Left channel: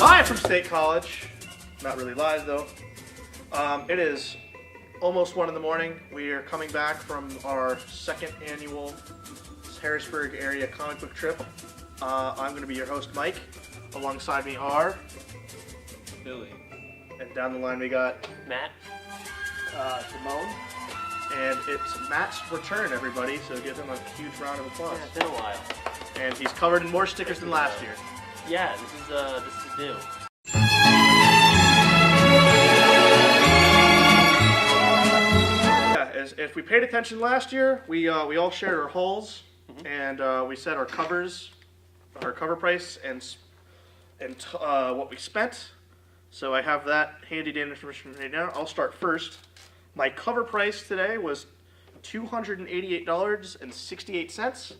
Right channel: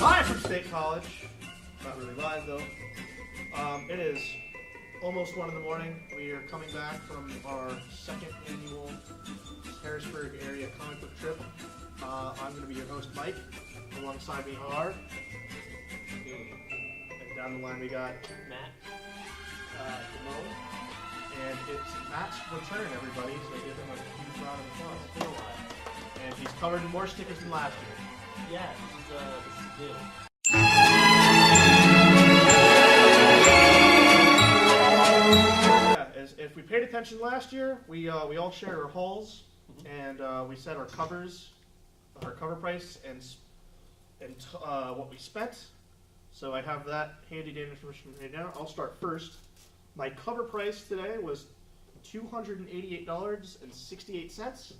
Live from State College. Not really live though. It is almost 1 in the morning. We are coming back from our second annual Harrisburg area comic book trip. I'm going to be your host, Mike. Alongside me are Billy. And down the line we got Matt. Demoan. And it's Matt's return, everybody, so give him a huge round of applause. Yeah, it's been a while. And he's covered in more stickers than last year. Yeah, this is new. Yeah, if we paid attention last year, we all shared our hauls, and we set our cover price, and what we spent. So I have that handy information right now. I'll start first. My cover price today was $288.68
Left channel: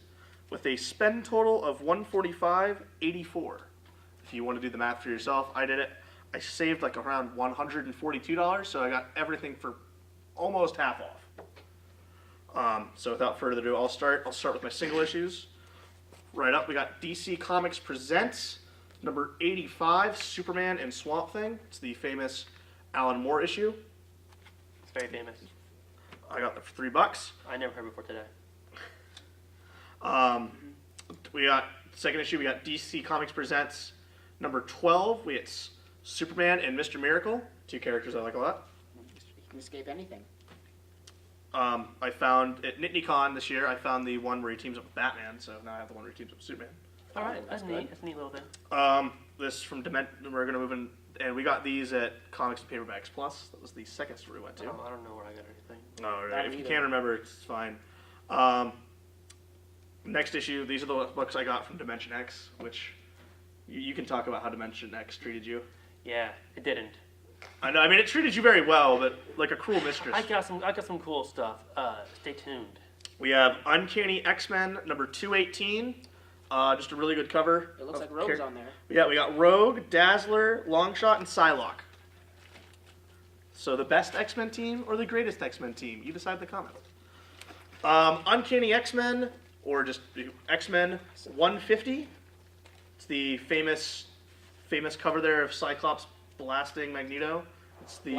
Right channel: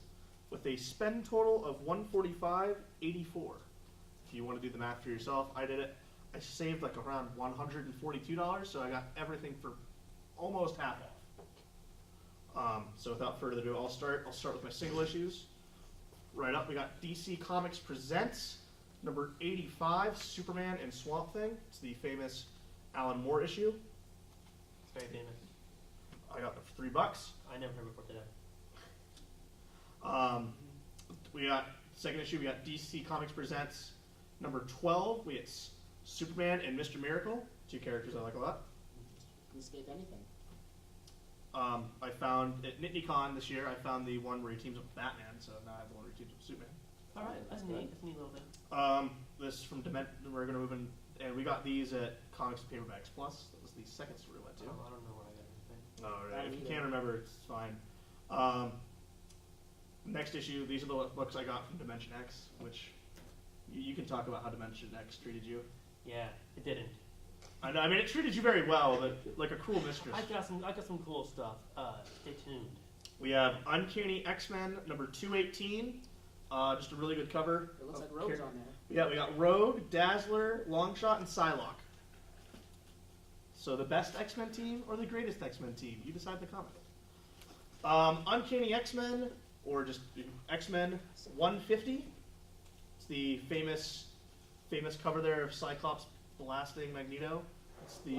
with a spend total of $145.84. If you want to do the math for yourself, I did it. I saved like around $142, so I got everything for almost half off. So without further ado, I'll start with my single issues. Right up, we got DC Comics Presents number 85, Superman and Swamp Thing. It's the famous Alan Moore issue. It's very famous. I got that for $3. I never heard before today. We got second issue. We got DC Comics Presents number 12. We got Superman and Mr. Miracle, two characters I like a lot. You can escape anything. I found at NitneyCon this year. I found the one where he teams up with Batman, so now I have the one where he teams up with Superman. All right, that's neat. That's a neat little thing. This from we're gonna move in, and we got these at Comics and Paperbacks Plus. That was the second store we went to. Oh, I don't know where I got anything. No, right. If you can't remember, it's fine. Next issue. These are the books I got from Dimension X, which you can talk about how Dimension X treated you. Yeah, it didn't. I know. I mean, it treated you very well, but like a cruel mistress. I got some cool stuff. Stay tuned. We have Uncanny X-Men number 218. Just a really good cover. It looks like Rogue's on there. Yeah, we got Rogue, Dazzler, Longshot, and Psylocke. So the best X-Men team or the greatest X-Men team? You decide in the comments. Uncanny X-Men, or just X-Men 150. It's the famous cover there of Cyclops blasting Magneto. It's the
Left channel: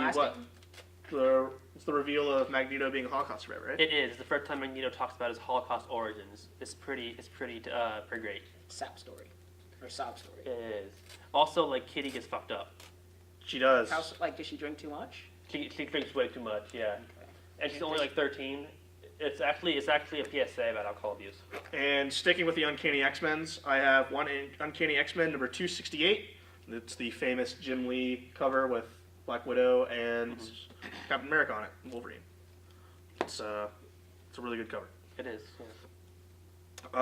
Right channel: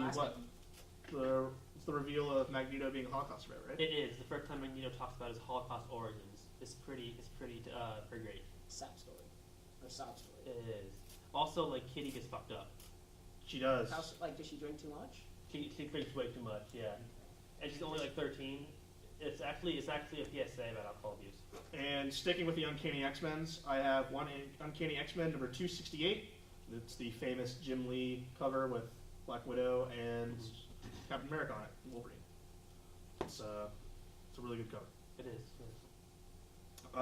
it's the reveal of Magneto being a Holocaust survivor, right? It is. It's the first time Magneto talks about his Holocaust origins. It's pretty great. Sap story. Or sob story. It is. Also, like, Kitty gets fucked up. She does. Does she drink too much? She drinks way too much, yeah. Okay. And she's only like 13. It's actually a PSA about alcohol abuse. And sticking with the Uncanny X-Men's, I have one Uncanny X-Men number 268. It's the famous Jim Lee cover with Black Widow and Captain America on it, and Wolverine. It's a really good cover. It is. Yeah.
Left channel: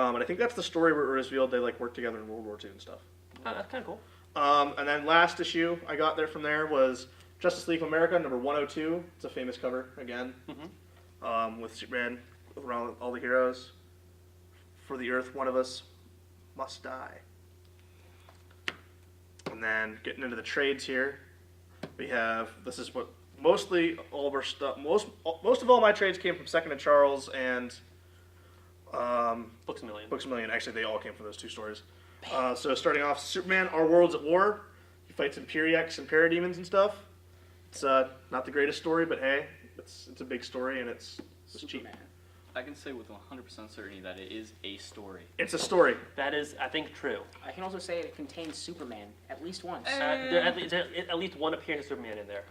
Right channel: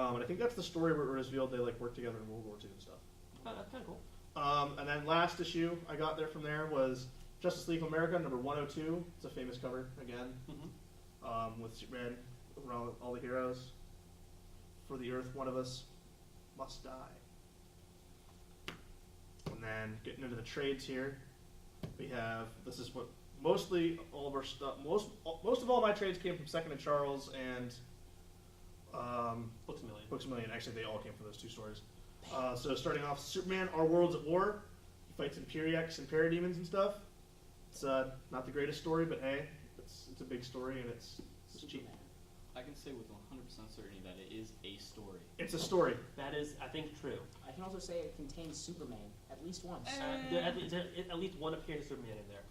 And I think that's the story where it revealed they like worked together in World War II and stuff. Oh, that's kind of cool. And then last issue I got there from there was Justice League of America number 102. It's a famous cover again, with Superman around all the heroes. For the Earth, one of us must die. And then getting into the trades here, we have, this is what mostly all of our stuff, most of all my trades came from Second and Charles and Books A Million. Books A Million. Actually, they all came from those two stores. So starting off, Superman, Our World's at War. He fights Imperiex and Parademons and stuff. It's not the greatest story, but hey, it's a big story and it's cheap. I can say with 100% certainty that it is a story. It's a story. That is, I think, true. I can also say it contains Superman at least once. There at least one appearance of Superman in there.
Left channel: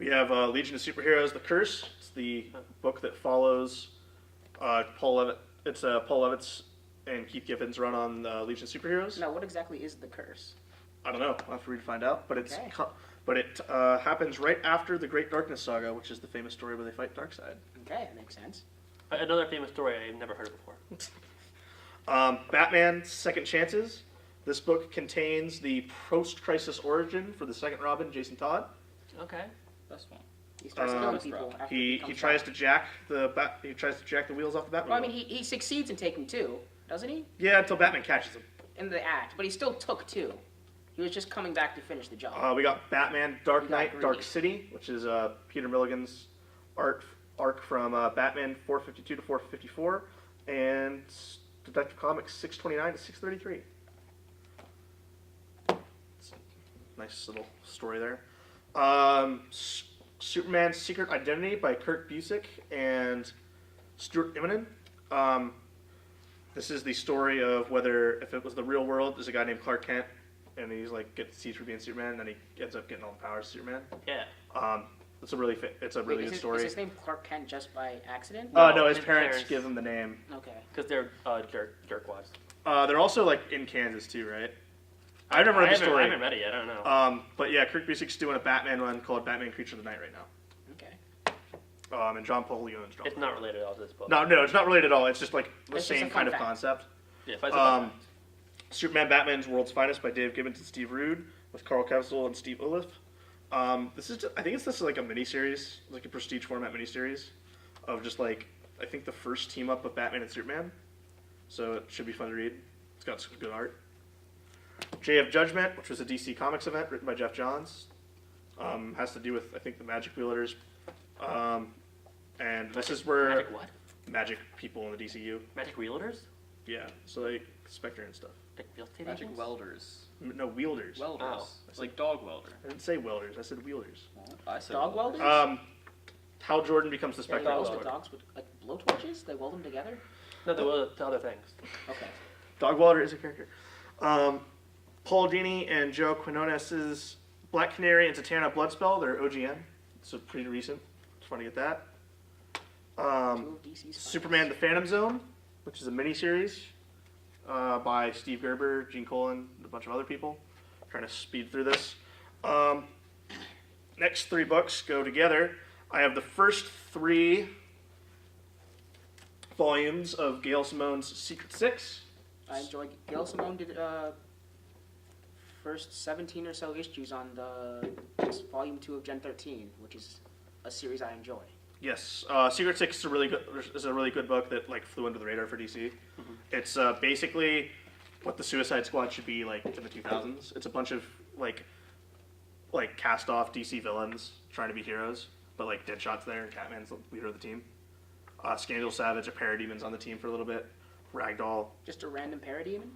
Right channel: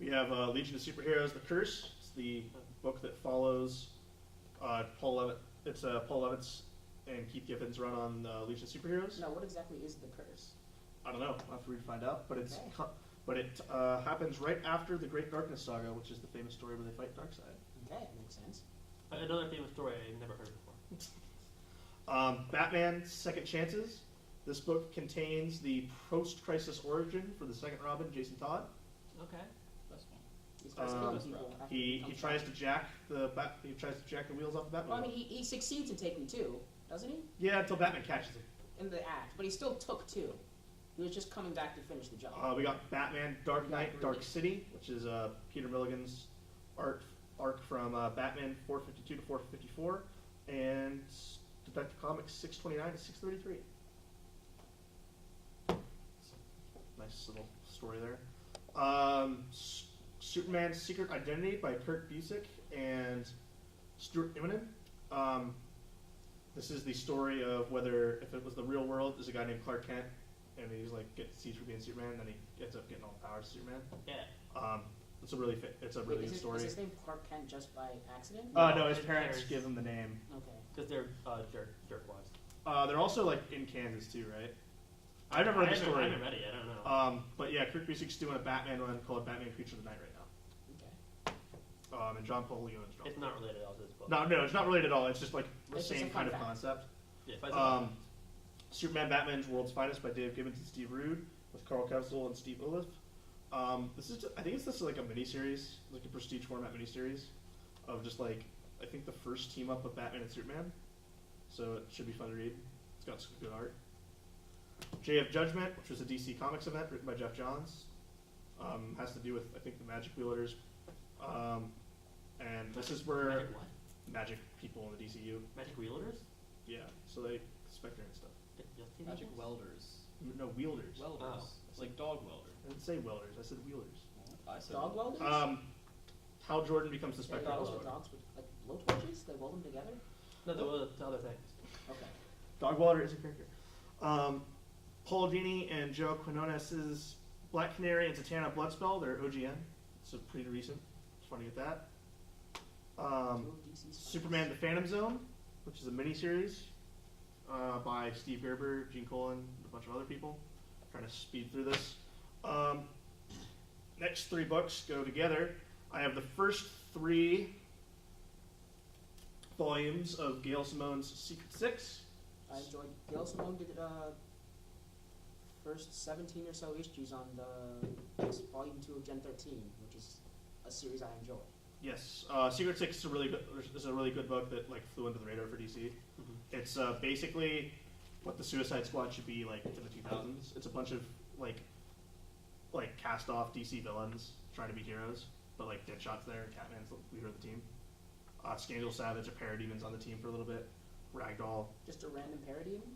We have Legion of Superheroes: The Curse. It's the book that follows Paul Levitt. It's Paul Levitt's and Keith Giffen's run on Legion of Superheroes. Now, what exactly is the curse? I don't know. I'll have to read to find out. But it's Okay. but it happens right after the Great Darkness Saga, which is the famous story where they fight Darkseid. Okay, that makes sense. Another famous story I've never heard of before. Batman: Second Chances. This book contains the post-crisis origin for the second Robin, Jason Todd. Okay. That's one. He starts killing people after He becomes tries Batman. to jack the wheels off the Batman. Well, I mean, he succeeds in taking two, doesn't he? Yeah, until Batman catches him. In the act, but he still took two. He was just coming back to finish the job. We got Batman: Dark He got Knight, greedy. Dark City, which is Peter Milligan's arc from Batman 452 to 454. and Detective Comics 629 to 633. Nice little story there. Superman's Secret Identity by Kurt Busiek and Stuart Immonen. This is the story of whether, if it was the real world, there's a guy named Clark Kent, and he's like gets seized for being Superman, and then he ends up getting all the powers of Superman. Yeah. It's a really good story. Is his name Clark Kent just by accident? No, his parents give him the name. Okay. Because they're jerkwads. They're also like in Kansas too, right? I've never read the story. I haven't read it yet. I don't know. But yeah, Kurt Busiek's doing a Batman one called Batman Creature of the Night right now. Okay. And John Paul Leon's drawing. It's not related at all to this book. No, it's not related at all. It's just like the It's just same a fun kind of fact. concept. Yeah, if I saw Superman Batman's World's Finest by Dave Gibbons and Steve Rude with Carl Kevsel and Steve Oliff. This is I think this is like a miniseries, like a prestige format miniseries of just like I think the first team up of Batman and Superman. So it should be fun to read. It's got some good art. Day of Judgment, which was a DC Comics event written by Jeff Johns, has to do with I think the magic wielders, and this is where Magic what? magic people in the DCU. Magic wielders? Yeah, so like Spectre and stuff. Like real estate Magic agents? welders. No, wielders. Welders. Oh. It's like dog welder. I didn't say welders. I said wielders. Well, I said Dog welder. welders? Hal Jordan becomes the Yeah, Spectre. they weld welder. the dogs with like blowtorches? They weld them together? No, they were the other things. Okay. Dog welder is a character. Paul Dini and Joe Quinones's Black Canary and Zatanna Bloodspell. They're OGN, so pretty recent. Just want to get that. Two of DC's Superman: The Phantom Zone, which is a miniseries by Steve Gerber, Gene Colan, and a bunch of other people. Trying to speed through this. Next three books go together. I have the first three volumes of Gail Simone's Secret Six. I enjoyed. Gail Simone did first 17 or so issues on the volume 2 of Gen 13, which is a series I enjoy. Yes, Secret Six is a really good book that like flew under the radar for DC. Mm-hmm. It's basically what the Suicide Squad should be like in the 2000s. It's a bunch of like cast off DC villains trying to be heroes, but like Deadshot's there and Catman's the leader of the team. Scandal Savage, a Parademon's on the team for a little bit. Ragdoll. Just a random parademon?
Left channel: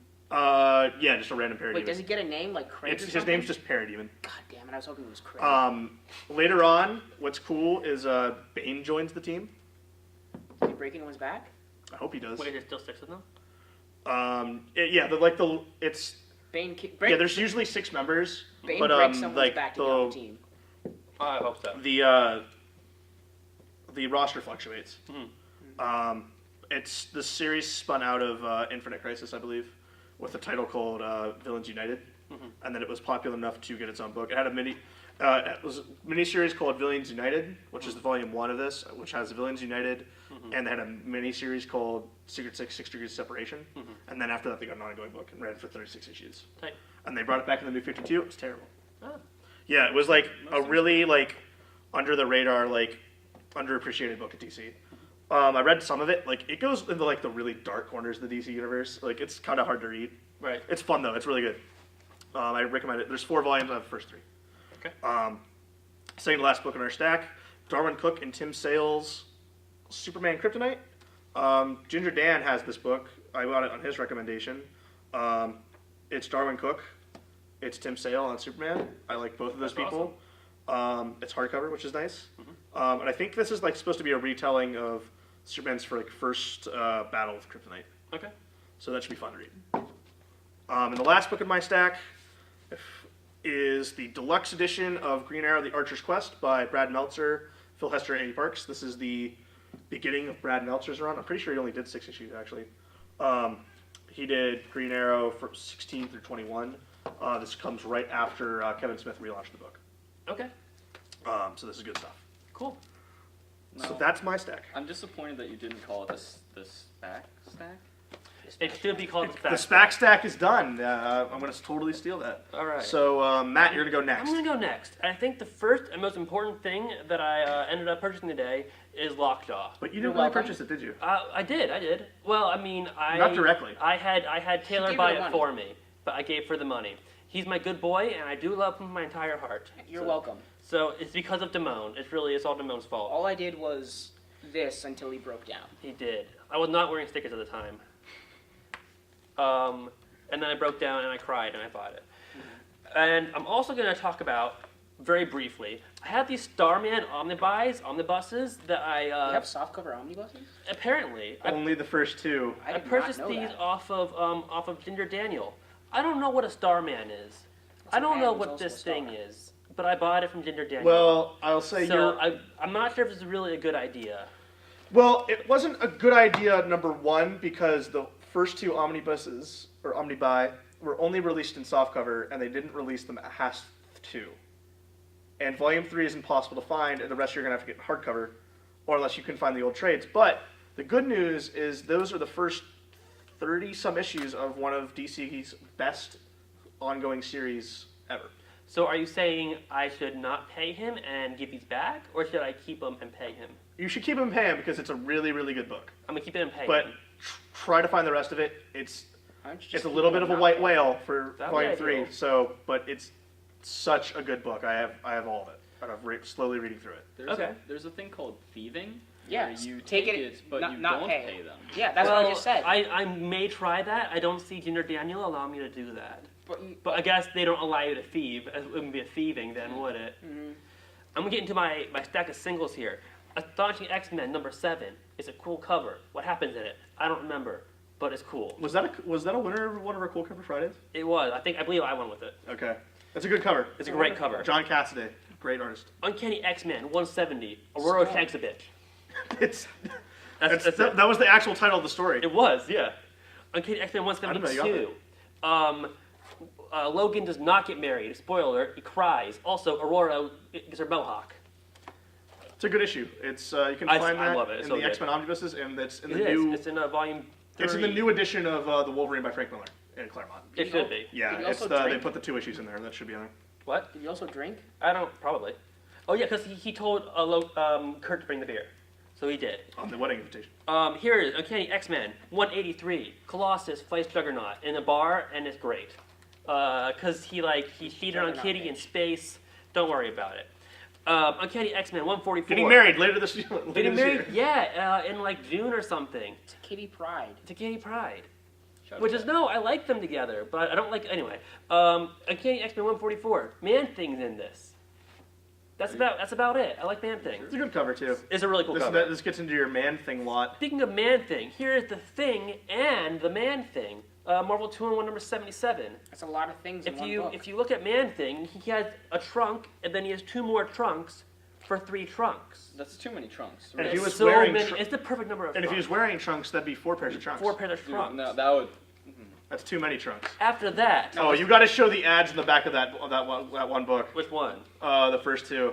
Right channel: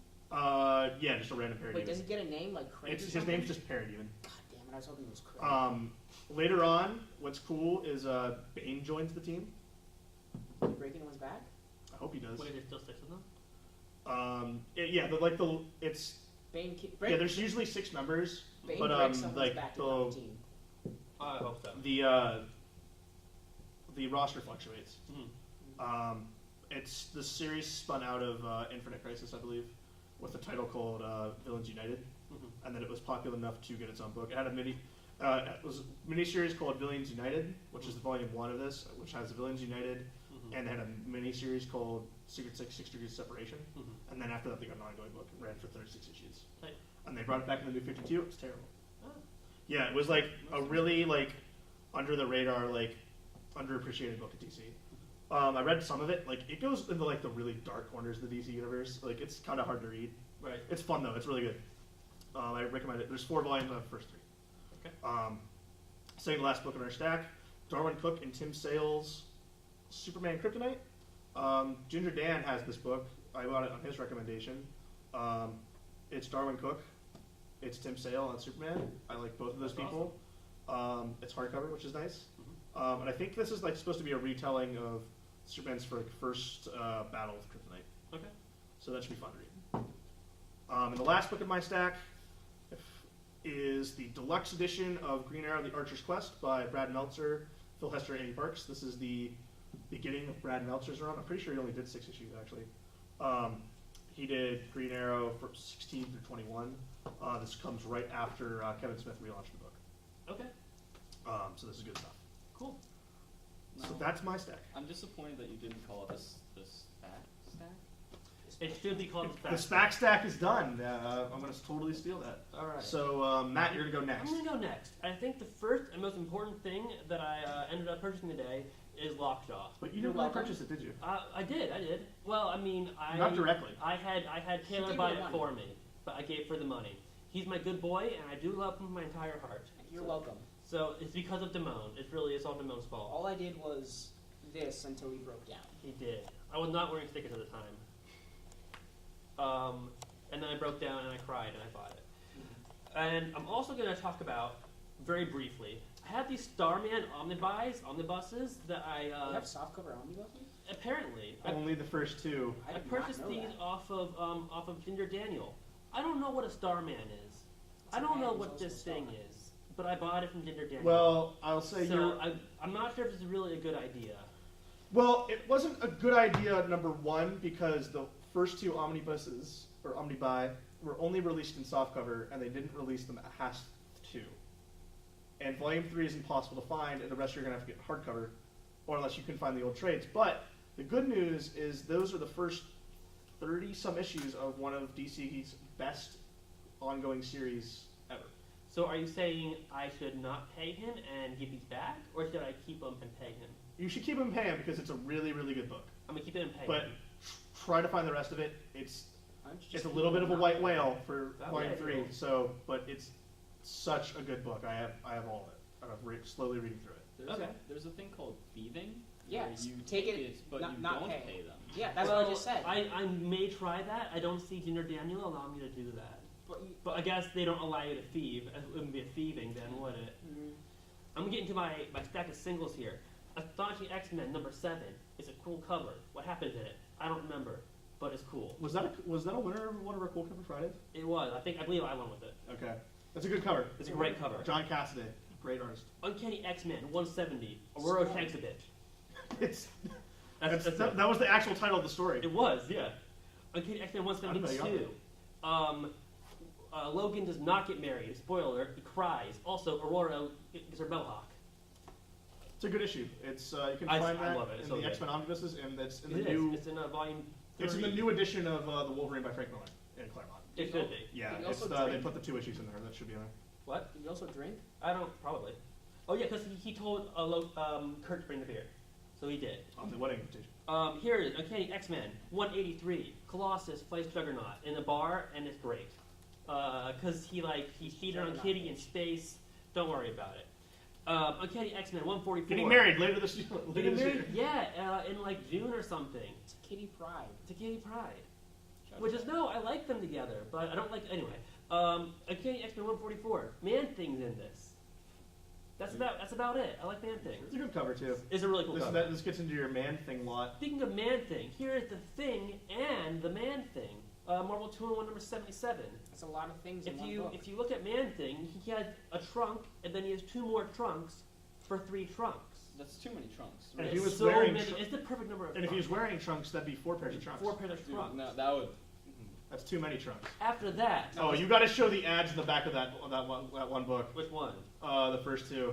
Yeah, just a random Parademon. Wait, does he get a name like Craig or His something? name's just Parademon. God damn it, I was hoping it was Craig. Later on, what's cool is Bane joins the team. Did he break into his back? I hope he does. Wait, there's still 6 of them? It's Bane yeah. There's usually 6 members, Bane but breaks someone's like back to get on the team. Oh, I hope so. The roster fluctuates. Mm-hmm. It's the series spun out of Infinite Crisis, I believe, with a title called Villains United, and then it was popular enough to get its own book. It had it was a miniseries called Villains United, which is the volume 1 of this, which has Villains United, and they had a miniseries called Secret Six: 6 Degrees of Separation, and then after that they got an ongoing book and ran for 36 issues. Tight. And they brought it back in the New 52. It was terrible. Oh. Yeah, it was like a really like under the radar, like underappreciated book at DC. I read some of it. Like it goes into like the really dark corners of the DC universe. Like it's kind of hard to read. Right. It's fun though. It's really good. I recommend it. There's 4 volumes. I have the first 3. Okay. Second to last book in our stack, Darwin Cook and Tim Sale's Superman Kryptonite. Ginger Dan has this book. I got it on his recommendation. It's Darwin Cook. It's Tim Sale on Superman. I like both of those That's people. It's hardcover, which is nice. And I think this is like supposed to be a retelling of Superman's first battle with Kryptonite. Okay. So that should be fun to read. And the last book in my stack is the deluxe edition of Green Arrow: The Archer's Quest by Brad Meltzer, Phil Hester, and Andy Parks. This is the beginning of Brad Meltzer's run. I'm pretty sure he only did 6 issues, actually. He did Green Arrow from 16 through 21. This comes right after Kevin Smith relaunched the book. Okay. So this is good stuff. Cool. So No. that's my stack. I'm disappointed that you didn't call it this stack. It should be called The SPAC stack is done. I'm going to totally steal that. All right. So, Matt, you're going to go next. I'm going to go next. I think the first and most important thing that I ended up purchasing today is Lockjaw. But you You're didn't really welcome. purchase it, did you? I did. Well, I mean, Not directly. I had Taylor gave buy her the it money. for me, but I gave her the money. He's my good boy, and I do love him with my entire heart. You're So- welcome. So it's because of Demoan. It's all Demoan's fault. All I did was this until he broke down. He did. I was not wearing stickers at the time. And then I broke down and I cried and I bought it. And I'm also going to talk about, very briefly, I have these Starman omnibuses that I... You have softcover omnibuses? Apparently. Only the first two. I did not purchased know these that. off of Ginger Daniel. I don't know what a Starman is. I don't man know who's what also this a star. thing is, but I bought it from Ginger Daniel. Well, I'll say so I'm not sure if this is really a good idea. Well, it wasn't a good idea, number one, because the first two omnibuses, or omnibuy, were only released in softcover, and they didn't release them at HASS 2. And Volume 3 is impossible to find, and the rest you're going to have to get hardcover, or unless you can find the old trades. But the good news is those are the first 30-some issues of one of DC's best ongoing series ever. So are you saying I should not pay him and give these back, or should I keep them and pay him? You should keep him paying because it's a really, really good book. I'm going to keep it and pay But him. try to find the rest of it. It's Just a little bit of a white whale for That'd be Volume 3, ideal. so, but it's such a good book. I have all of it. And I'm slowly reading through it. Okay. There's a thing called thieving. Yeah, Where you take take it, it, but not- you not don't pay. pay them. Yeah, that's well, what I just said. I may try that. I don't see Ginger Daniel allow me to do that. But I guess they don't allow you to thieve. It wouldn't be a thieving then, would it? Mhm. I'm going to get into my stack of singles here. Astonishing X-Men number 7. It's a cool cover. What happens in it? I don't remember, but it's cool. Was that a winner of one of our Cool Cover Fridays? It was. I believe I won with it. Okay. That's a good cover. It's a great cover. John Cassaday, great artist. Uncanny X-Men 170. Aurora Smart. Shanks a bitch. It's That's it. that was the actual title of the story. It was, yeah. Uncanny X-Men I didn't know you got 172. Logan does not get married. Spoiler alert, he cries. Also, Aurora gets her mohawk. It's a good issue. It's you can I find that love it. It's in so the good. X-Men omnibuses, and it's in It the is. new. It's in volume 3. It's in the new edition of the Wolverine by Frank Miller in Claremont. It should be. Yeah, Did you it's also they drink? put the 2 issues in there. That should be in there. What? Did you also drink? I don't, probably. Oh, yeah, because he told Kurt to bring the beer. So he did. On the wedding invitation. Here it is, Uncanny X-Men 183. Colossus fights Juggernaut in a bar, and it's great. Because he cheated on Juggernaut Kitty in bitch. space. Don't worry about it. Uncanny X-Men 144. Getting married later this year. Getting married? Yeah, in like June or something. To Kitty Pryde. To Kitty Pryde. Shout Which out. is, no, I like them together, but I don't like, anyway. Uncanny X-Men 144. Man-Thing's in this. That's about it. I like Man-Thing. It's a good cover too. It's a really cool cover. This gets into your Man-Thing lot. Speaking of Man-Thing, here is the Thing and the Man-Thing. Marvel 2-in-1 number 77. That's a lot of things in If one you book. if you look at Man-Thing, he has a trunk, and then he has 2 more trunks for 3 trunks. That's too many trunks. And if It's he was so wearing many. tr- it's the perfect number of And if he was trunks. wearing trunks, that'd be 4 pairs of trunks. 4 pairs of Dude, trunks. no, that would. That's too many trunks. After that, Oh, you got to show the ads in the back of that one book. which one? The first 2.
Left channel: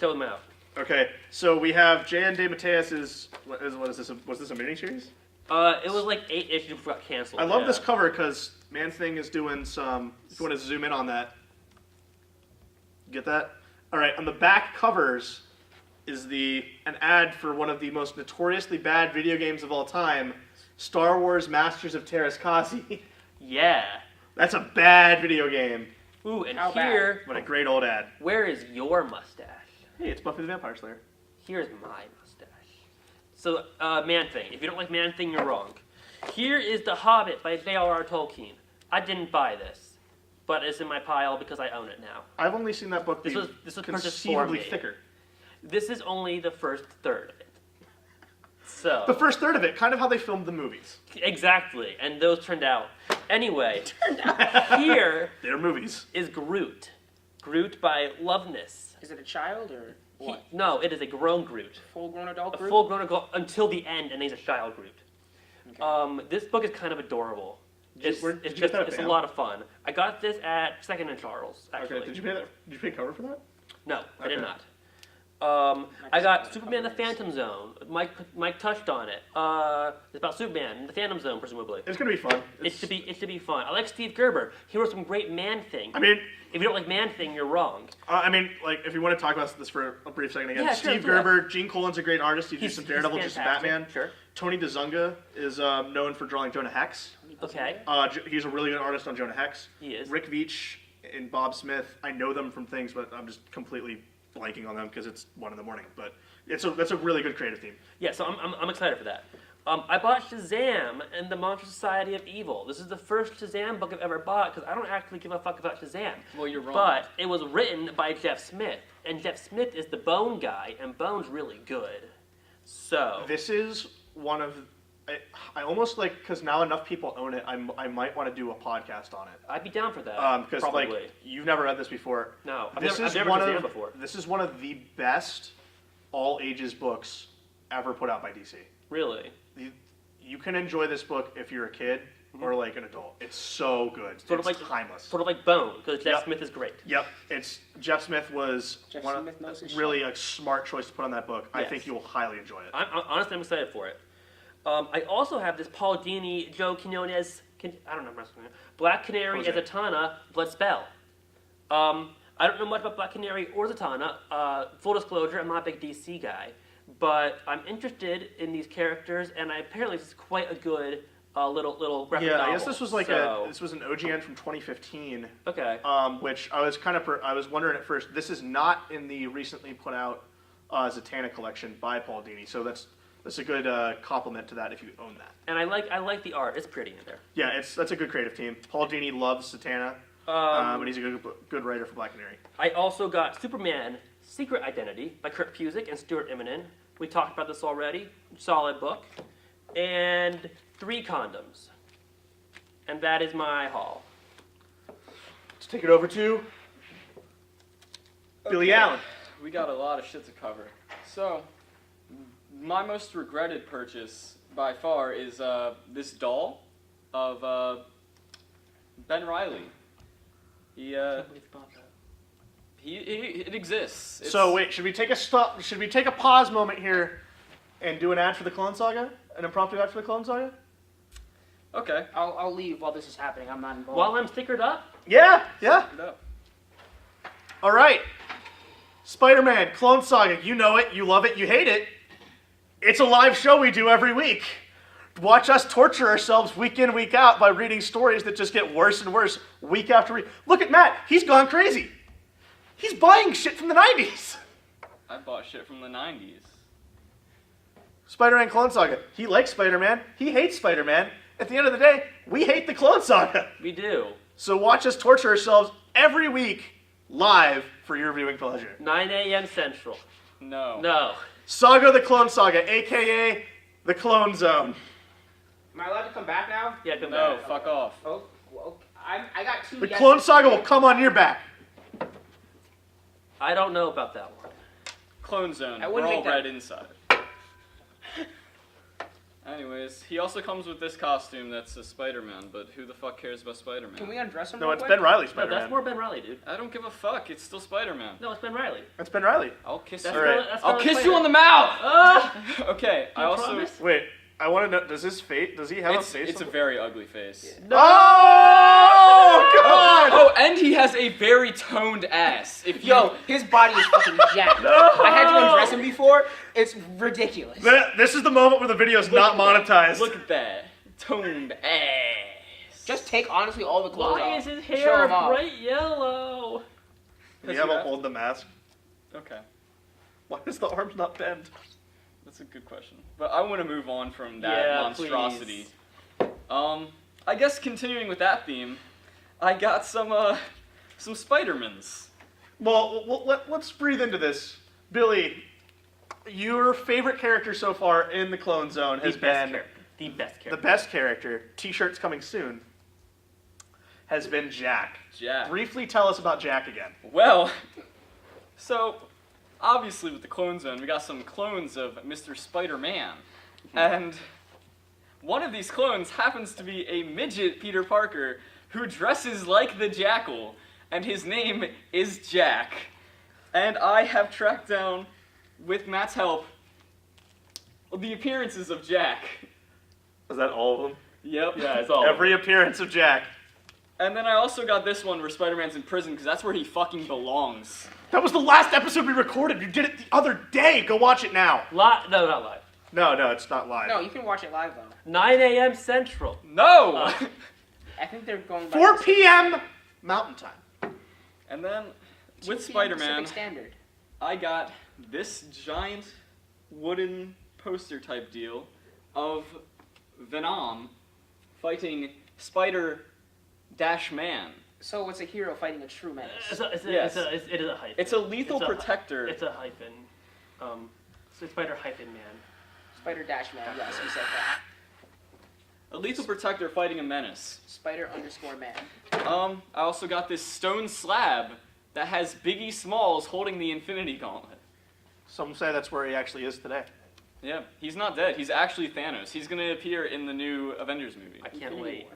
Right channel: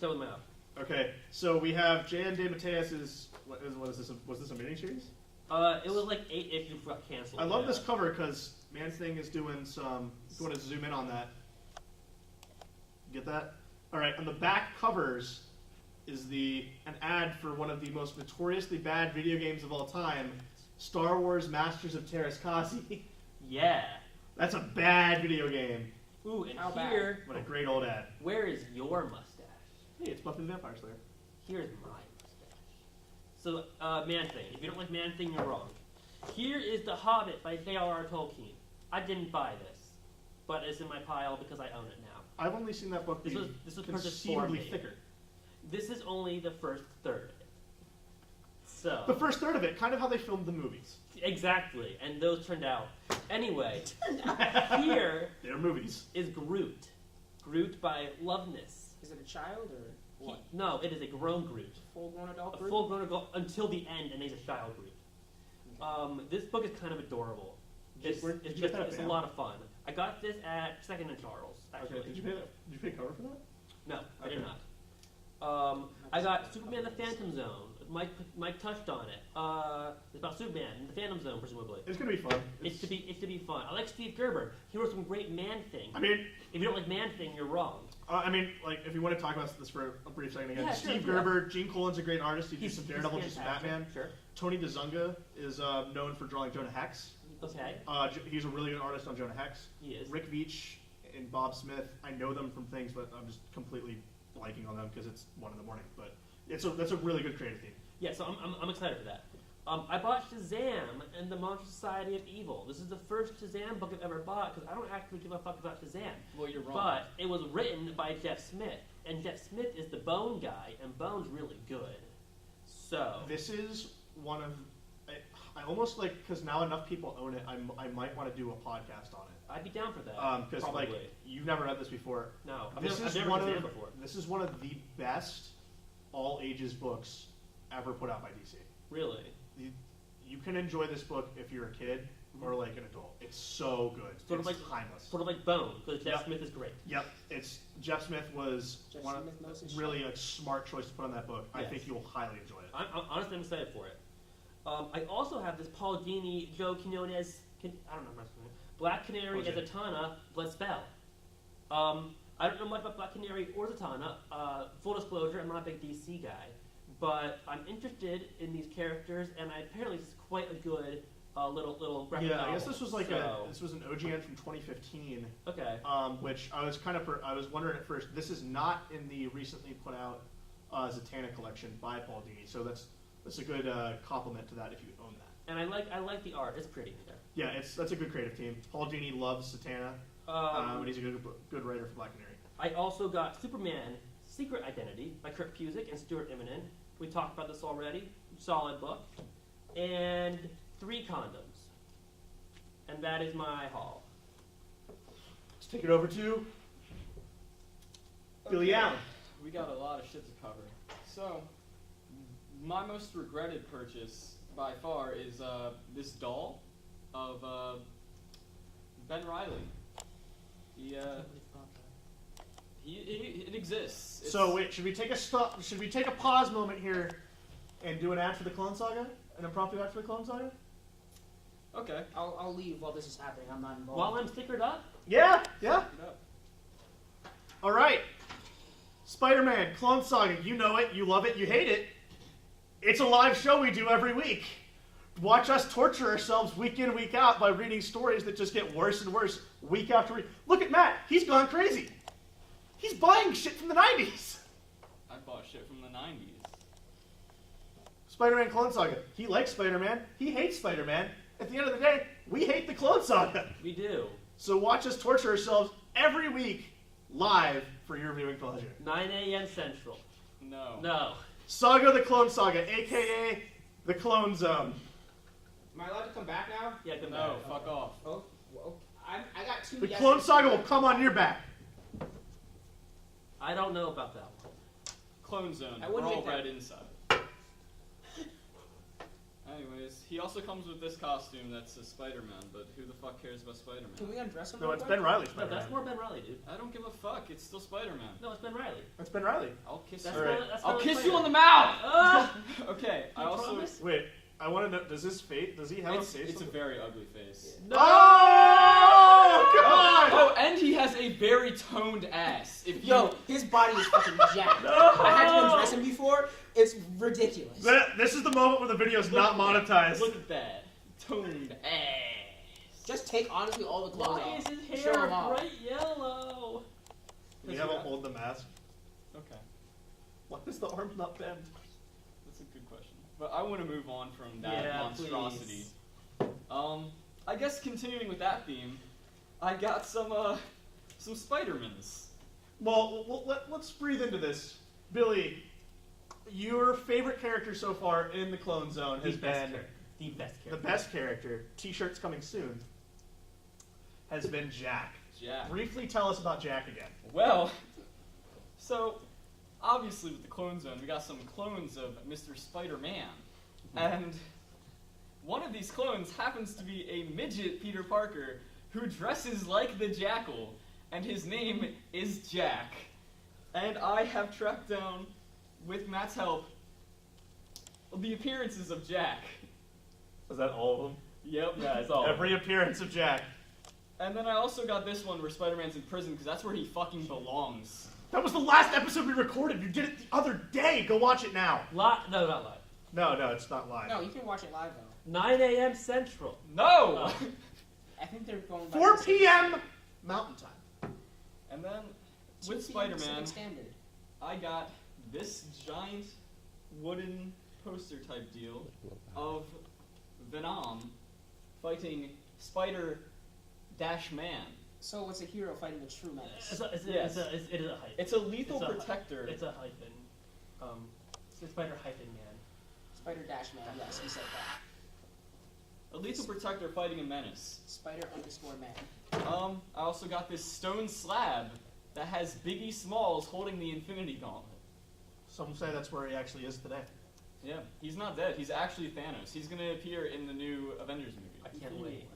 Show them out. Okay, so we have J.N. DeMatteis's. What is this? Was this a miniseries? It was like 8 issues before it got canceled. I love yeah. this cover because Man-Thing is doing some. If you want to zoom in on that, get that. All right, on the back covers is an ad for one of the most notoriously bad video games of all time, Star Wars Masters of Terrascasi. Yeah. That's a bad video game, Ooh, and How bad? here, but a great old ad. where is your mustache? Hey, it's Buffy the Vampire Slayer. Here's my mustache. So, Man-Thing. If you don't like Man-Thing, you're wrong. Here is The Hobbit by J.R.R. Tolkien. I didn't buy this, but it's in my pile because I own it now. I've only seen that book be This was purchased for conceivably me. thicker. This is only the first third of it. So, The first third of it, kind of how they filmed the movies. exactly, and those turned out. Anyway, here They're movies. is Groot. Groot by Loveness. Is it a child or what? No, it is a grown Groot. Full-grown adult A group? full-grown adult until the end, and he's a child Groot. This book is kind of adorable. Did you It's get that at it's a BAM? lot of fun. I got this at Second and Charles, actually. Okay, did you pay cover for that? No, I did Okay. not. I got Superman: The Phantom Zone. Mike touched on it. It's about Superman in the Phantom Zone, presumably. It's gonna be fun. It should be fun. I like Steve Gerber. He wrote some great Man-Thing. I mean, If you don't like Man-Thing, you're wrong. like if you want to talk about this for a brief second again, Yeah, sure, Steve do that. Gerber, Gene Colan's a great artist. He did some Daredevil, just fantastic. Batman. Sure. Tony DeZunga is known for drawing Jonah Hex. Okay. He's a really good artist on Jonah Hex. He is. Rick Veitch and Bob Smith. I know them from things, but I'm just completely blanking on them because it's 1 in the morning. But that's a really good creative team. Yeah, so I'm excited for that. I bought Shazam and the Monster Society of Evil. This is the first Shazam book I've ever bought because I don't actually give a fuck about Shazam. Well, you're wrong. But it was written by Jeff Smith, and Jeff Smith is the Bone guy, and Bone's really good. So This is one of... I almost like, because now enough people own it, I might want to do a podcast on it. I'd be down for that. Because probably. like you've never read this before. No, I've This never, is I've never one Shazam of before. this is one of the best all ages books ever put out by DC. Really? You can enjoy this book if you're a kid or like an adult. It's so good. Sort it's of like timeless. Sort of like Bone, because Jeff Yep. Smith is great. Yep, it's Jeff Smith was Jeff one Smith knows his really a smart choice to put on that book. I Yes. think you will highly enjoy it. Honestly, I'm excited for it. I also have this Paul Dini, Joe Quinones, I don't know how to pronounce it. Black Canary, Jose. Zatanna, Blood Spell. I don't know much about Black Canary or Zatanna. Full disclosure, I'm not a big DC guy. But I'm interested in these characters, and apparently this is quite a good little graphic Yeah, novel. I guess this was like So- this was an OGN from 2015. Okay. Which I was I was wondering at first. This is not in the recently put out Zatanna collection by Paul Dini, so that's a good compliment to that if you own that. And I like the art. It's pretty in there. Yeah, that's a good creative team. Paul Dini loves Zatanna, and he's a good writer for Black Canary. I also got Superman Secret Identity by Kurt Busiek and Stuart Immonen. We talked about this already. Solid book. And 3 condoms. And that is my haul. Let's take it over to Billy Allen. We got a lot of shit to cover. So, my most regretted purchase by far is this doll of Ben Reilly. It exists. So wait, should we take a stop? Should we take a pause moment here and do an ad for the Clone Saga? An impromptu ad for the Clone Saga? Okay. I'll leave while this is happening. I'm not involved. While I'm stickered up, Yeah. Pick it up. All right. Spider-Man Clone Saga. You know it. You love it. You hate it. It's a live show we do every week. Watch us torture ourselves week in, week out by reading stories that just get worse and worse week after week. Look at Matt. He's gone crazy. He's buying shit from the 90s. I bought shit from the 90s. Spider-Man Clone Saga. He likes Spider-Man. He hates Spider-Man. At the end of the day, we hate the Clone Saga. we do. So watch us torture ourselves every week live for your viewing pleasure. 9 a.m. Central. No. No. Saga the Clone Saga, a.k.a. the Clone Zone. Am I allowed to come back now? Yeah, come No, back. fuck off. Oh, well, I got 2 The yeses. Clone Saga will come on your back. I don't know about that one. Clone Zone. I We're wouldn't all make that- red inside. Anyways, he also comes with this costume that's a Spider-Man, but who the fuck cares about Spider-Man? Can we undress him No, real it's quick? Ben Riley No, Spider-Man. that's more Ben Riley, dude. I don't give a fuck. It's still Spider-Man. No, it's Ben Riley. That's Ben Riley. I'll kiss That's you. All right. not- that's I'll not kiss Spider- you on the mouth. Ah! Okay. I You also. promise? Wait, I want to know, does his face, does he have It's a face? a very ugly face. No! Oh, God! Oh, and he has a very toned ass. If you, Yo, his body is fucking jacked. I had to undress him before. It's ridiculous. This is the moment where the video's not monetized. look at that toned ass. Just take honestly all the clothes Why off. is his Show hair him off. bright yellow? Do you have a hold the mask? Okay, Why does the arms not bend? that's a good question. But I want to move on from that Yeah, monstrosity. I guess continuing with that theme, I got some Spider-Mans. Well, let's breathe into this. Billy, your favorite character so far in the Clone Zone has been The best character. the best character. T-shirts coming soon. Has been Jack. Jack. Briefly tell us about Jack again. Well, so obviously with the Clone Zone, we got some clones of Mr. Spider-Man, and one of these clones happens to be a midget Peter Parker who dresses like the Jackal, and his name is Jack. And I have tracked down, with Matt's help, the appearances of Jack. Is that all of them? Yep. Yeah, it's all. Every appearance of Jack. And then I also got this one where Spider-Man's in prison, because that's where he fucking belongs. That was the last episode we recorded. You did it the other day. Go watch it now. No, not live. No, it's not live. No, you can watch it live though. 9 a.m. Central. No! I think they're going by 4 the p.m. Mountain Time. And then, 2 with p.m. Spider-Man, Pacific Standard. I got this giant wooden poster type deal of Venom fighting Spider-Man. So it's a hero fighting a true menace. Yes. It is a hyphen. It's a lethal protector. It's a hyphen. So Spider-Man. Spider-Man, yes, we said that. A lethal protector fighting a menace. Spider_Man. I also got this stone slab that has Biggie Smalls holding the Infinity Gauntlet. Some say that's where he actually is today. Yeah, he's not dead. He's actually Thanos. He's going to appear in the new Avengers movie. I can't wait.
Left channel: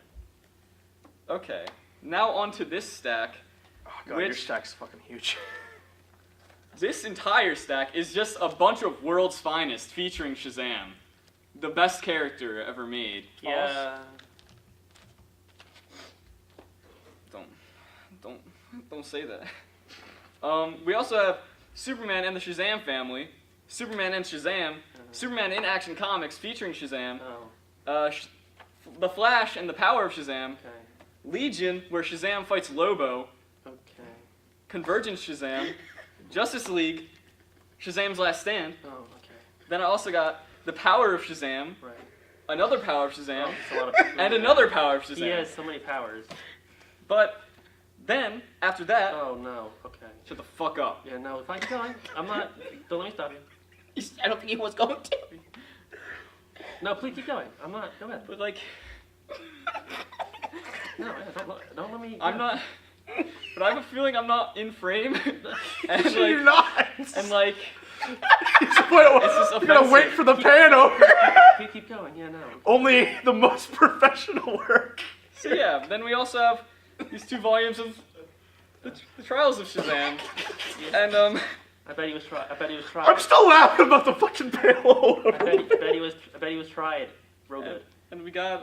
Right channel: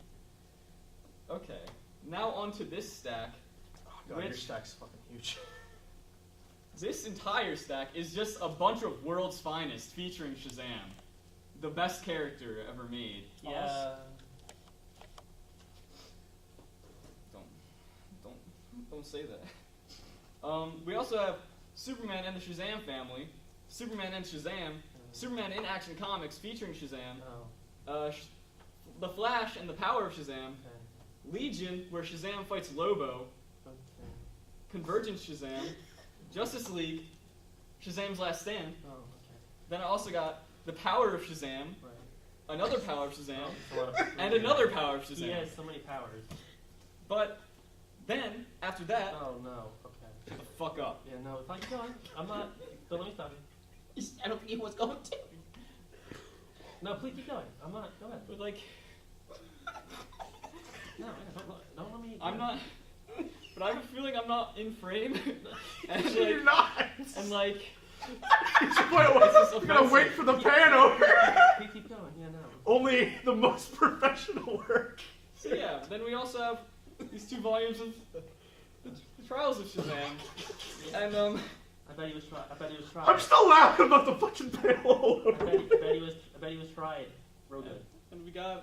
Okay, now on to this stack. Oh god, your stack's fucking huge. This entire stack is just a bunch of world's finest featuring Shazam. The best character ever made. Yeah. Don't say that. We also have Superman and the Shazam family, Superman and Shazam, Superman in Action Comics featuring Shazam, The Flash and the Power of Shazam, Legion where Shazam fights Lobo, Convergence Shazam, Justice League, Shazam's Last Stand. Then I also got the Power of Shazam, another Power of Shazam, and another Power of Shazam. He has so many powers. But then, after that... Oh, no. Okay. Shut the fuck up. Yeah, no, fine, keep going. I'm not... Don't let me stop you. I don't think he was going to. No, please keep going. I'm not... Go ahead. But, like... No, yeah, don't let me... I'm not... But I have a feeling I'm not in frame. And, like, You're not! And, like... You're gonna wait for the pan over. Keep going, yeah, no. Only the most professional work. So yeah, then we also have these 2 volumes of the Trials of Shazam, and I bet he was tried. I'm still laughing about the fucking pan over. I bet he was tried. Real good. And we got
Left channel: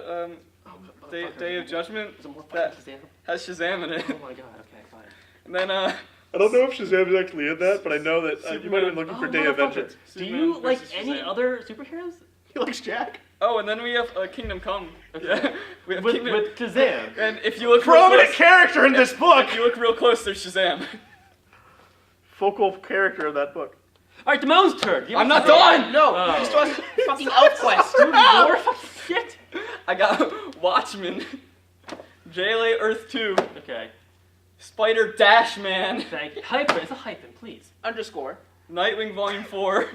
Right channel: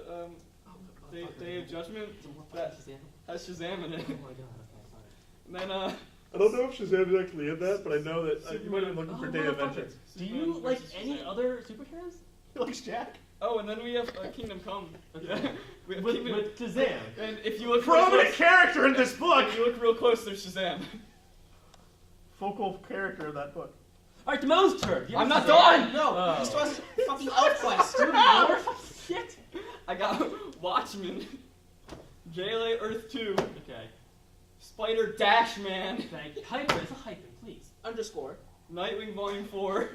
Day of Judgment Is it more that fucking Shazam? has Shazam in it. Oh my god. Okay, fine. And then I don't know if Shazam is actually in that, but I know that you might have been looking for Day of Vengeance. Do you like versus any Shazam. other superheroes? He likes Jack. Oh, and then we have Kingdom Come. Okay. We have With Shazam. And if you look Prominent character in this book. if you look real close, there's Shazam. Focal character of that book. All right, Demoan's turn. Give me I'm not Shazam. done. No, Oh. he still has fucking ElfQuest. Dude, more fucking shit. I got Watchmen, JLA Earth 2, Okay. Spider-Man, Thank you. Hyphen. It's a hyphen, please. Underscore. Nightwing Volume 4,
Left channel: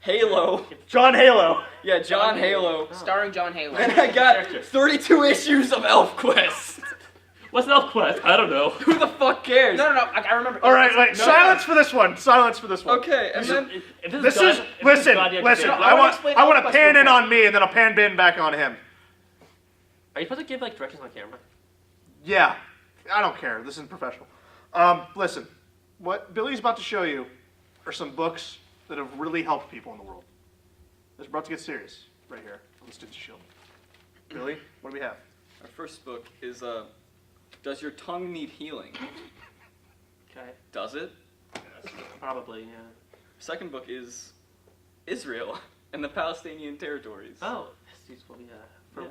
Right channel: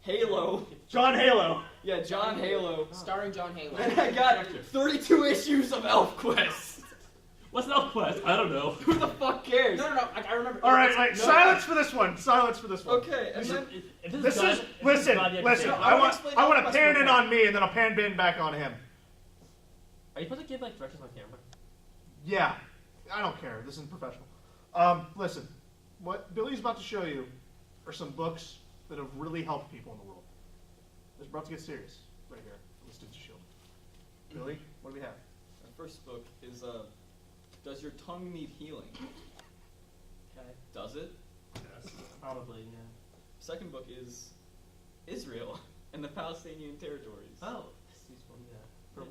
Halo. John Halo. Yeah, John Halo. Starring John Halo. And I got 32 issues of ElfQuest. What's an ElfQuest? I don't know. Who the fuck cares? No, I remember. All right, wait. No. Silence for this one. Silence for this one. Okay, and then If This is listen. Listen. No, I I wanna want explain I want to ElfQuest pan real in quick. on me and then I'll pan bin back on him. Are you supposed to give like directions on camera? Yeah. I don't care. This isn't professional. Listen. What Billy's about to show you are some books that have really helped people in the world. It's about to get serious right here on the Students of S.H.I.E.L.D. Billy, what do we have? our first book is Does Your Tongue Need Healing? Okay. Does it? Probably, yeah. Second book is Israel and the Palestinian territories. Oh, that's useful, yeah. From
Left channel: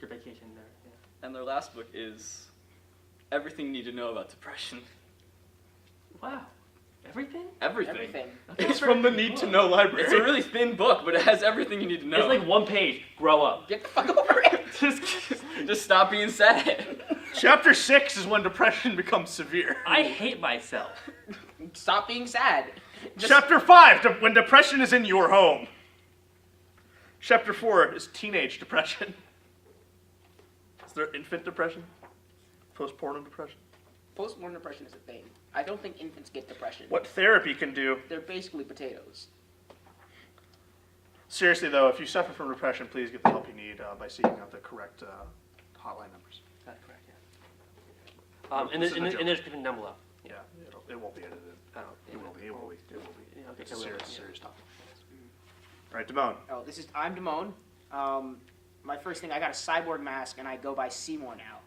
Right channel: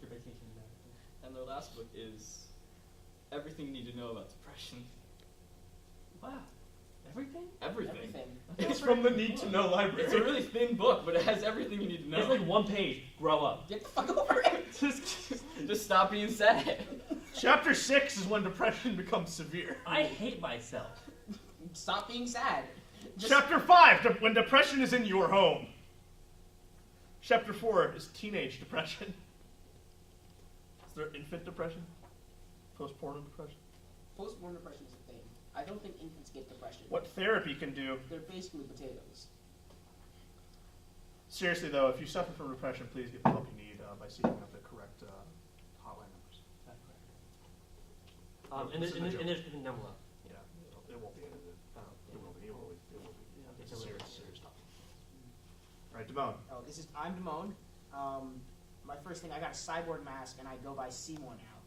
your vacation there. Yeah. And their last book is Everything You Need to Know About Depression. Wow. Everything? Everything. It's from the Need to Know library. It's a really thin book, but it has everything you need to know. It's like one page. Grow up. Get the fuck over it. Just stop being sad. Chapter 6 is when depression becomes severe. I hate myself. Stop being sad. Chapter 5, when depression is in your home. Chapter 4 is teenage depression. Is there infant depression? Postpartum depression? Postmortem depression is a thing. I don't think infants get depression. What therapy can do. They're basically potatoes. Seriously though, if you suffer from depression, please get the help you need by seeking out the correct hotline numbers. That's correct, yeah. And there's different down below. Yeah, it won't be edited. Oh, It will be. Yeah, okay, It's a so serious, yeah. serious topic. All right, Demoan. Oh, I'm Demoan. My first thing, I got a cyborg mask, and I go by Seymour now.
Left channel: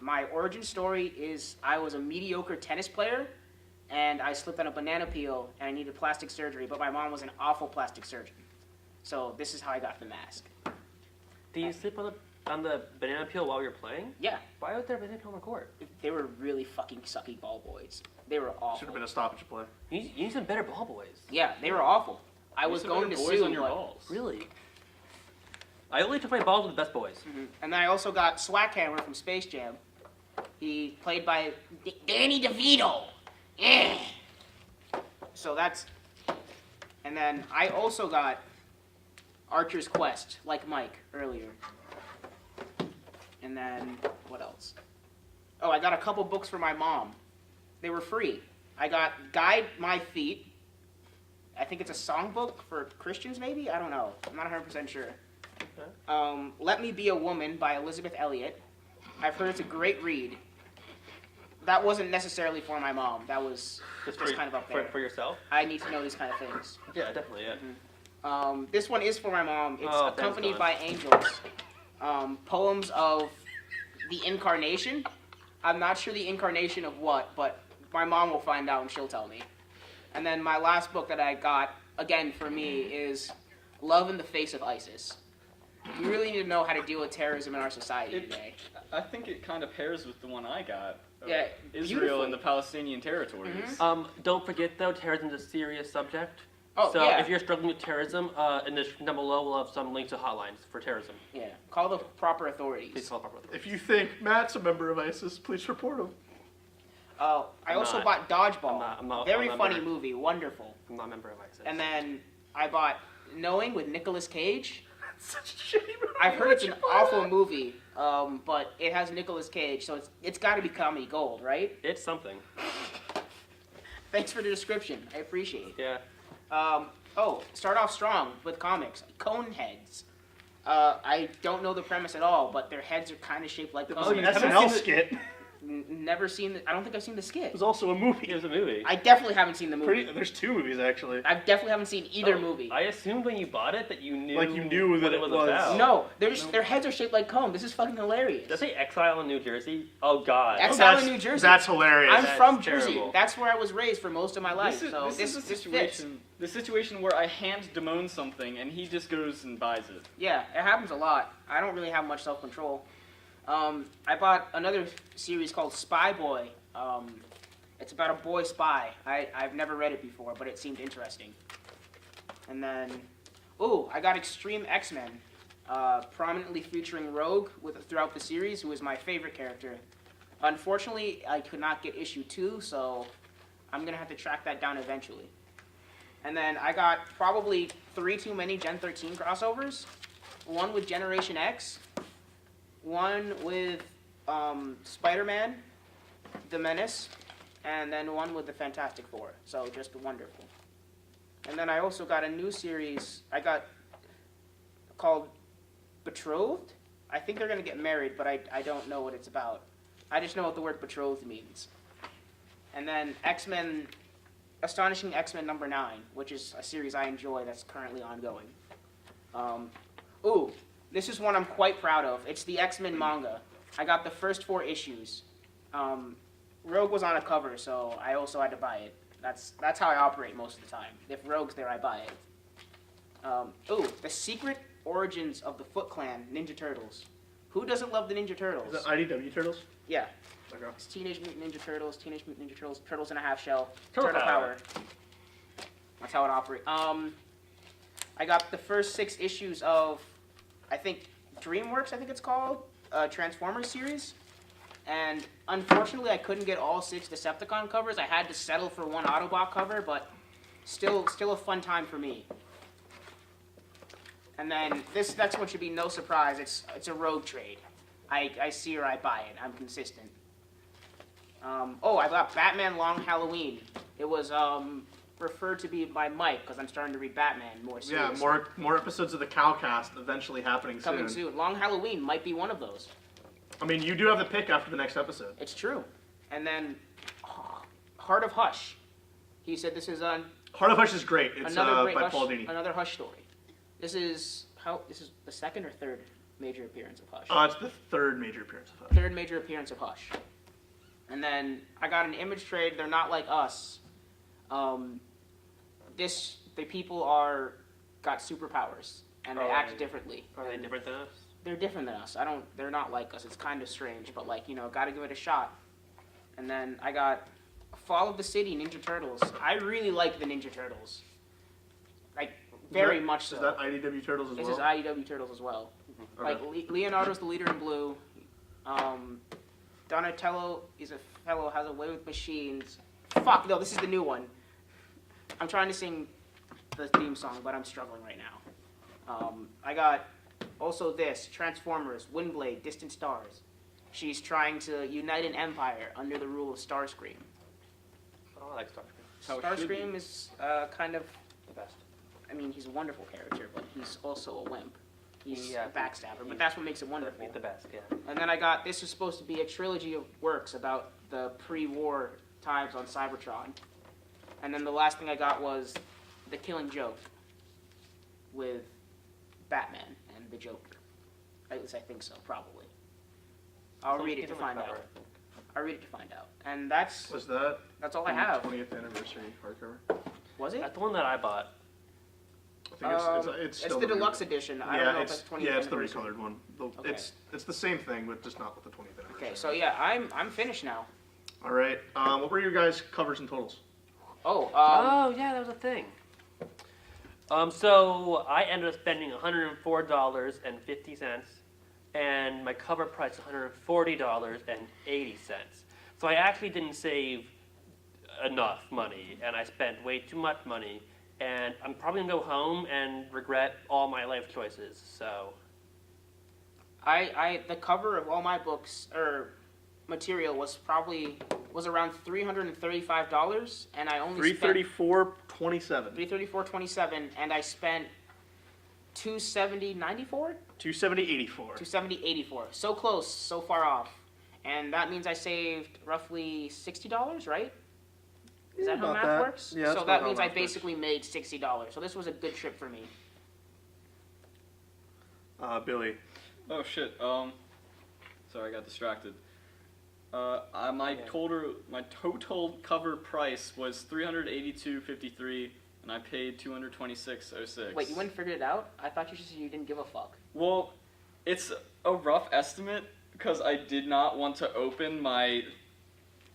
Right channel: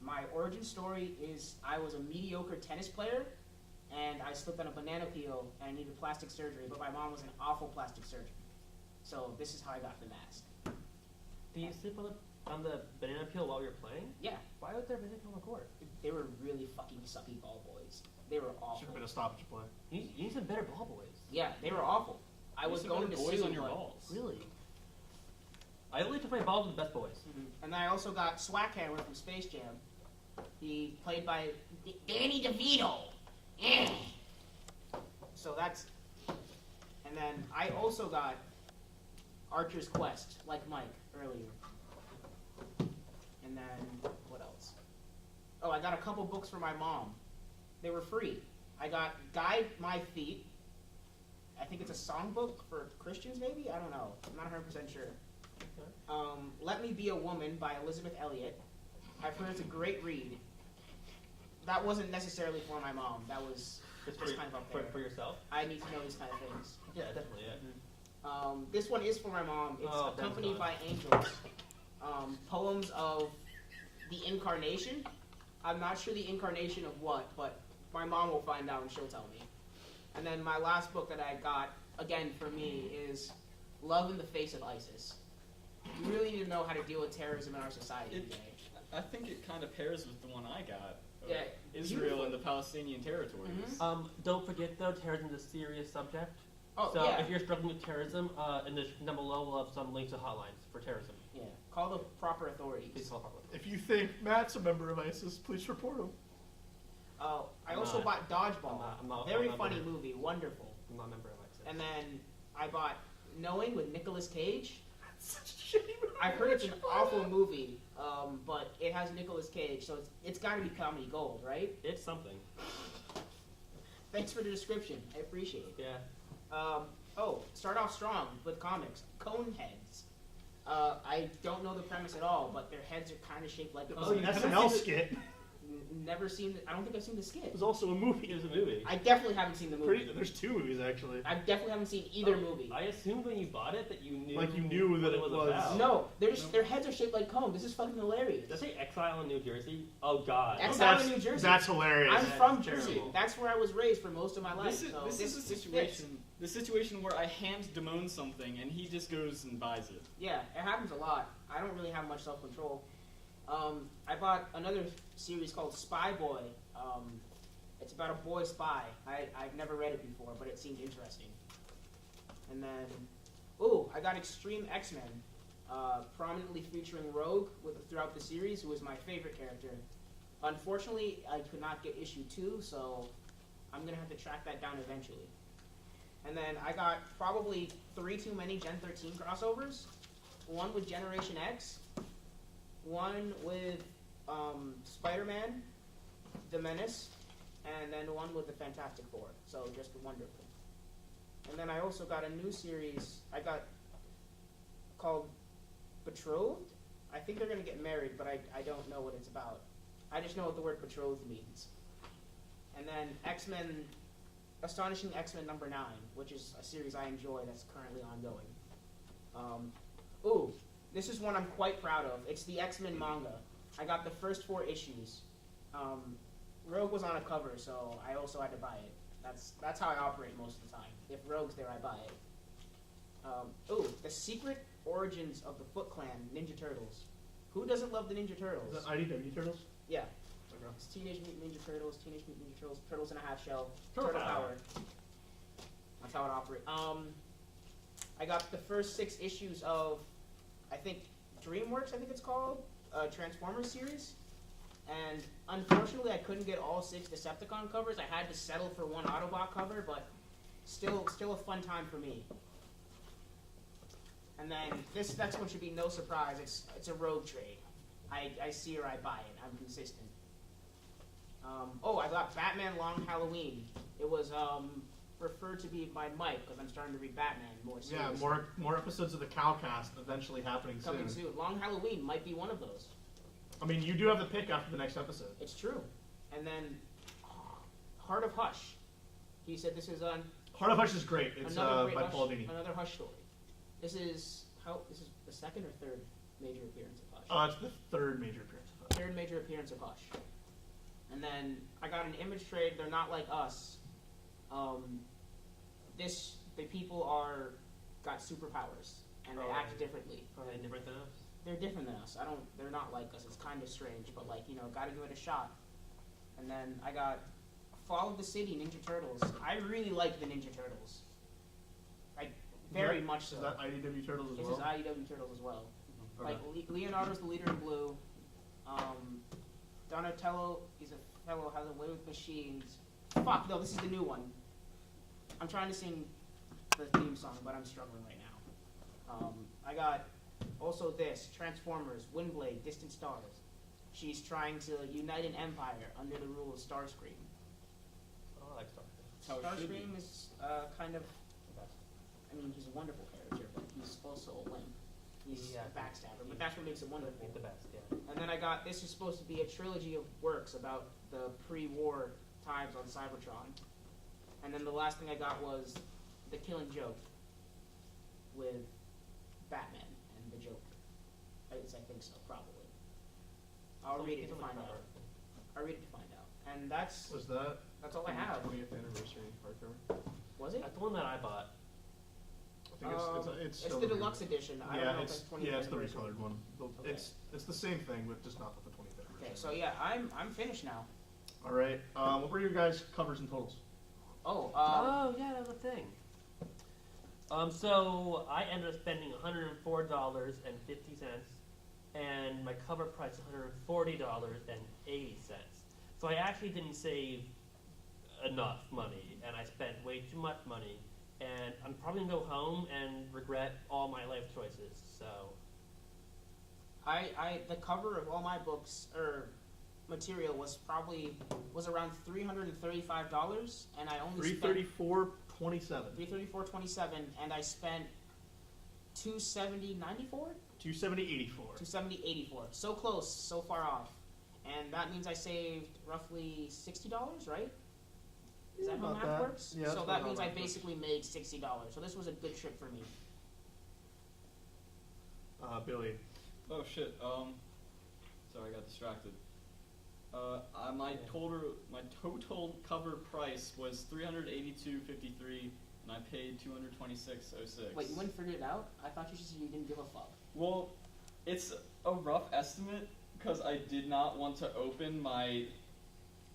My origin story is I was a mediocre tennis player, and I slipped on a banana peel, and I needed plastic surgery, but my mom was an awful plastic surgeon. So this is how I got the mask. Do you sleep on the banana peel while you're playing? Yeah, Why would there be a banana peel on the court? they were really fucking sucky ball boys. They were awful. Should have been a stoppage play. You need some better ball boys. Yeah, they were awful. I Use was some going to better boys sue, on your but balls. Really? I only took my balls with the best boys. And then I also got Swackhammer from Space Jam. He played by Danny DeVito. Yeah. So that's... And then I also got Archer's Quest, like Mike earlier. And then, what else? Oh, I got a couple books for my mom. They were free. I got Guide My Feet. I think it's a songbook for Christians, maybe? I don't know. I'm not 100% sure. Okay. Let Me Be a Woman by Elizabeth Elliot. I've heard it's a great read. That wasn't necessarily for my mom. That was just kind of up there. For yourself? I need to know these kind of things. Yeah, definitely, yeah. This one is for my mom. It's Oh, accompanied Ben's by angels. Poems of the incarnation. I'm not sure the incarnation of what, but my mom will find out and she'll tell me. And then my last book that I got, again for me, is Love in the Face of ISIS. We really need to know how to deal with terrorism in our society today. I think it kind of pairs with the one I got. Yeah, Israel beautifully. and the Palestinian territories. Don't forget though, terrorism is a serious subject. Oh, So yeah. if you're struggling with terrorism, in the description down below, we'll have some links to hotlines for terrorism. Yeah, call the proper authorities. Please call properly. If you think Matt's a member of ISIS, please report him. I I'm also not. bought Dodgeball. I'm not Very a funny member. movie, wonderful. I'm not a member of ISIS. And then I bought Knowing with Nicolas Cage. Such a shitty movie. I've heard it's an awful movie, but it has Nicolas Cage, so it's got to be comedy gold, right? It's something. Thanks for the description. I appreciate it. Yeah. Start off strong with comics. Coneheads. I don't know the premise at all, but their heads are kind of shaped like It was cones. an haven't SNL seen the- skit. Never seen I don't think I've seen the skit. It was also a movie. It was a movie. I definitely haven't seen the movie. There's two movies actually. I definitely haven't seen either Oh, movie. I assumed when you bought it that you knew. Like you knew what that it it was was- about. No, their heads are shaped like cones. This is fucking hilarious. Does it say Exile in New Jersey? Oh God. Exile in New Jersey. That's hilarious. I'm That's from Jersey. terrible. That's where I was raised for most of my life. This is, so this is a fits. situation. The situation where I hand Demoan something and he just goes and buys it. Yeah, it happens a lot. I don't really have much self-control. I bought another series called Spy Boy. It's about a boy spy. I've never read it before, but it seemed interesting. And then, I got Extreme X-Men, prominently featuring Rogue throughout the series, who is my favorite character. Unfortunately, I could not get issue 2, so I'm going to have to track that down eventually. And then I got probably 3 too many Gen 13 crossovers. One with Generation X, one with Spider-Man, The Menace, and then one with the Fantastic Four. So just wonderful. And then I also got a new series I got called Betrothed. I think they're going to get married, but I don't know what it's about. I just know what the word betrothed means. And then X-Men, Astonishing X-Men number 9, which is a series I enjoy that's currently ongoing. This is one I'm quite proud of. It's the X-Men manga. I got the first 4 issues. Rogue was on a cover, so I also had to buy it. That's how I operate most of the time. If Rogue's there, I buy it. The Secret Origins of the Foot Clan Ninja Turtles. Who doesn't love the Ninja Turtles? Is that IDW Turtles? Yeah. Okay. It's Teenage Mutant Ninja Turtles, Teenage Mutant Ninja Turtles, Turtles in a Half Shell, Turtle Power. That's how it operates. I got the first 6 issues of, I think, DreamWorks, I think it's called, Transformers series. And unfortunately, I couldn't get all 6 Decepticon covers. I had to settle for one Autobot cover, but still a fun time for me. And then this next one should be no surprise. It's a Rogue trade. I see her, I buy it. I'm consistent. I got Batman Long Halloween. It was referred to be by Mike because I'm starting to read Batman more seriously. Yeah, more episodes of the Cowcast eventually happening Coming soon. Long Halloween might be one of those. I mean, you do have the pick after the next episode. It's true. And then Heart of Hush. He said this is Heart of Hush is great. It's another great by Hush, Paul Dini. another Hush story. This is the second or third major appearance of Hush. It's the third major appearance of Hush. Third major appearance of Hush. And then I got an Image trade. They're not like us. The people got superpowers and they act differently. Are they different than us? They're different than us. They're not like us. It's kind of strange, but gotta give it a shot. And then I got Fall of the City Ninja Turtles. I really like the Ninja Turtles. Like very much so. Is that IDW Turtles as This well? is IDW Turtles as well. Mm-hmm. Like Leonardo's the leader in blue. Donatello is a fellow, has a way with machines. Fuck, no, this is the new one. I'm trying to sing the theme song, but I'm struggling right now. I got also this, Transformers, Windblade, Distant Stars. She's trying to unite an empire under the rule of Starscream. I like Starscream. How it should Starscream be. is kind of The best. I mean, he's a wonderful character, but he's also a wimp. He's Yeah, a backstabber, but that's what makes it wonderful. The best, yeah. And then I got, this is supposed to be a trilogy of works about the pre-war times on Cybertron. And then the last thing I got was The Killing Joke with Batman and the Joker. At least I think so, probably. I'll read it to find out. I'll read it to find out. And that's Was that all I have. 20th anniversary hardcover? Was it? That's the one that I bought. I think it's still the deluxe edition. I don't know if that's 20th yeah, it's the anniversary. recolored one. Okay. It's the same thing, but just not with the 20th anniversary. Okay, so yeah, I'm finished now. All right. What were your guys' covers and totals? Oh, Oh, yeah, that was a thing. So I ended up spending $104.50, and my cover price was $140.80. So I actually didn't save enough money, and I spent way too much money, and I'm probably gonna go home and regret all my life choices. So the cover of all my books or material was around $335, and I only spent $334.27. $334.27, and I spent $270.94, $270.84. $270.84. So close, so far off, and that means I saved roughly $60, right? Is that how about math that. works? Yeah, that's so about that how means I math works. basically made $60. So this was a good trip for me. Billy. Oh shit. Sorry, I got distracted. My total cover price was $382.53, and I paid $226.06. Wait, you wouldn't figure it out? I thought you said you didn't give a fuck. Well, it's a rough estimate because I did not want to open my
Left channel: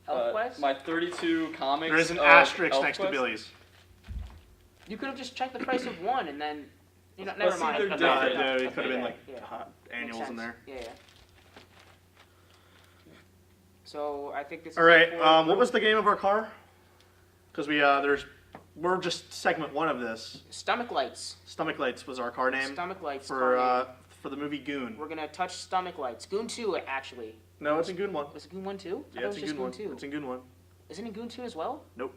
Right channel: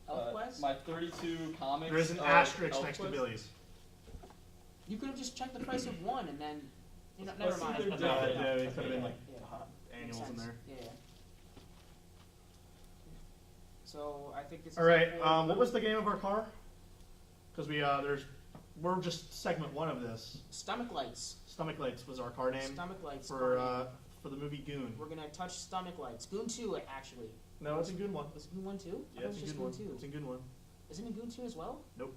ElfQuest? my 32 comics. There is an of asterisk next to ElfQuest. Billy's. You could have just checked the price of one and then. Let's Never see mind. their Okay, difference. Yeah, it okay, could have been like yeah. annuals Makes in there. sense. Yeah. So I think this. All right. What was the game of our car? Because we're just segment one of this. Stomach lights? Stomach Lights was our car name Stomach lights. car name. for the movie Goon. We're gonna touch stomach lights. Goon 2, actually. No, it's in Goon 1. Was it Goon 1 too? I Yeah, thought it's it in was Goon just 1. 2. It's in Goon 1. Isn't it Goon 2 as well? Nope.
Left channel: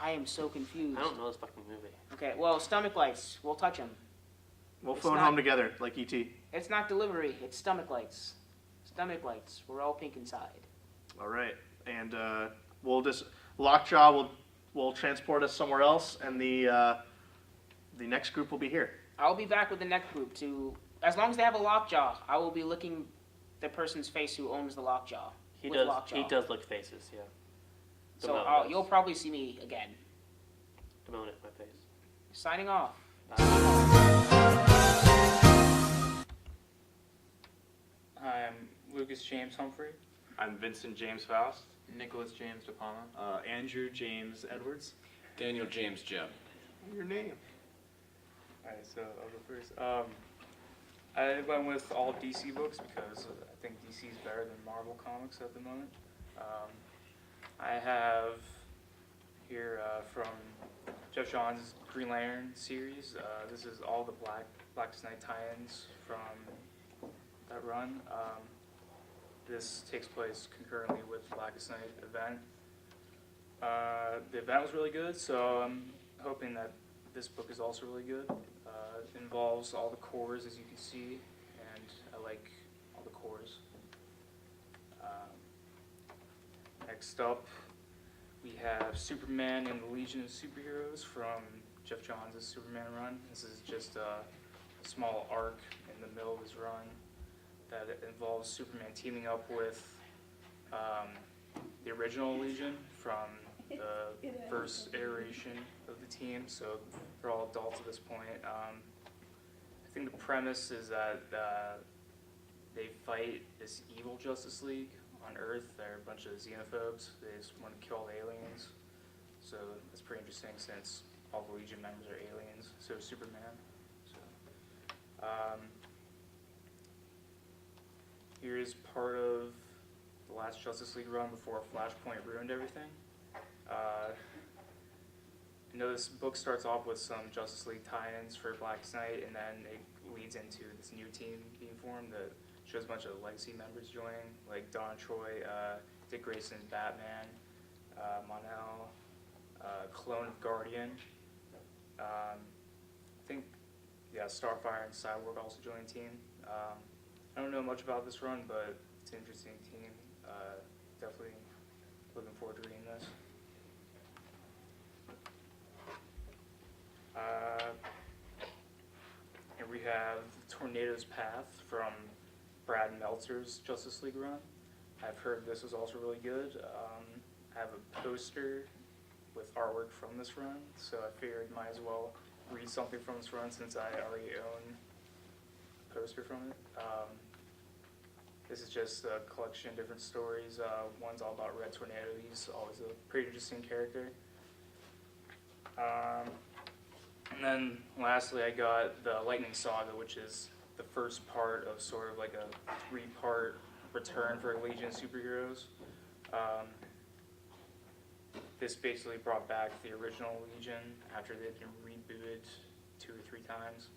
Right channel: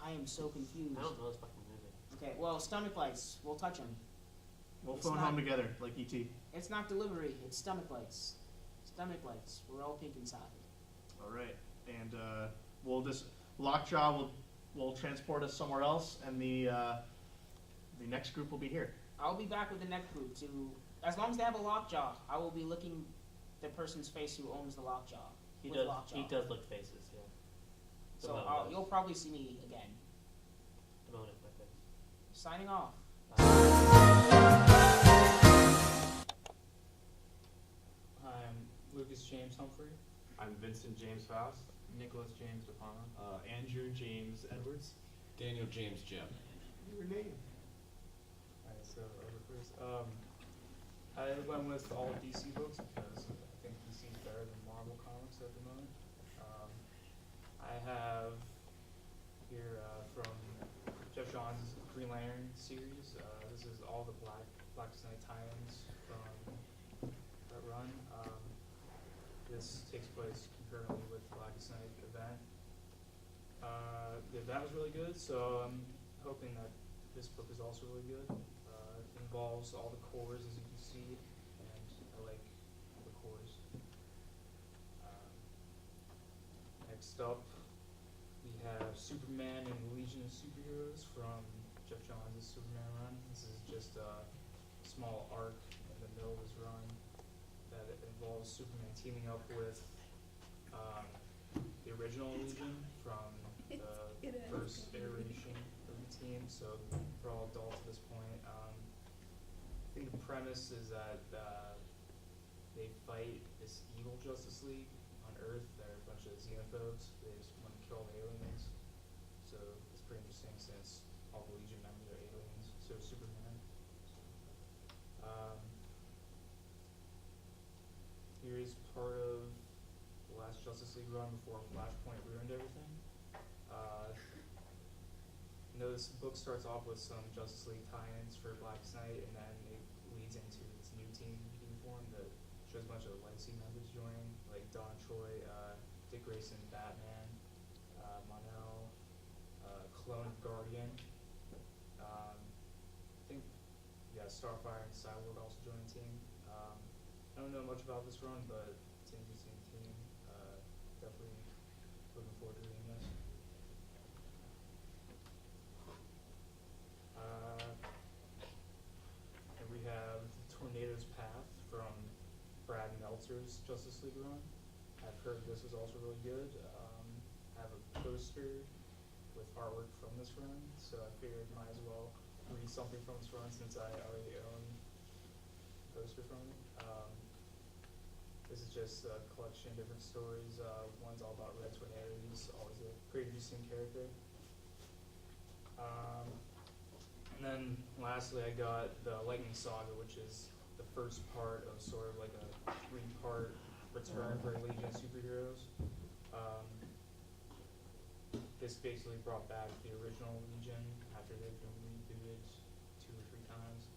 I am so confused. I don't know this fucking movie. Okay, well, stomach lights. We'll touch them. We'll It's phone not- home together like E.T. It's not delivery. It's stomach lights. Stomach lights. We're all pink inside. All right. And Lockjaw will transport us somewhere else, and the next group will be here. I'll be back with the next group to. As long as they have a lockjaw, I will be licking the person's face who owns the lockjaw. He with does. Lockjaw. He does lick faces. Yeah. So Demoan does. you'll probably see me again. Demoan at my face. Signing off. I'm Lucas James Humphrey. I'm Vincent James Faust. Nicholas James De Palma. Andrew James Edwards. Daniel James Jebb. Your name? Alright, so I'll go first. I went with all DC books because I think DC is better than Marvel comics at the moment. I have here from Jeff Johns' Green Lantern series. This is all the Blackest Night tie-ins from that run. This takes place concurrently with the Blackest Night event. The event was really good, so I'm hoping that this book is also really good. It involves all the cores, as you can see, and I like all the cores. Next up, we have Superman and the Legion of Superheroes from Jeff Johns' Superman run. This is just a small arc in the middle of his run that involves Superman teaming up with the original Legion from the first iteration of the team, so they're all adults at this point. I think the premise is that they fight this evil Justice League on Earth. They're a bunch of xenophobes. They just want to kill all the aliens. So that's pretty interesting since all the Legion members are aliens. So is Superman. So, Here's part of the last Justice League run before Flashpoint ruined everything. You know, this book starts off with some Justice League tie-ins for Blackest Night, and then it leads into this new team being formed that shows a bunch of legacy members joining, like Don Troy, Dick Grayson, Batman, Mon-El, clone of Guardian. I think, yeah, Starfire and Cyborg also joined the team. I don't know much about this run, but it's an interesting team. Definitely looking forward to reading this. And we have Tornado's Path from Brad Meltzer's Justice League run. I've heard this was also really good. I have a poster with artwork from this run, so I figured might as well read something from this run since I already own a poster from it. This is just a collection of different stories. One's all about Red Tornado. He's always a pretty interesting character. And then lastly, I got the Lightning Saga, which is the first part of sort of like a 3-part return for Legion of Superheroes. This basically brought back the original Legion after they'd been rebooted 2 or 3 times.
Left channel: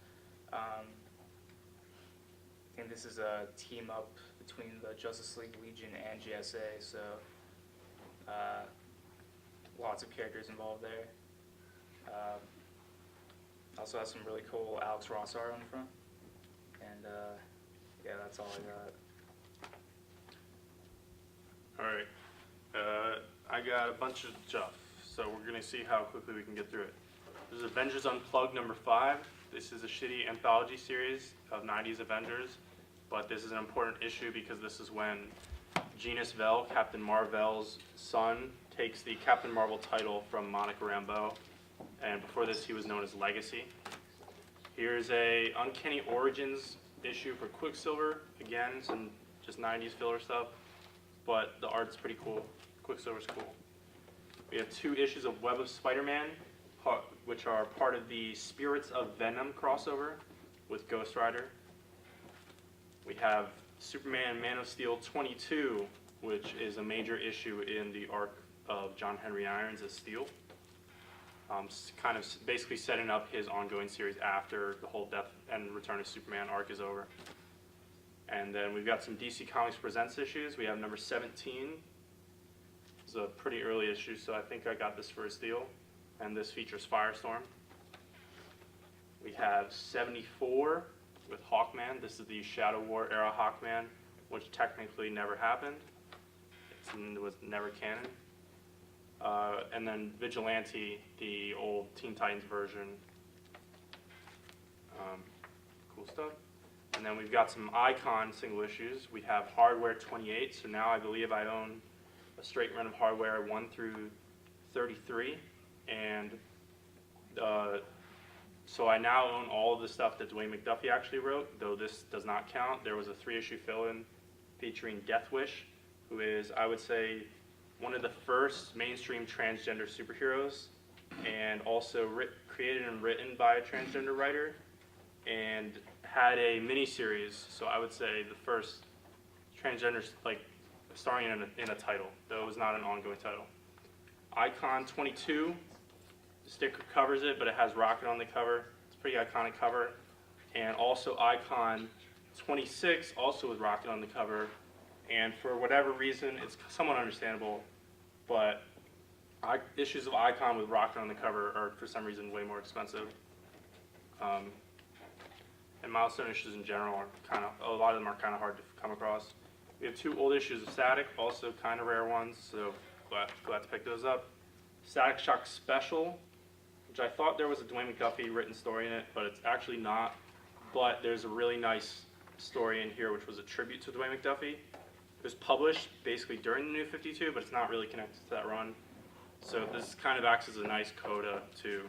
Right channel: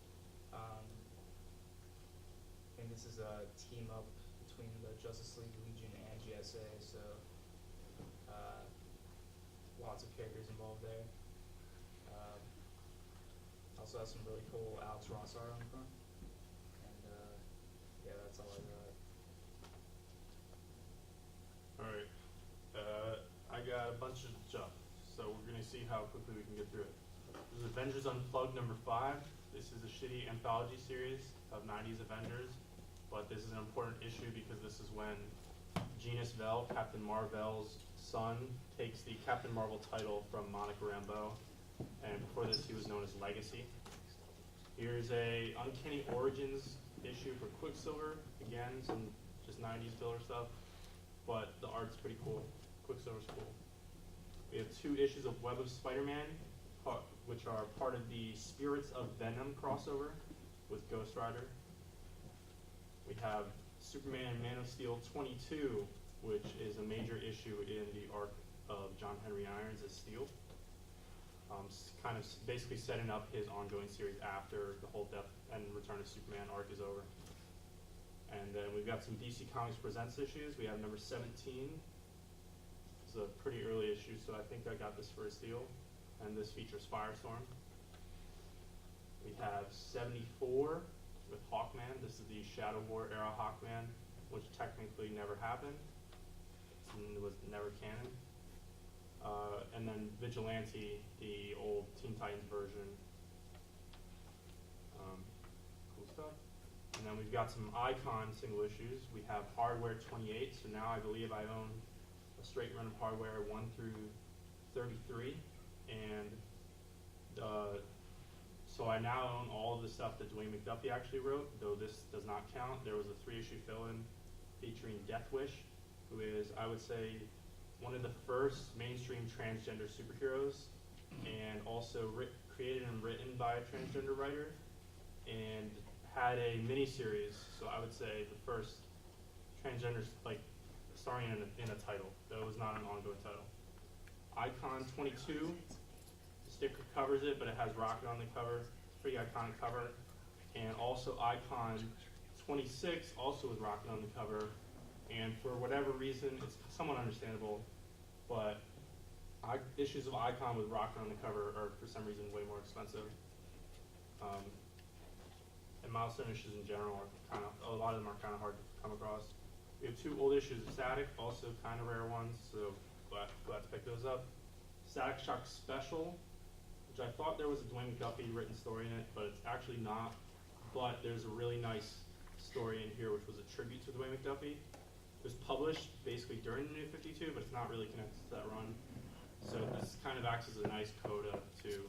I think this is a team up between the Justice League Legion and GSA, so lots of characters involved there. Also has some really cool Alex Ross art on the front. And yeah, that's all I got. Alright. I got a bunch of stuff, so we're going to see how quickly we can get through it. This is Avengers Unplugged number 5. This is a shitty anthology series of 90s Avengers, but this is an important issue because this is when Genus Vell, Captain Marvel's son, takes the Captain Marvel title from Monica Rambeau, and before this he was known as Legacy. Here's a Uncanny Origins issue for Quicksilver. Again, some just 90s filler stuff, but the art's pretty cool. Quicksilver's cool. We have 2 issues of Web of Spider-Man, which are part of the Spirits of Venom crossover with Ghost Rider. We have Superman Man of Steel 22, which is a major issue in the arc of John Henry Irons as Steel. Kind of basically setting up his ongoing series after the whole Death and Return of Superman arc is over. And then we've got some DC Comics Presents issues. We have number 17. It's a pretty early issue, so I think I got this for a steal. And this features Firestorm. We have 74 with Hawkman. This is the Shadow War era Hawkman, which technically never happened. It was never canon. And then Vigilante, the old Teen Titans version. Cool stuff. And then we've got some Icon single issues. We have Hardware 28, so now I believe I own a straight run of Hardware 1 through 33. And so I now own all of the stuff that Dwayne McDuffie actually wrote, though this does not count. There was a 3-issue fill-in featuring Deathwish, who is, I would say, one of the first mainstream transgender superheroes, and also created and written by a transgender writer, and had a miniseries, so I would say the first transgender, like, starring in a title, though it was not an ongoing title. Icon 22, the sticker covers it, but it has Rocket on the cover. It's a pretty iconic cover. And also Icon 26, also with Rocket on the cover. And for whatever reason, it's somewhat understandable, but issues of Icon with Rocket on the cover are, for some reason, way more expensive. And milestone issues in general are a lot of them are kind of hard to come across. We have 2 old issues of Static, also kind of rare ones, so glad to pick those up. Static Shock Special, which I thought there was a Dwayne McDuffie written story in it, but it's actually not. But there's a really nice story in here, which was a tribute to Dwayne McDuffie. It was published basically during the New 52, but it's not really connected to that run. So this kind of acts as a nice coda to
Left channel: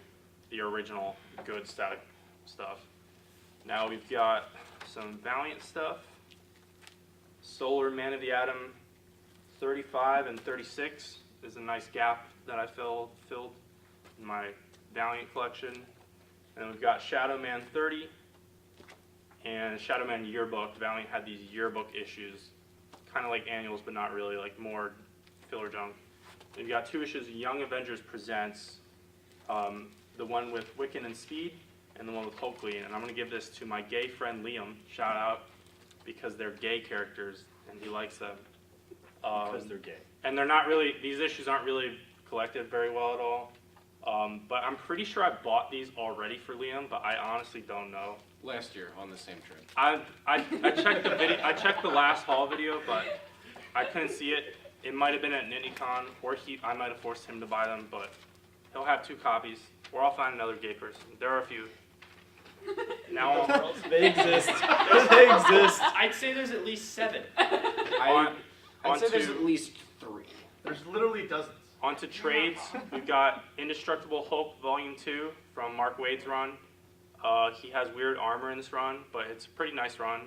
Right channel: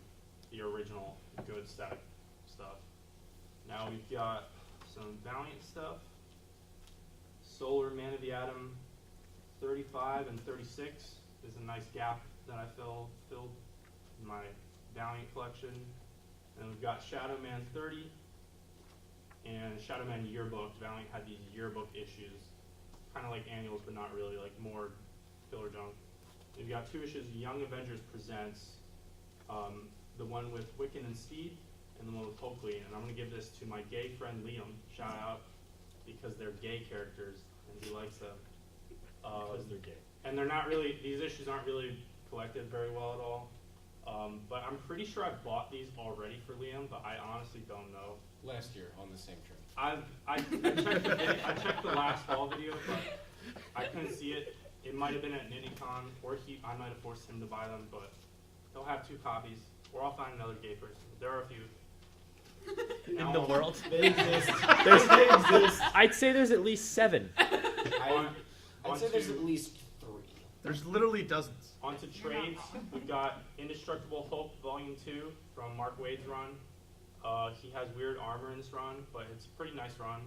the original good Static stuff. Now we've got some Valiant stuff. Solar Man of the Atom 35 and 36 is a nice gap that I filled in my Valiant collection. And then we've got Shadow Man 30 and Shadow Man Yearbook. Valiant had these yearbook issues, kind of like annuals, but not really, like more filler junk. And you got 2 issues of Young Avengers Presents, the one with Wiccan and Speed, and the one with Hulkling. And I'm going to give this to my gay friend Liam, shout out, because they're gay characters, and he likes them. Because they're gay. And they're not really, these issues aren't really collected very well at all. But I'm pretty sure I bought these already for Liam, but I honestly don't know. Last year on the same trip. I checked the video, I checked the last haul video, but I couldn't see it. It might have been at NindyCon, or I might have forced him to buy them, but he'll have 2 copies, or I'll find another gay person. There are a few. Now They exist. They exist. I'd say there's at least 7. I'd say there's at least 3. There's literally dozens. onto trades, we've got Indestructible Hulk Volume 2 from Mark Waid's run. He has weird armor in this run, but it's a pretty nice run.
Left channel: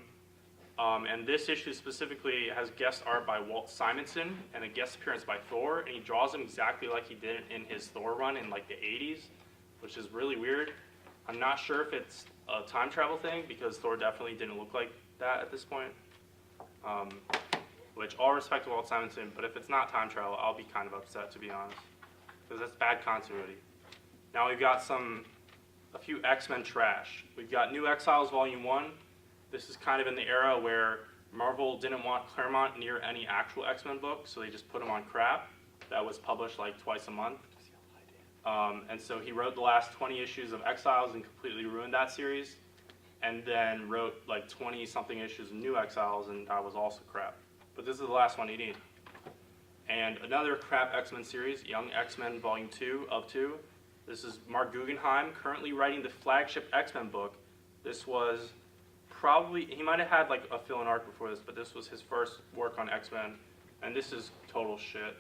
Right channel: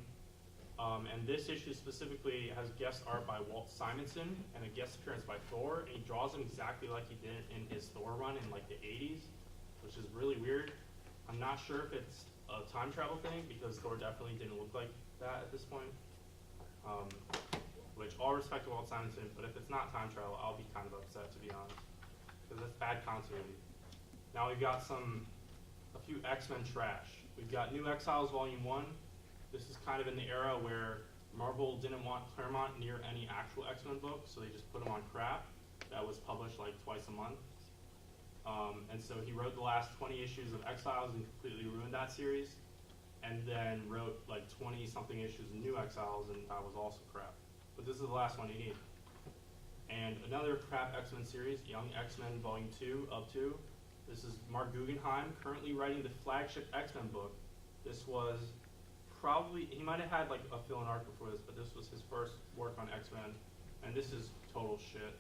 And this issue specifically has guest art by Walt Simonson and a guest appearance by Thor, and he draws him exactly like he did in his Thor run in like the 80s, which is really weird. I'm not sure if it's a time travel thing, because Thor definitely didn't look like that at this point. Which, all respect to Walt Simonson, but if it's not time travel, I'll be kind of upset, to be honest, because that's bad continuity. Now we've got a few X-Men trash. We've got New Exiles Volume 1. This is kind of in the era where Marvel didn't want Claremont near any actual X-Men book, so they just put him on crap that was published like twice a month. And so he wrote the last 20 issues of Exiles and completely ruined that series, and then wrote like 20-something issues of New Exiles, and that was also crap. But this is the last one you need. And another crap X-Men series, Young X-Men Volume 2 of 2. This is Mark Guggenheim, currently writing the flagship X-Men book. This was probably, he might have had like a fill-in arc before this, but this was his first work on X-Men, and this is total shit.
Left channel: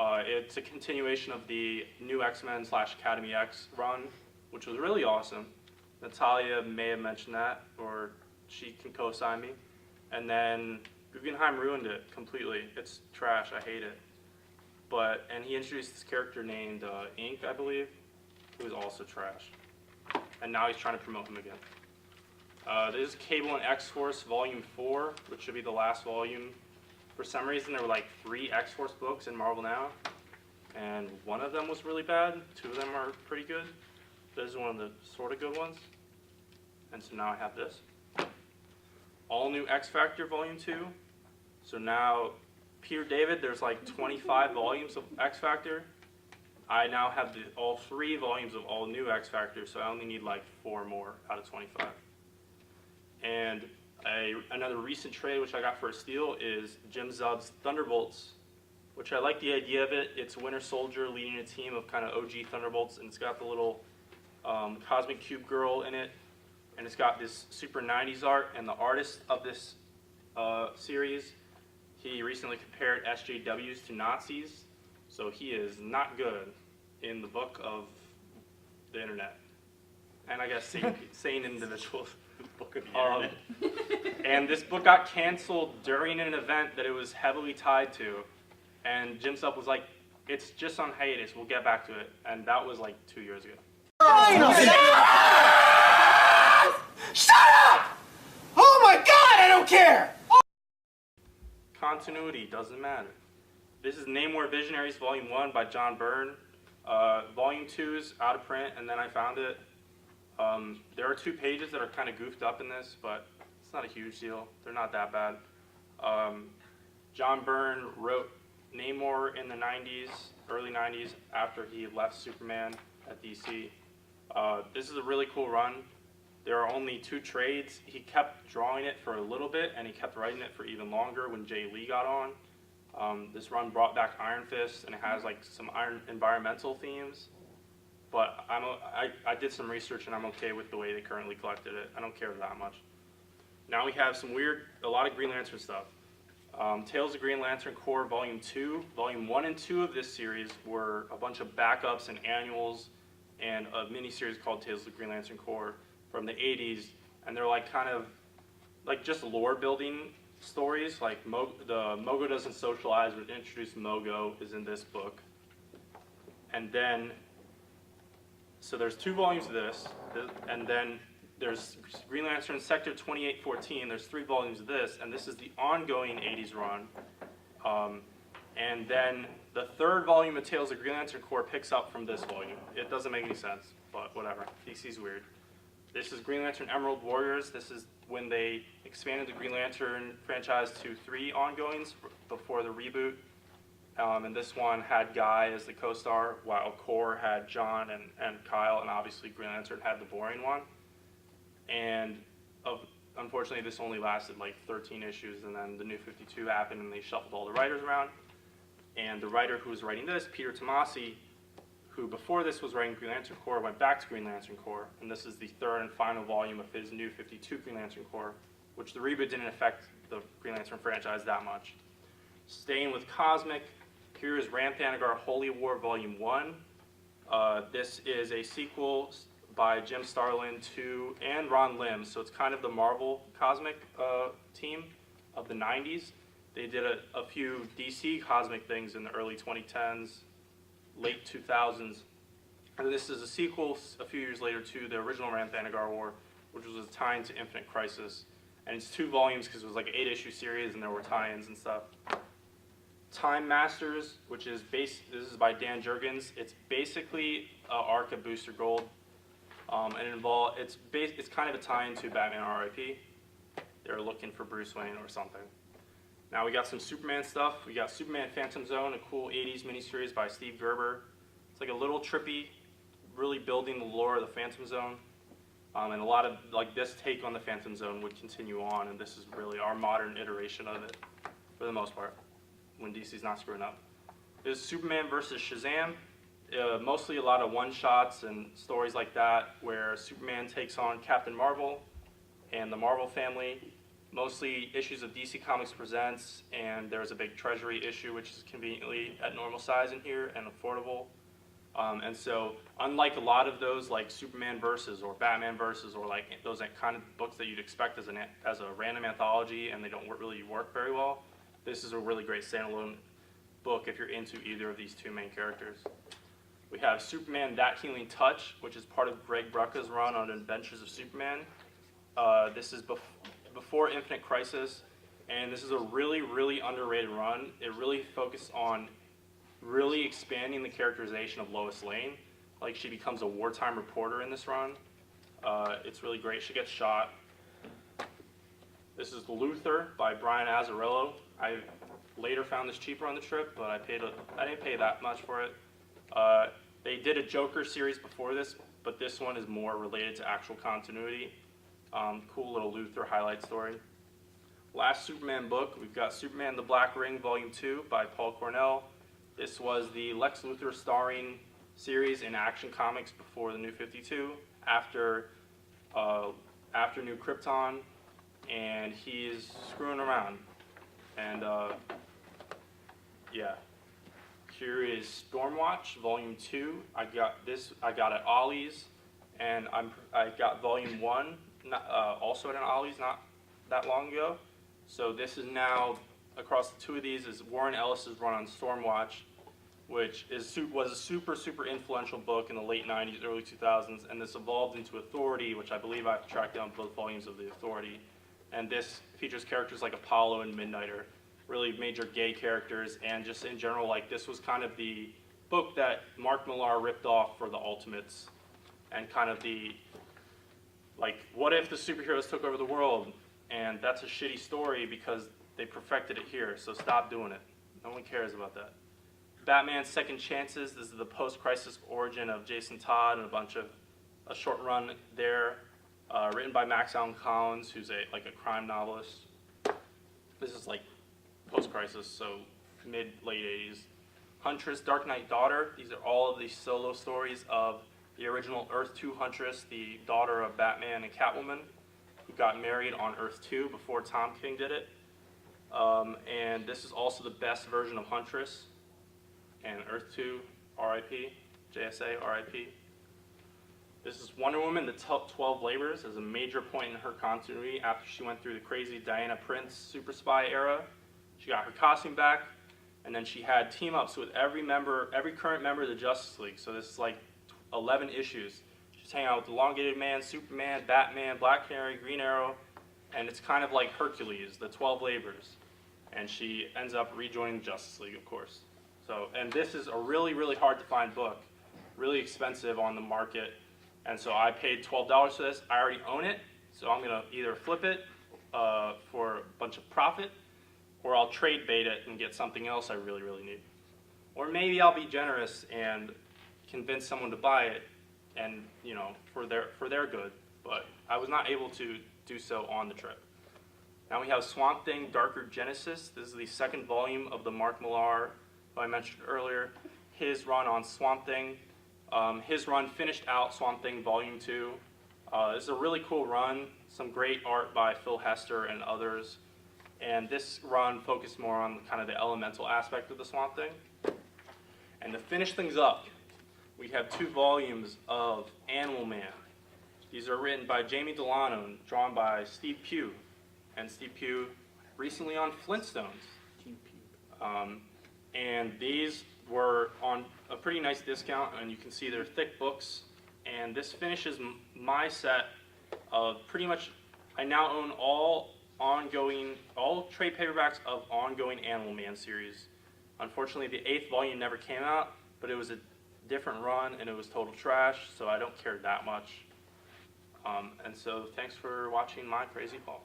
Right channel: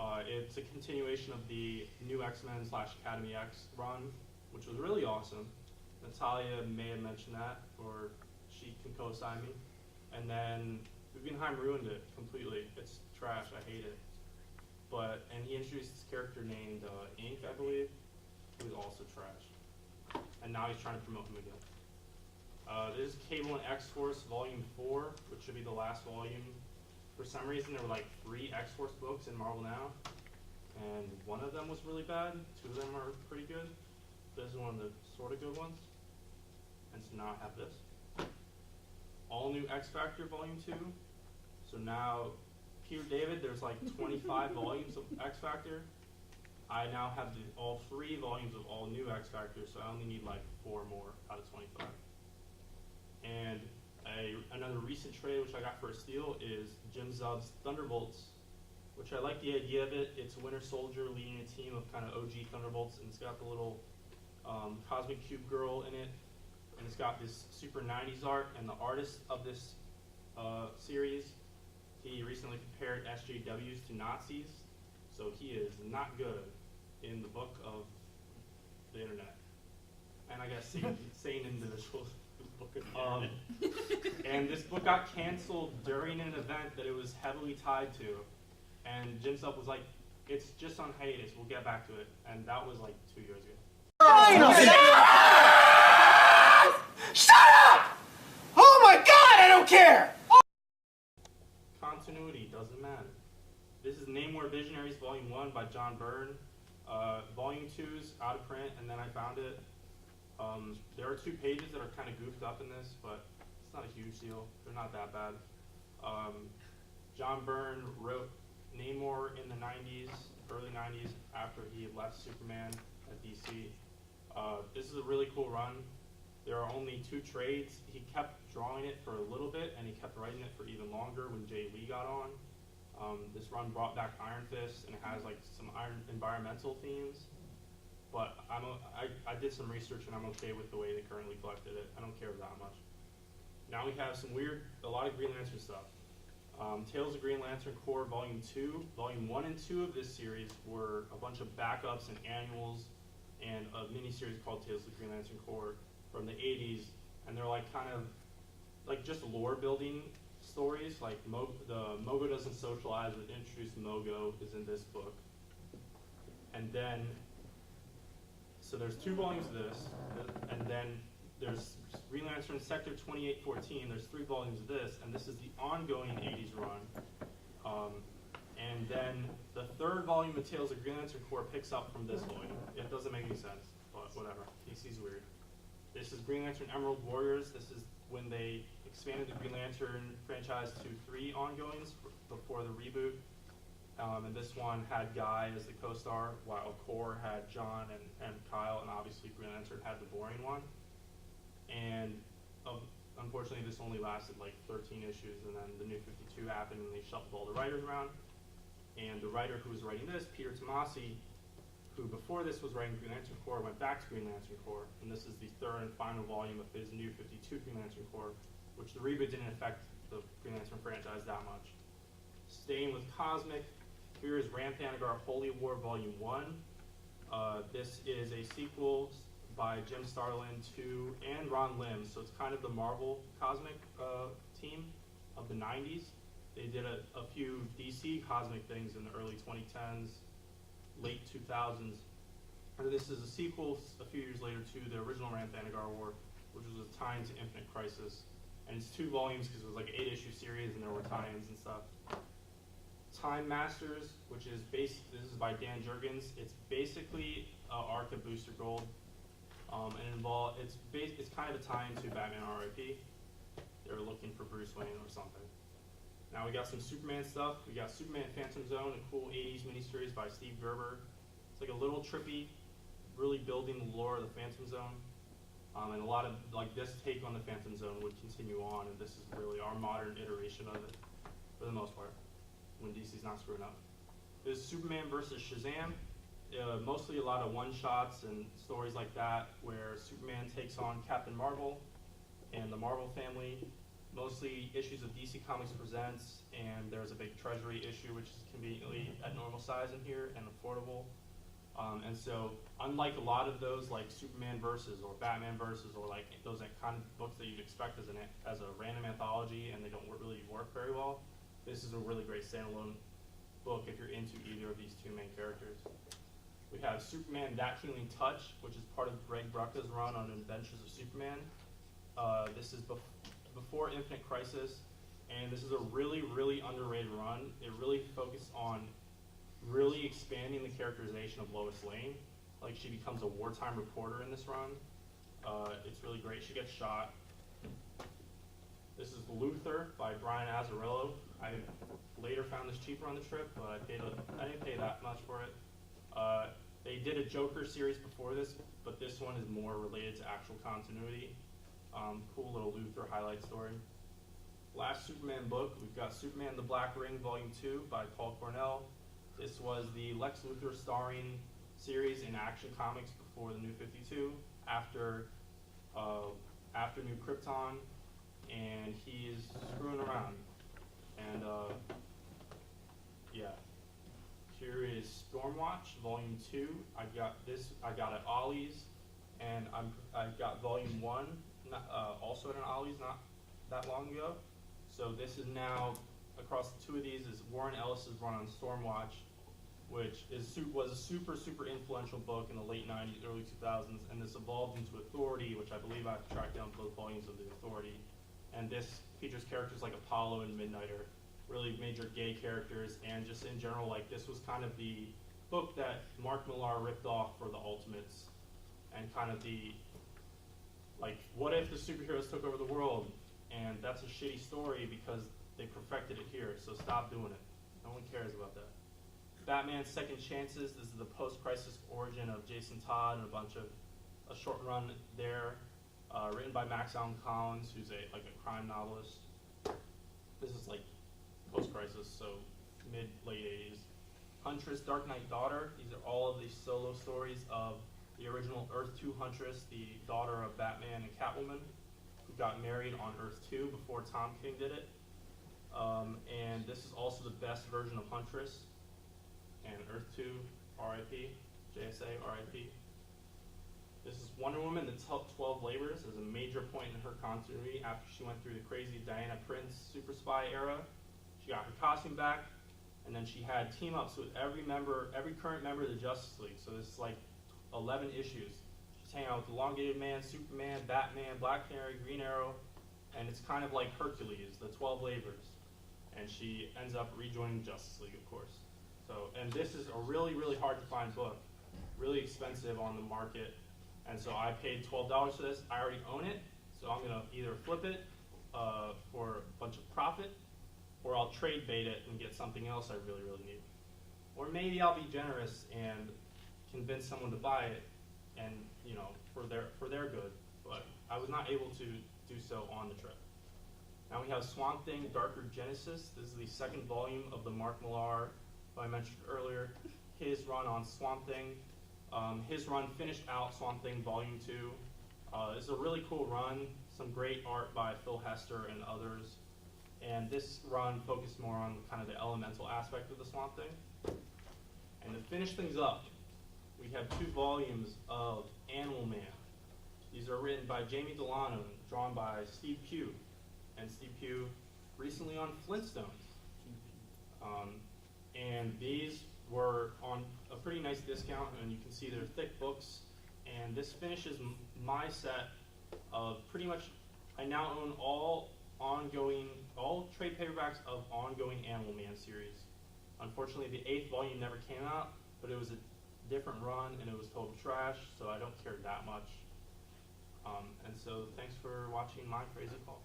It's a continuation of the New X-Men / Academy X run, which was really awesome. Natalia may have mentioned that, or she can co-sign me. And then Guggenheim ruined it completely. It's trash, I hate it. And he introduced this character named Ink, I believe, who is also trash. And now he's trying to promote him again. This is Cable and X-Force Volume 4, which should be the last volume. For some reason, there were like 3 X-Force books in Marvel Now, and one of them was really bad. 2 of them are pretty good. This is one of the sort of good ones. And so now I have this. All New X-Factor Volume 2. So now, Peter David, there's like 25 volumes of X-Factor. I now have all 3 volumes of All New X-Factor, so I only need like 4 more out of 25. And another recent trade, which I got for a steal, is Jim Zub's Thunderbolts, which I like the idea of it. It's Winter Soldier leading a team of kind of OG Thunderbolts, and it's got the little Cosmic Cube girl in it, and it's got this super 90s art, and the artist of this series, he recently compared SJWs to Nazis, so he is not good in the book of the internet. And I guess sane individuals. Book of the internet. And this book got canceled during an event that it was heavily tied to. And Jim Sub was like, it's just on hiatus, we'll get back to it. And that was like 2 years ago. Shut up! Oh my god, I don't care! Continuity doesn't matter. This is Namor Visionaries Volume 1 by John Byrne. Volume 2 is out of print, and then I found it. There are 2 pages that are kind of goofed up in this, but it's not a huge deal. They're not that bad. John Byrne wrote Namor in the 90s, early 90s, after he left Superman at DC. This is a really cool run. There are only 2 trades. He kept drawing it for a little bit, and he kept writing it for even longer when Jay Lee got on. This run brought back Iron Fist, and it has like some environmental themes. But I did some research, and I'm okay with the way they currently collected it. I don't care that much. Now we have a lot of Green Lantern stuff. Tales of Green Lantern Corps Volume 2. Volume 1 and 2 of this series were a bunch of backups and annuals and a mini-series called Tales of Green Lantern Corps from the 80s. And they're like kind of like just lore-building stories. Like the Mogo Doesn't Socialize, which introduced Mogo, is in this book. And then so there's 2 volumes of this, and then there's Green Lantern Sector 2814. There's 3 volumes of this, and this is the ongoing 80s run. And then the 3rd volume of Tales of Green Lantern Corps picks up from this volume. It doesn't make any sense, but whatever. DC's weird. This is Green Lantern Emerald Warriors. This is when they expanded the Green Lantern franchise to 3 ongoings before the reboot. And this one had Guy as the co-star, while Corps had John and Kyle, and obviously Green Lantern had the boring one. And unfortunately, this only lasted like 13 issues, and then the New 52 happened, and they shuffled all the writers around. And the writer who was writing this, Peter Tomasi, who before this was writing Green Lantern Corps, went back to Green Lantern Corps, and this is the 3rd and final volume of his New 52 Green Lantern Corps, which the reboot didn't affect the Green Lantern franchise that much. Staying with Cosmic, here is Ranthanagar Holy War Volume 1. This is a sequel by Jim Starlin to and Ron Lim, so it's kind of the Marvel Cosmic team of the 90s. They did a few DC Cosmic things in the early 2010s, late 2000s. And this is a sequel a few years later to the original Ranthanagar War, which was a tie-in to Infinite Crisis. And it's 2 volumes because it was like an 8-issue series and there were tie-ins and stuff. Time Masters, which is this is by Dan Jurgens. It's basically an arc of Booster Gold. And it's kind of a tie-in to Batman R.I.P. They're looking for Bruce Wayne or something. Now we got some Superman stuff. We got Superman Phantom Zone, a cool 80s miniseries by Steve Gerber. It's like a little trippy, really building the lore of the Phantom Zone. And a lot of, like, this take on the Phantom Zone would continue on, and this is really our modern iteration of it, for the most part, when DC's not screwing up. There's Superman versus Shazam. Mostly a lot of one-shots and stories like that, where Superman takes on Captain Marvel and the Marvel family. Mostly issues of DC Comics Presents, and there's a big Treasury issue, which is conveniently at normal size in here and affordable. And so, unlike a lot of those, like Superman Versus or Batman Versus, or like those kind of books that you'd expect as a random anthology, and they don't really work very well, this is a really great standalone book if you're into either of these 2 main characters. We have Superman That Healing Touch, which is part of Greg Rucka's run on Adventures of Superman. This is before Infinite Crisis, and this is a really, really underrated run. It really focused on really expanding the characterization of Lois Lane. Like, she becomes a wartime reporter in this run. It's really great. She gets shot. This is Luther by Brian Azzarello. I later found this cheaper on the trip, but I didn't pay that much for it. They did a Joker series before this, but this one is more related to actual continuity. Cool little Luther highlight story. Last Superman book, we've got Superman the Black Ring Volume 2 by Paul Cornell. This was the Lex Luthor starring series in Action Comics before the New 52, after New Krypton, and he's screwing around. And yeah. Here is Stormwatch Volume 2. I got at Ollie's, and I got Volume 1 also at an Ollie's not that long ago. So this is now, across the 2 of these, is Warren Ellis's run on Stormwatch, which was a super, super influential book in the late 90s, early 2000s, and this evolved into Authority, which I believe I've tracked down both volumes of the Authority. And this features characters like Apollo and Midnighter, really major gay characters, and just in general, like, this was kind of the book that Mark Millar ripped off for the Ultimates, and kind of the, like, what if the superheroes took over the world? And that's a shitty story because they perfected it here, so stop doing it. No one cares about that. Batman Second Chances, this is the post-crisis origin of Jason Todd and a short run there, written by Max Allan Collins, who's a crime novelist. This is like post-crisis, so mid-late 80s. Huntress, Dark Knight Daughter, these are all of the solo stories of the original Earth 2 Huntress, the daughter of Batman and Catwoman, who got married on Earth 2 before Tom King did it. And this is also the best version of Huntress. And Earth 2, R.I.P., JSA, R.I.P. This is Wonder Woman, the 12 Labors, as a major point in her continuity after she went through the crazy Diana Prince super spy era. She got her costume back, and then she had team-ups with every current member of the Justice League. So this is like 11 issues. She's She's hanging out with Elongated Man, Superman, Batman, Black Canary, Green Arrow, and it's kind of like Hercules, the 12 labors. And she ends up rejoining Justice League, of course. So, and this is a really, really hard to find book, really expensive on the market. And so I paid $12 for this. I already own it, so I'm gonna either flip it for a bunch of profit, or I'll trade bait it and get something else I really, really need. Or maybe I'll be generous and convince someone to buy it, and for their good. But I was not able to do so on the trip. Now we have Swamp Thing Darker Genesis. This is the second volume of the Mark Millar, who I mentioned earlier, his run on Swamp Thing. His run finished out Swamp Thing Volume 2. This is a really cool run, some great art by Phil Hester and others. And this run focused more on kind of the elemental aspect of the Swamp Thing. And to finish things up, we have 2 volumes of Animal Man. These are written by Jamie Delano and drawn by Steve Pugh. And Steve Pugh recently on Flintstones. And these were on a pretty nice discount, and you can see they're thick books. And this finishes my set of pretty much, I now own all trade paperbacks of ongoing Animal Man series. Unfortunately, the 8th volume never came out, but it was a different run, and it was total trash, so I don't care that much. And so thanks for watching my crazy haul.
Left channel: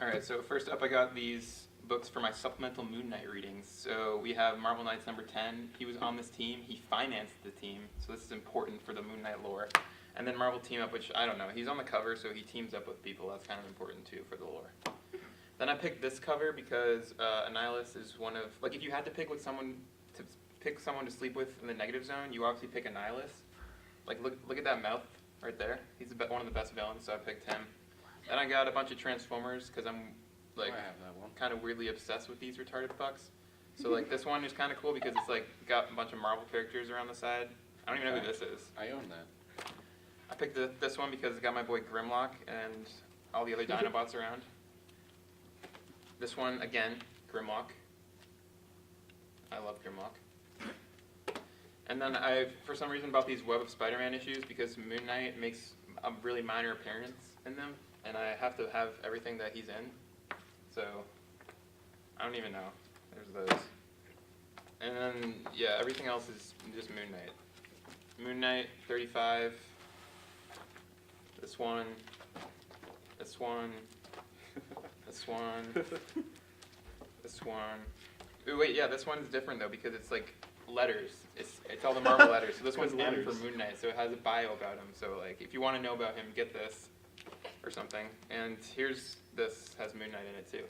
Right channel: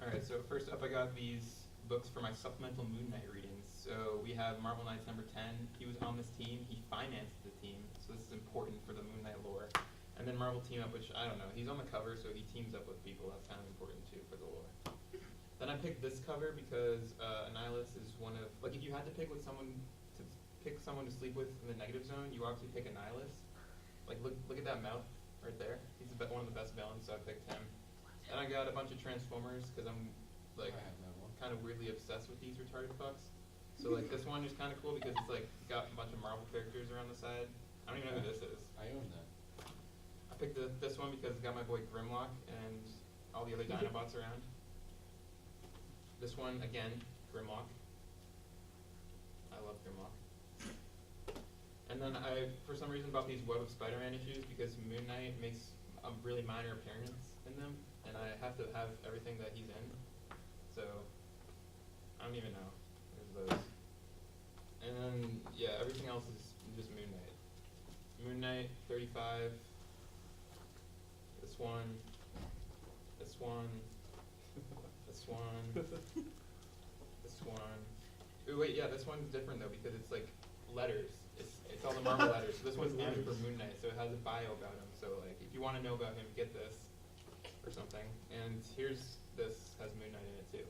Alright, so first up I got these books for my supplemental Moon Knight readings. So we have Marvel Knights number 10. He was on this team. He financed the team, so this is important for the Moon Knight lore. And then Marvel Team Up, which I don't know. He's on the cover, so he teams up with people. That's kind of important too for the lore. Then I picked this cover because Annihilus is one of, like, if you had to pick someone to sleep with in the negative zone, you obviously pick Annihilus. Like, look at that mouth right there. He's one of the best villains, so I picked him. Then I got a bunch of Transformers because I'm like kind of weirdly obsessed with these retarded fucks. So like this one is kind of cool because it's like got a bunch of Marvel characters around the side. I don't even know who this is. I own that. I picked this one because it's got my boy Grimlock and all the other Dinobots around. This one again, Grimlock. I love Grimlock. And then I, for some reason, bought these Web of Spider-Man issues because Moon Knight makes a really minor appearance in them, and I have to have everything that he's in. So, I don't even know. There's those. And then, yeah, everything else is just Moon Knight. Moon Knight, 35. This one. This one. This one. This one. Ooh, wait, yeah, this one's different, though, because it's, like, letters. It's all the Marvel letters. So this one's M for Moon Knight, so it has a bio about him. So, like, if you want to know about him, get this or something. And this has Moon Knight in it, too.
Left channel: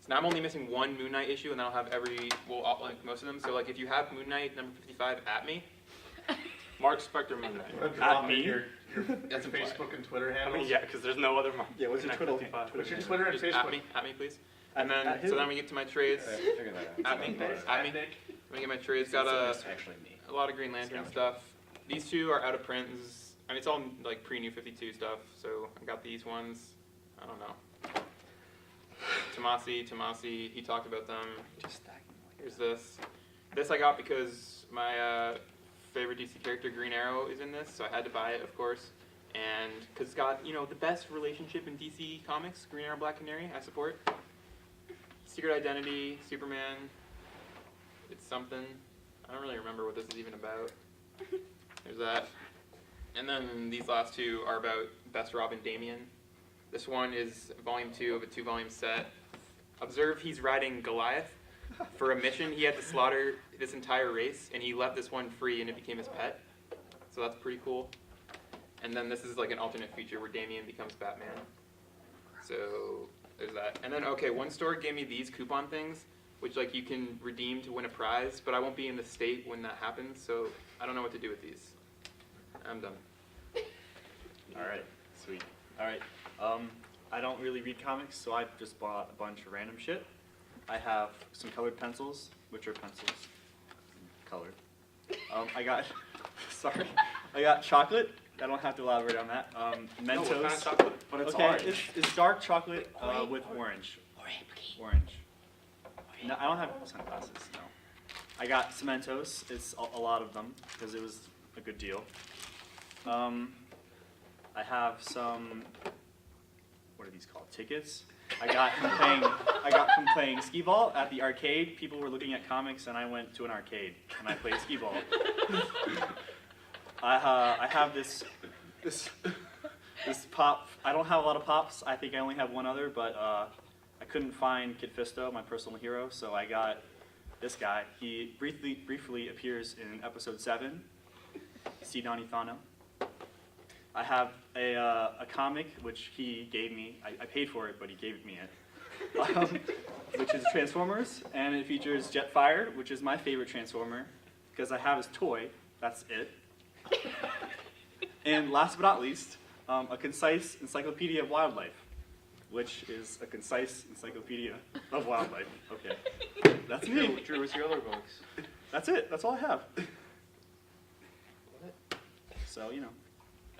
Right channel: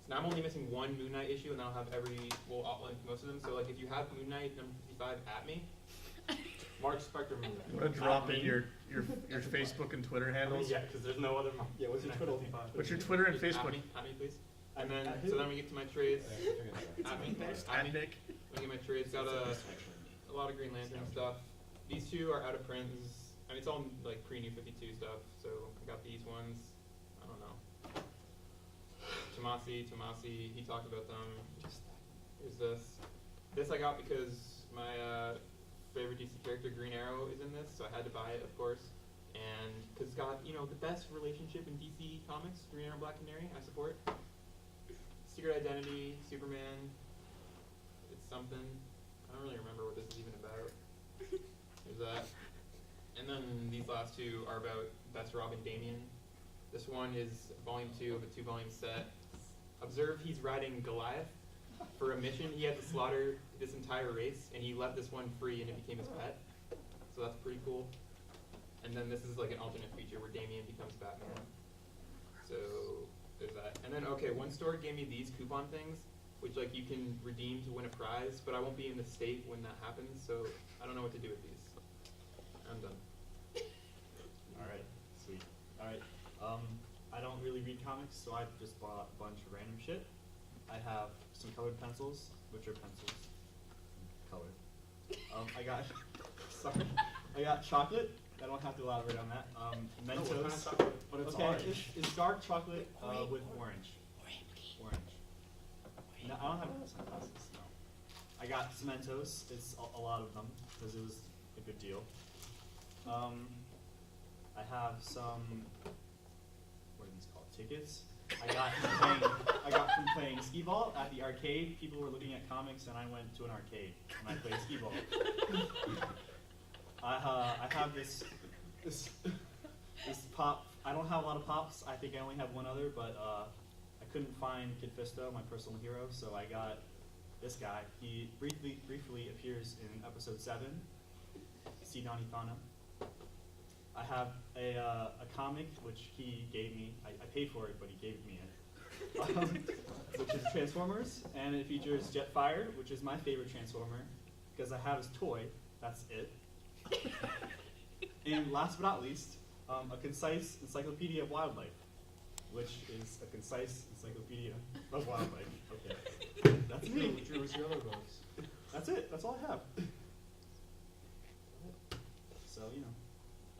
So now I'm only missing one Moon Knight issue, and I'll have like, most of them. So, like, if you have Moon Knight number 55, at me. Mark Spector Moon Knight. At me? Your That's implied. Facebook and Twitter I handles. mean, yeah, because there's no other Mark. Yeah, what's your Twitter? What's your Twitter and Just Facebook? at me, please. And then, At who? so then we get to my trades. Figure that out. At me. At me. Nick. Let me get my trades. Got a actually me. lot of Green Lantern stuff. These two are out of print. I mean, it's all like pre-New 52 stuff. So I got these ones. I don't know. Tomasi, he talked about them. Here's this. This I got because my favorite DC character, Green Arrow, is in this, so I had to buy it, of course. And because it's got, the best relationship in DC Comics, Green Arrow, Black Canary, I support. Secret Identity, Superman, it's something. I don't really remember what this is even about. There's that. And then these last two are about Best Robin Damian. This one is volume 2 of a 2-volume set. Observe he's riding Goliath. For a mission, he had to slaughter this entire race, and he left this one free, and it became his pet. So that's pretty cool. And then this is like an alternate feature where Damian becomes Batman. So there's that. And then, okay, one store gave me these coupon things, which like you can redeem to win a prize, but I won't be in the state when that happens, so I don't know what to do with these. I'm done. Alright, sweet. Alright, I don't really read comics, so I just bought a bunch of random shit. I have some colored pencils, which are pencils. Colored. I got, sorry, I got chocolate. I don't have to elaborate on that. Mentos. No, what kind of chocolate? But it's orange. It's dark chocolate with orange. Orange. No, I don't have sunglasses, no. I got Mentos. It's a lot of them, because it was a good deal. I have some, what are these called, tickets? I got from playing skee ball at the arcade. People were looking at comics, and I went to an arcade and I played skee ball. I have this pop. I don't have a lot of pops. I think I only have one other, but I couldn't find Kid Fisto, my personal hero, so I got this guy. He briefly appears in episode 7, C. Donnie Thano. I have a comic which he gave me. I paid for it, but he gave me it, which is Transformers, and it features Jetfire, which is my favorite Transformer, because I have his toy. That's it. And last but not least, a concise encyclopedia of wildlife, which is a concise encyclopedia of wildlife. Okay, that's me. Drew, what's your other books? That's it. That's all I have. So, you know.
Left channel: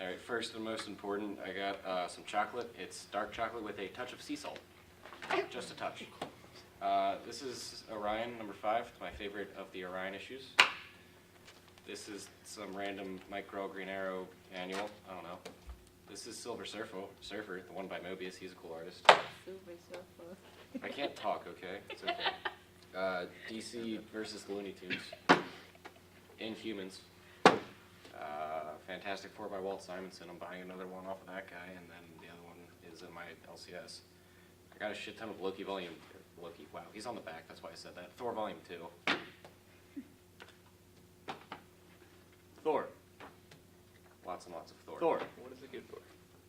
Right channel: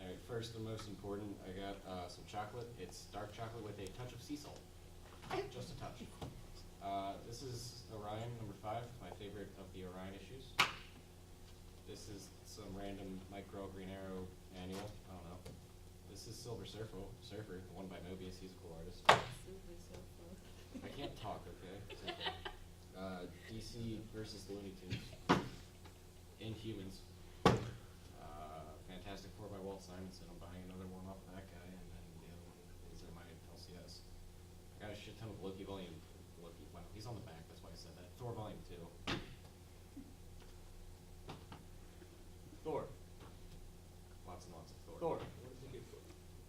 All right, first and most important, I got some chocolate. It's dark chocolate with a touch of sea salt, just a touch. This is Orion number 5, my favorite of the Orion issues. This is some random Mike Grell Green Arrow annual. I don't know. This is Silver Surfer, the one by Mobius. He's a cool artist. Silver Surfer. I can't talk, okay? It's okay. DC versus the Looney Tunes. Inhumans. Fantastic Four by Walt Simonson. I'm buying another one off of that guy, and then the other one is in my LCS. I got a shit ton of Loki, wow, he's on the back, that's why I said that. Thor Volume 2. Thor. Lots and lots of Thor. Thor. What is it good for?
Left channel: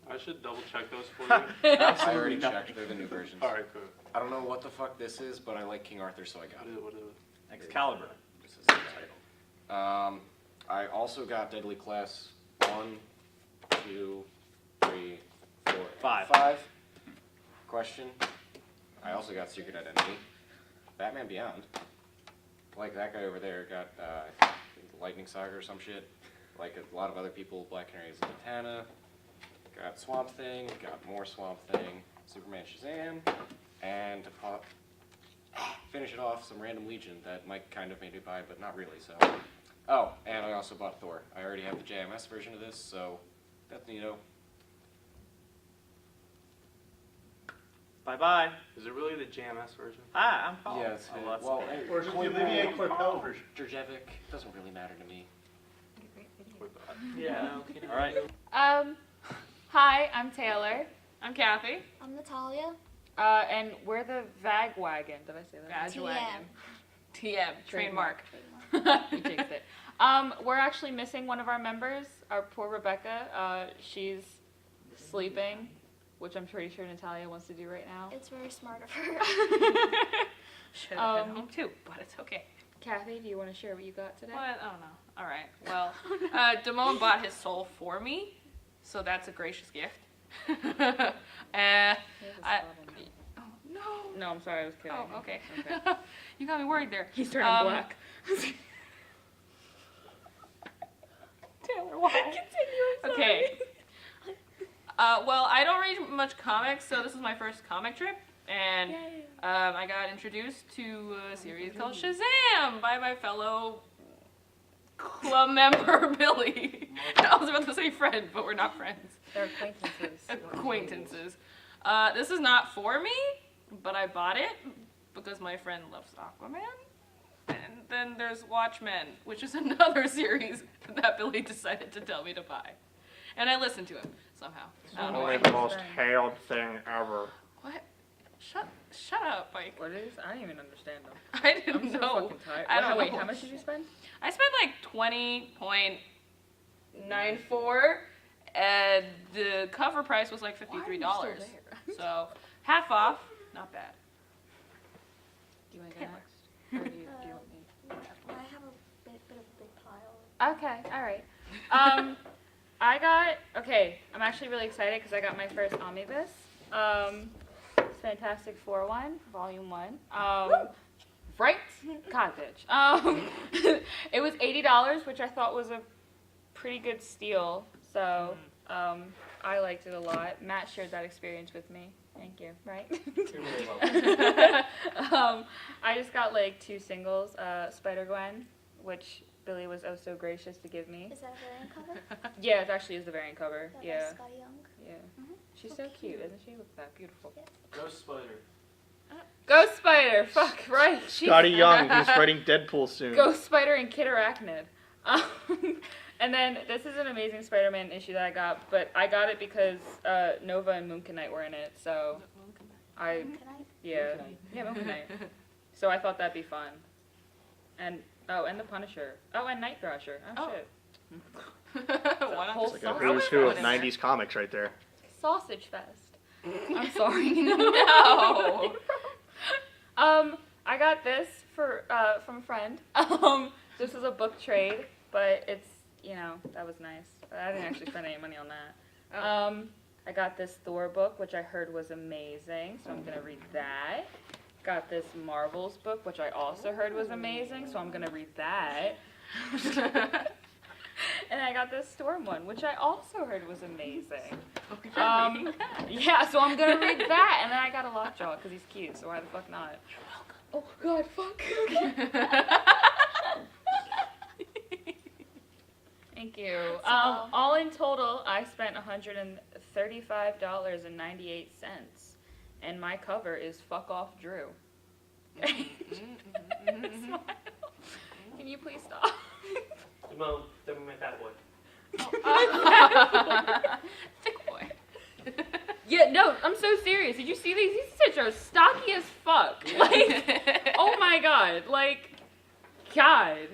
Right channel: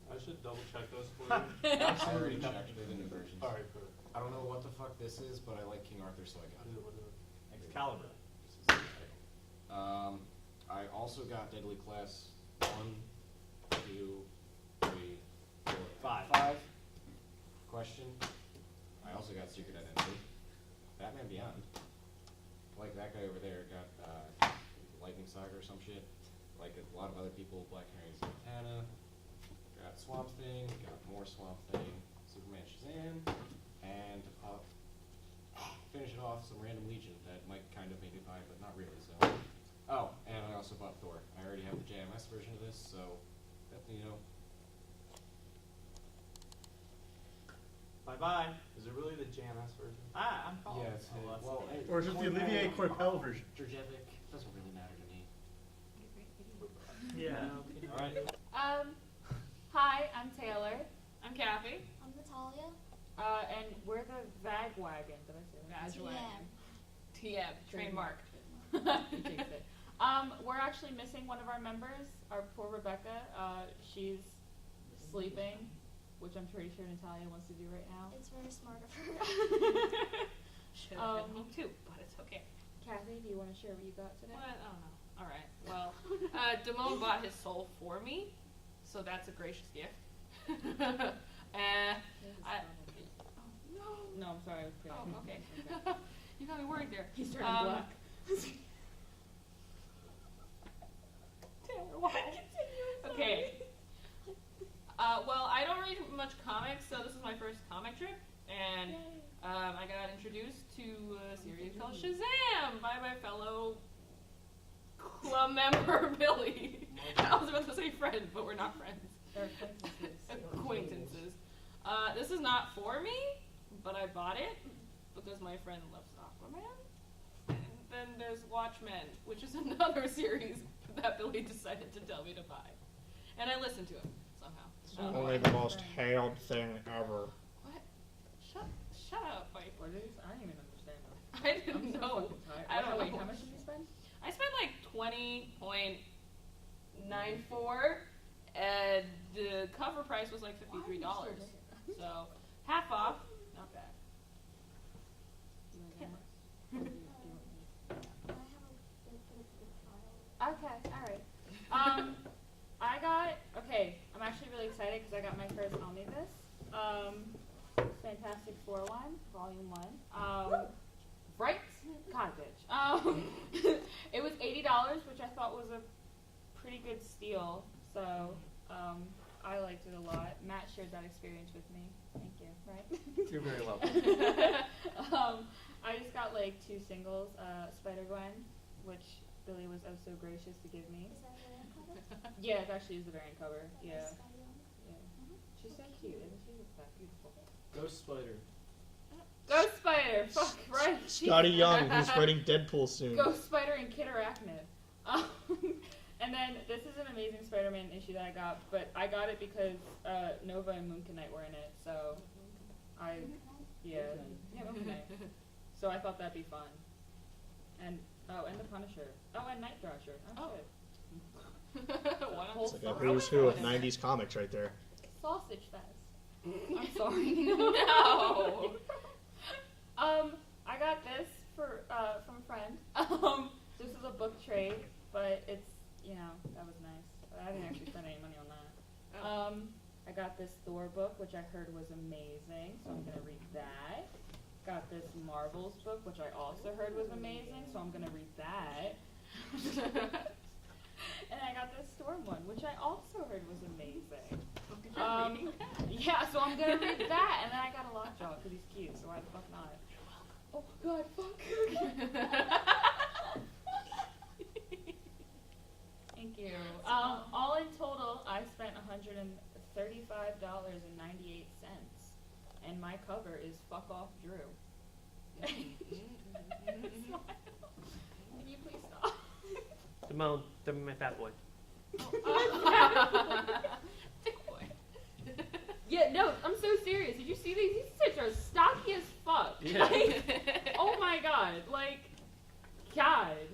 I should double check those for you. I already checked, they're the new versions. Alright, cool. I don't know what the fuck this is, but I like King Arthur, so I got it. What is it? Excalibur. This is the title. I also got Deadly Class 1, 2, 3, 4, 5. Question. I also got Secret Identity. Batman Beyond. Like that guy over there got Lightning Saga or some shit. Like a lot of other people, Black Canary Zatanna. Got Swamp Thing, got more Swamp Thing, Superman Shazam, and to finish it off, some random Legion that Mike kind of made me buy, but not really, so. Oh, and I also bought Thor. I already have the JMS version of this, so that's neato. Bye-bye. Is it really the JMS version? Hi, I'm Paul. Yeah, it's Oh, that's well, great. Or is it the Olivier Coipel version? Drajevic doesn't really matter to me. Yeah. All right. Hi, I'm Taylor. I'm Cathy. I'm Natalia. And we're the Vag Wagon. Did I say that? TM. Wagon. TM. Trademark. Trademark. You jinxed it. We're actually missing one of our members, our poor Rebecca. She's sleeping, which I'm pretty sure Natalia wants to do right now. It's very smart of her. Should have been home too, but it's okay. Kathy, do you want to share what you got today? What? Oh no. All right. Well, Demoan bought his soul for me, so that's a gracious gift. Oh no. No, I'm sorry, I was kidding. Oh, okay. You got me worried there. He's turning black. Taylor, why? Continue, Okay. Well, I don't read much comics, so this is my first comic trip, and I got introduced to a series called Shazam by my fellow club member Billy. I was about to say friend, but we're not friends. They're acquaintances. Acquaintances. This is not for me, but I bought it because my friend loves Aquaman. And then there's Watchmen, which is another series that Billy decided to tell me to buy. And I listened to it somehow. I don't know why. the most hailed thing ever. What? Shut up, Mike. What is? I don't even understand them. I didn't I'm so know. fucking tired. I don't Wait, know. how much did you spend? I spent like 20.94, and the cover price was like $53. So half off, not bad. Do you want to go next? Or do you want me? I have a bit of a big pile. Okay, all right. I'm actually really excited because I got my first omnibus. Fantastic Four one, Volume 1. Right? God, bitch. It was $80, which I thought was a pretty good steal. So, I liked it a lot. Matt shared that experience with me. Thank you, right? You're very welcome. I just got like 2 singles, Spider-Gwen, which Billy was oh so gracious to give me. Is that a variant cover? Yeah, it actually is the variant cover. That Yeah. by Scotty Young. Yeah. Mhm. She's so cute, isn't she? Look at that, beautiful. Ghost Spider. Ghost Spider. Fuck right. Scotty Young, who's writing Deadpool soon. Ghost Spider and Kid Arachnid. And then this is an Amazing Spider-Man issue that I got, but I got it because Nova and Moon Knight were in it, so I yeah Moon Knight. So I thought that'd be fun. And and the Punisher. Oh, and Night Thrasher. Oh, shit. Why not Whole Like a sausage who's who of fest. 90s comics right there. Sausage Fest. I'm sorry. No. I got this from a friend. This is a book trade, but it's, that was nice. I didn't actually spend any money on that. Oh. I got this Thor book, which I heard was amazing, so I'm gonna read that. Got this Marvels book, which I also heard was amazing, so I'm gonna read that. And I got this Storm one, which I also heard was amazing. Yeah, so I'm gonna read that, and then I got a Lockjaw because he's cute, so why the fuck not? Oh God, fuck. Thank you. All in total, I spent $135.98, and my cover is Fuck Off Drew. Smile. Can you please stop? No, don't be my fat boy. Thick boy. Yeah, no, I'm so serious. Did you see these? These such are stocky as fuck. Like, oh my God. Like, God.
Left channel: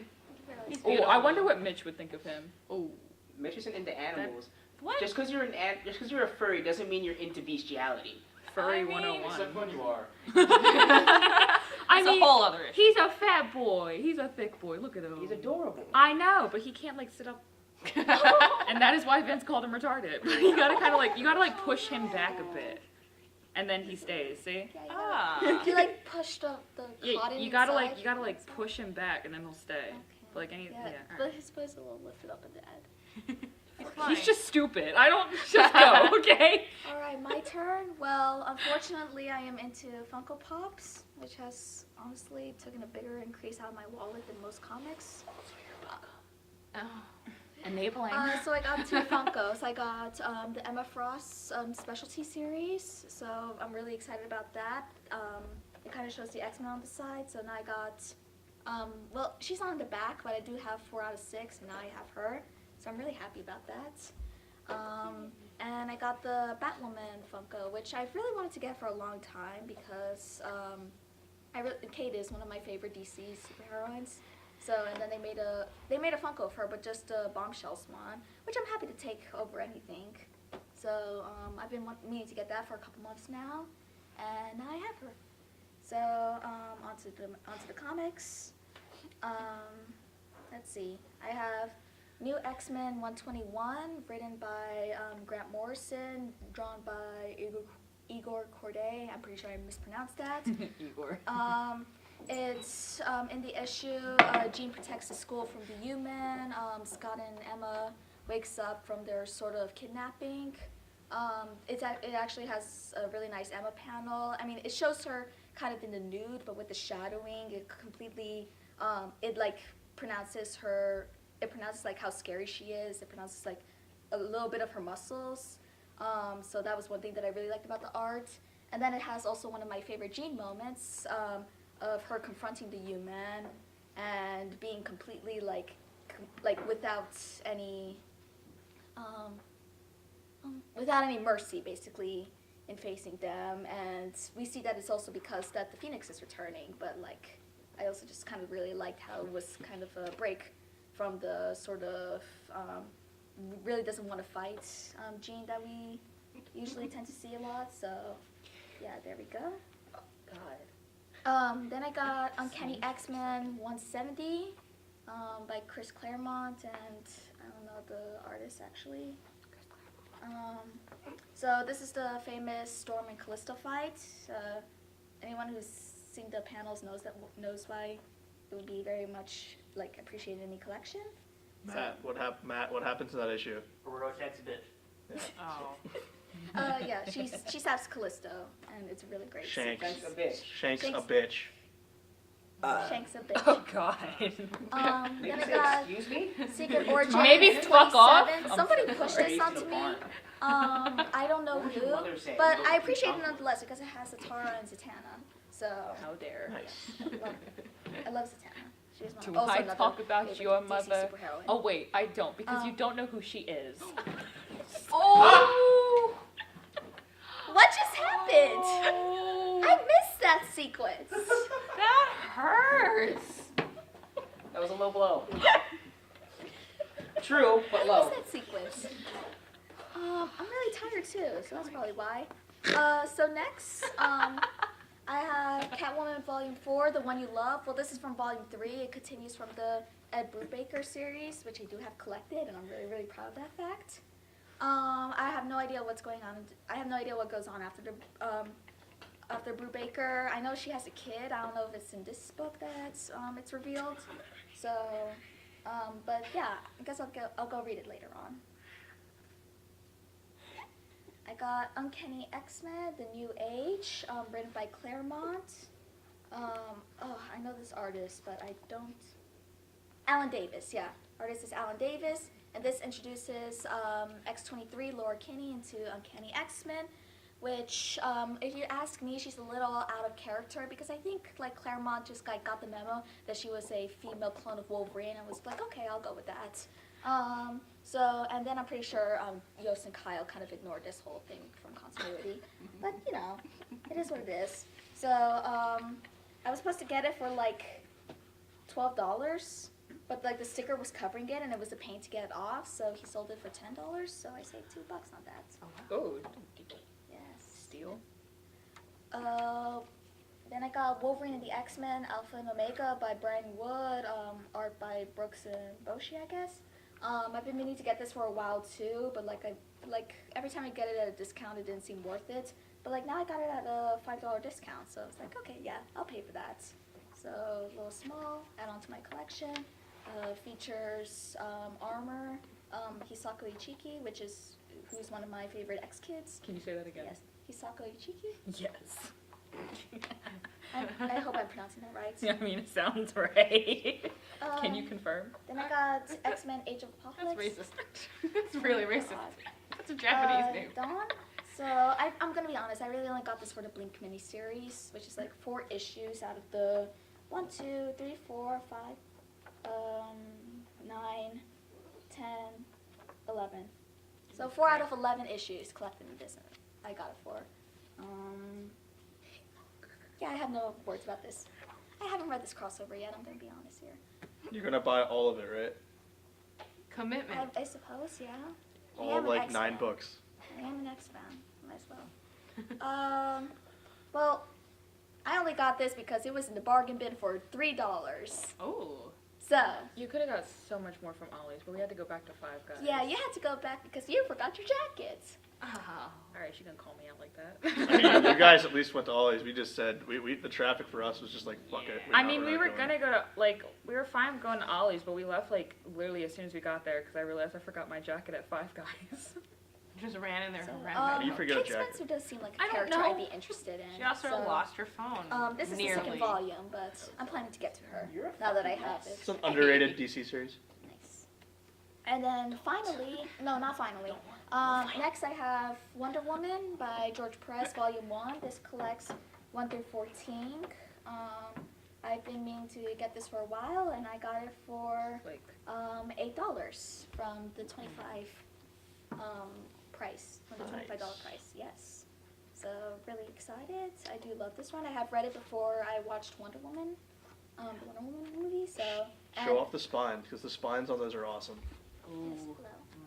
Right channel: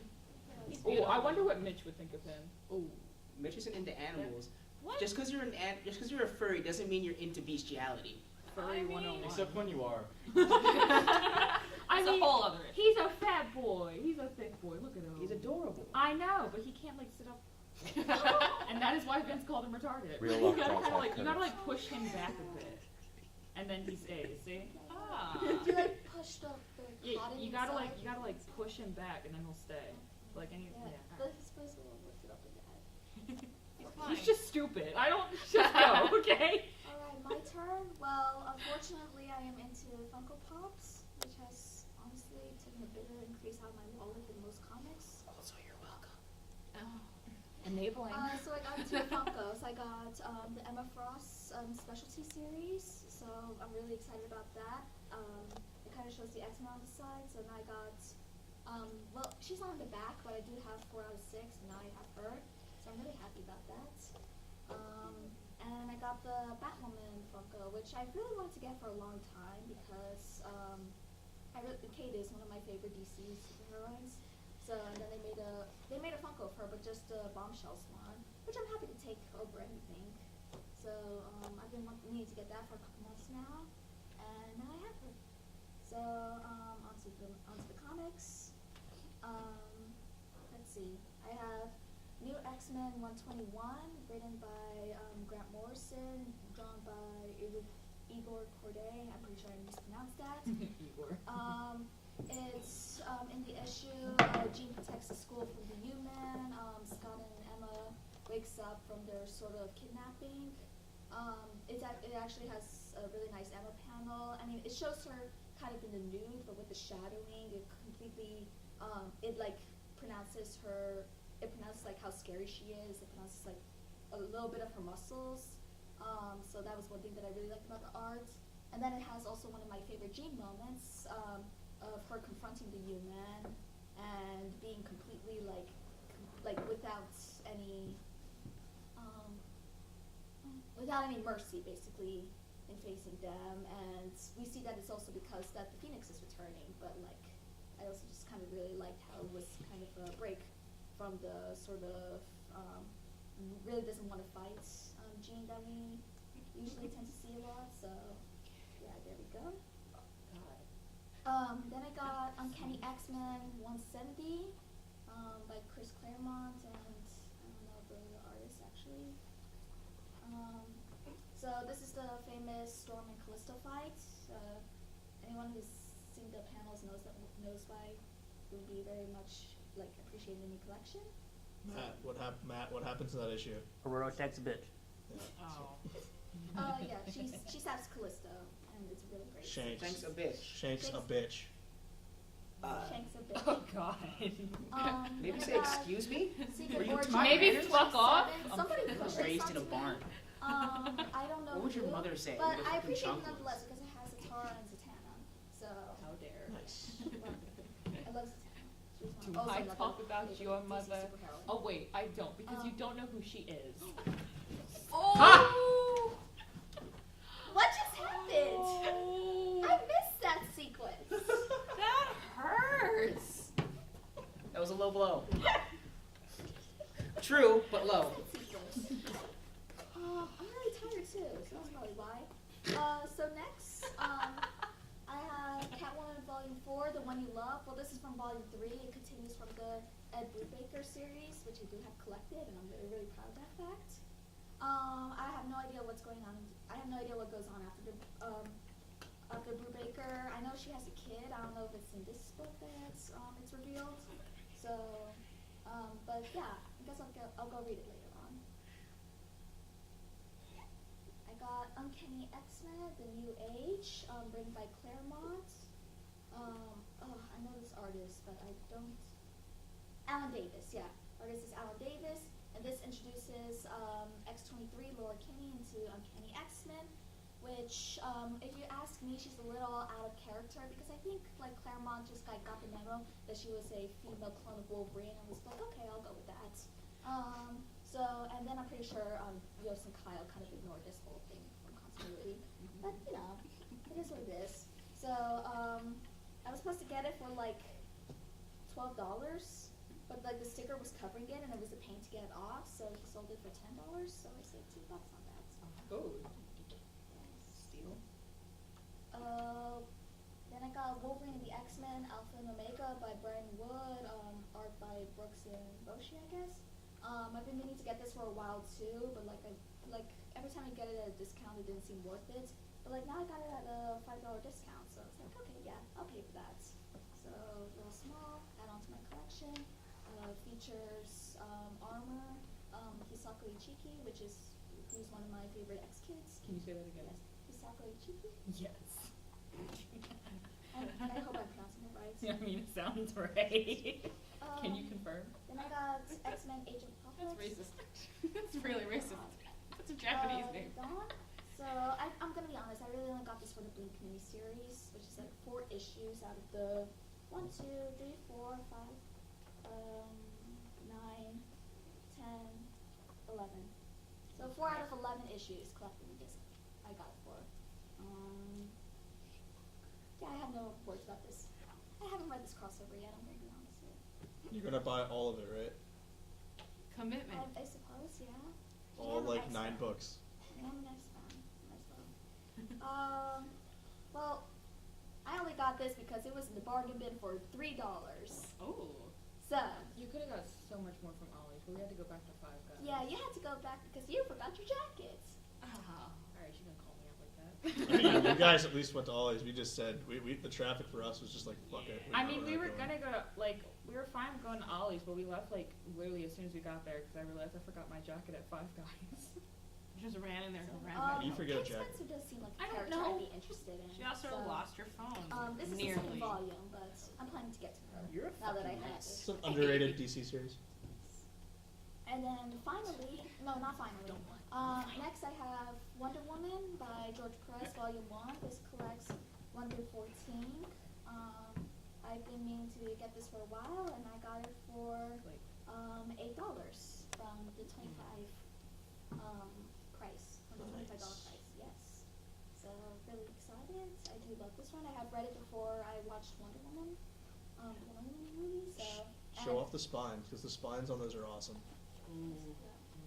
Oh, I wonder what Mitch would think of him. Oh, Mitch isn't into animals. What? Just because you're a furry doesn't mean you're into bestiality. Furry I mean, 101. Except when you are. I That's mean, a whole other issue. he's a fat boy. He's a thick boy. Look at him. He's adorable. I know, but he can't like sit up. And that is why Vince called him retarded. You gotta kind of like, push him back a bit, and then he stays. See? Yeah, you like push the Yeah, cotton you gotta inside. push him back, and then he'll stay. Okay. Like any, Yeah, yeah. but his boy's a little lifted up in the head. He's just stupid. I don't just go, okay? All right, my turn. Well, unfortunately, I am into Funko Pops, which has honestly taken a bigger increase out of my wallet than most comics. So you're welcome. Enabling. So I got 2 Funkos. I got the Emma Frost specialty series, so I'm really excited about that. It kind of shows the X-Men on the side, so now I got, well, she's on the back, but I do have 4 out of 6, and now I have her, so I'm really happy about that. And I got the Batwoman Funko, which I've really wanted to get for a long time because Kate is one of my favorite DC superheroines. So, and then they made a Funko of her, but just a Bombshell Swan, which I'm happy to take over anything. So, I've been meaning to get that for a couple months now, and now I have her. So, onto the comics. Let's see. I have New X-Men 121, written by Grant Morrison, drawn by Igor Corday. I'm pretty sure I mispronounced that. Igor. It's in the issue, Jean protects the school from the human. Scott and Emma wakes up from their sort of kidnapping. It actually has a really nice Emma panel. I mean, it shows her kind of in the nude, but with the shadowing, it completely, it like pronounces like how scary she is. It pronounces like a little bit of her muscles. So that was one thing that I really liked about the art. And then it has also one of my favorite Jean moments, of her confronting the human and being completely like without any mercy, basically, in facing them. And we see that it's also because that the Phoenix is returning, but like I also just kind of really liked how it was kind of a break from the sort of really doesn't want to fight Jean that we usually tend to see a lot. So yeah, there we go. Oh, God. Then I got Uncanny X-Men 170 by Chris Claremont, and I don't know the artist actually. So this is the famous Storm and Callisto fight. Anyone who's seen the panels knows why it would be very much like appreciated in the collection. Matt, what happens in that issue? Aurora attacks a bitch. Yeah. Oh. Yeah, she stabs Callisto, and it's a really great. Shanks Shanks a bitch. Shanks a Shanks- bitch. Shanks a bitch. Oh God. Maybe Then I say, got excuse me? Secret Origin. Maybe fuck off. 27. Somebody pushed Raised this in a onto me. barn. I don't know What would your who, mother say? but Those I are appreciate it chocolates. nonetheless because it has Zatara and Zatanna. So How dare. I love Zatanna. She's Do also I another talk about favorite your DC mother? superheroine. Oh wait, I don't because you Um, don't know who she is. Oh! What just happened? Oh, I missed that sequence. that hurts. That was a low blow. True, but I low. missed that sequence. I'm really tired too, so that's probably why. So next, I have Catwoman Volume 4, The One You Love. Well, this is from Volume 3. It continues from the Ed Brubaker series, which I do have collected, and I'm really, really proud of that fact. I have no idea what's going on. I have no idea what goes on after Brubaker. I know she has a kid. I don't know if it's in this book that it's revealed. So, but yeah, I guess I'll go read it later on. I got Uncanny X-Men, The New Age, written by Claremont. I know this artist, but I don't. Alan Davis, yeah. Artist is Alan Davis, and this introduces X-23, Laura Kinney, into Uncanny X-Men, which, if you ask me, she's a little out of character because I think like Claremont just got the memo that she was a female clone of Wolverine and was like, okay, I'll go with that. And then I'm pretty sure Yost and Kyle kind of ignored this whole thing from continuity. But, you know, it is what it is. So, I was supposed to get it for like $12, but like the sticker was covering it and it was a pain to get it off, so he sold it for $10, so I saved $2 on that. Oh, Yes. steal. Then I got Wolverine and the X-Men, Alpha and Omega by Brian Wood, art by Brooks and Boshi, I guess. I've been meaning to get this for a while too, but like every time I get it at a discount, it didn't seem worth it. But like now I got it at a $5 discount, so it's like, okay, yeah, I'll pay for that. So a little small, add on to my collection. Features armor, Hisako Ichiki, who's one of my favorite X-Kids. Can you say that again? Yes, Hisako Ichiki. Yes. I hope I'm pronouncing that right. I mean, it sounds right. Can you confirm? Then I got X-Men Age of That's Apocalypse. racist. That's really racist. God. That's a Japanese name. Dawn. So I'm gonna be honest. I really only got this for the Blink miniseries, which is like 4 issues out of the 1, 2, 3, 4, 5, 9, 10, 11. So 4 out of 11 issues collected in this. I got it for. Yeah, I have no words about this. I haven't read this crossover yet. I'm gonna be honest here. You're gonna buy all of it, right? Commitment. I suppose, yeah. I All am an like X 9 fan. books. I am an X fan. Might as well. Well, I only got this because it was in the bargain bin for $3. Oh. So, You could have got so much more from Ollie's, but we had to go back to Five Guys. yeah, you had to go back because you forgot your jacket. Ah. All right, she gonna call me out like I mean, that. you guys at least went to Ollie's. We just said the traffic for us was just like fuck it. I mean, we were gonna go to we were fine going to Ollie's, but we left like literally as soon as we got there because I realized I forgot my jacket at Five Guys. Just ran in there So, and ran back. You forget a Kate jacket. Spencer does seem like a I don't character know. I'd be interested in. She also so, lost her phone. This is nearly. the second volume, but I'm planning to get to her You're a now that I fucking have mess. it. It's an underrated DC series. Nice. And then finally, no, not finally. Next I have Wonder Woman by George Perez, Volume 1. This collects 1 through 14. I've been meaning to get this for a while, and I got it for $8 from the 25 price, from the $25 price. Yes. So really excited. I do love this one. I have read it before I watched Wonder Woman, the Wonder Woman movie. So Show off the spine because the spines on those are awesome. Ooh.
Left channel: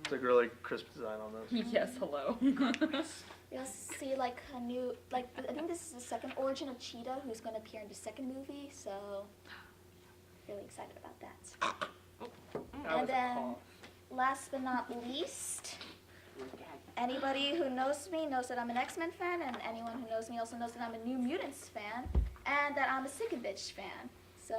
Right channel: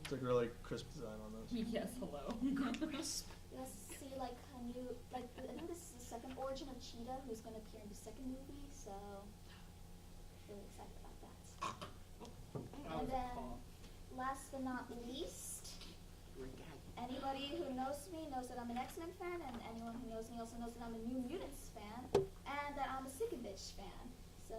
It's like really crisp design on those. Yes, hello. You'll see like a new, like I think this is the second origin of Cheetah, who's going to appear in the second movie. So really excited about that. That was And a then call. last but not least, anybody who knows me knows that I'm an X-Men fan, and anyone who knows me also knows that I'm a New Mutants fan, and that I'm a Sinkovich fan. So,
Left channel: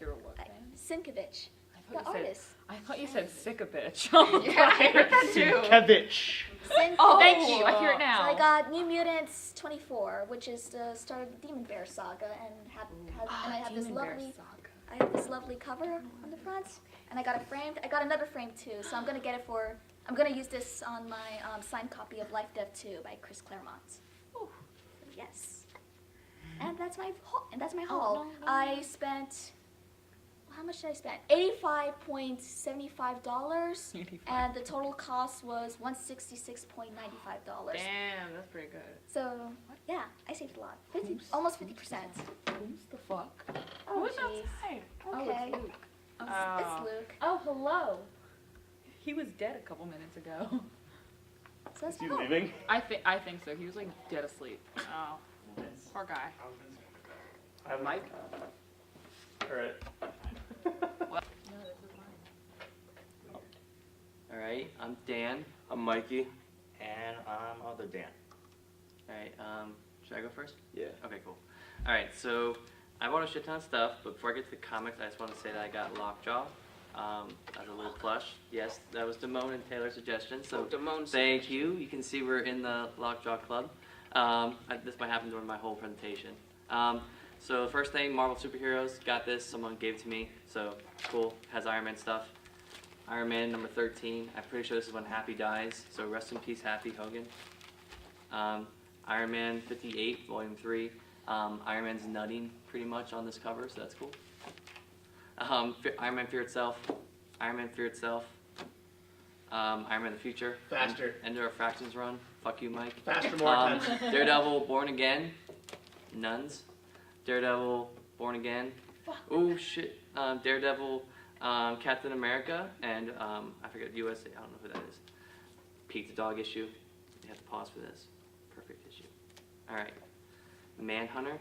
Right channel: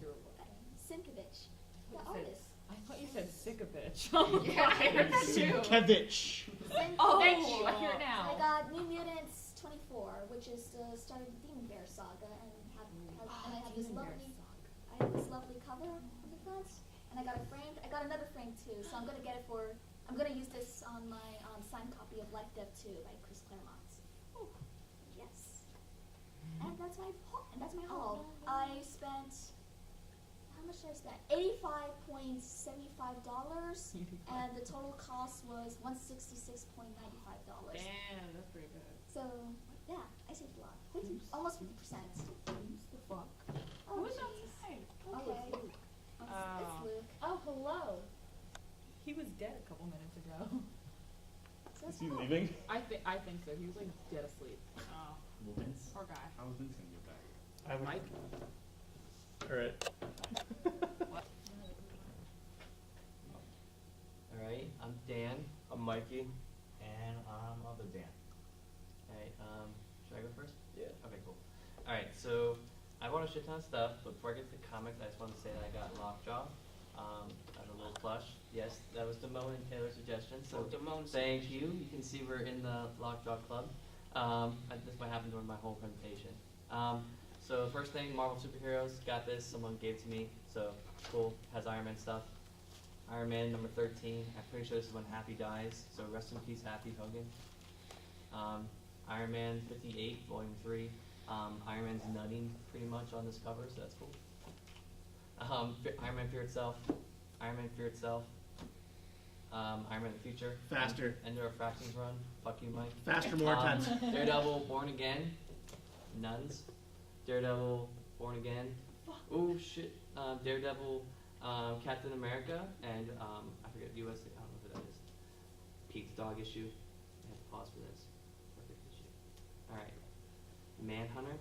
You're what, man? Sinkovich. The artist. I thought you said sick a bitch. Yeah, I heard that too. Kevich. Oh, thank you. I hear it now. So I got New Mutants 24, which is the start of the Demon Bear saga, and I have this lovely cover on the front, and I got another frame too. So I'm gonna use this on my signed copy of Life, Death 2 by Chris Claremont. So yes, and that's my haul. I spent. How much did I spend? $85.75, and the total cost was $166.95. Damn, that's pretty good. So yeah, I saved a lot. Almost 50%. Who's the fuck? Oh, Who's jeez. outside? Okay. Oh, it's Luke. It's Luke. Oh, hello. He was dead a couple minutes ago. So Is he leaving? I think so. He was like dead asleep. Oh, poor guy. I'm Mike. All right. Alright, I'm Dan. I'm Mikey. And I'm other Dan. Alright, should I go first? Yeah. Okay, cool. Alright, so I bought a shit ton of stuff, but before I get to the comics, I just want to say that I got Lockjaw as a little plush. Yes, that was Demoan and Taylor's suggestion, so thank you. You can see we're in the Lockjaw Club. This might happen during my whole presentation. So the first thing, Marvel Superheroes, got this, someone gave it to me, so cool, has Iron Man stuff. Iron Man number 13, I'm pretty sure this is when Happy dies, so rest in peace Happy Hogan. Iron Man 58, volume 3, Iron Man's nutting pretty much on this cover, so that's cool. Iron Man Fear Itself, Iron Man Fear Itself, Iron Man the Future. Faster. Ender of Fractions run, fuck you Mike. Faster, more tense. Daredevil, Born Again, Nuns. Daredevil, Born Again. Oh shit. Daredevil, Captain America, and I forget USA. I don't know who that is. Pete the Dog issue. You have to pause for this. Perfect issue. All right. Manhunter.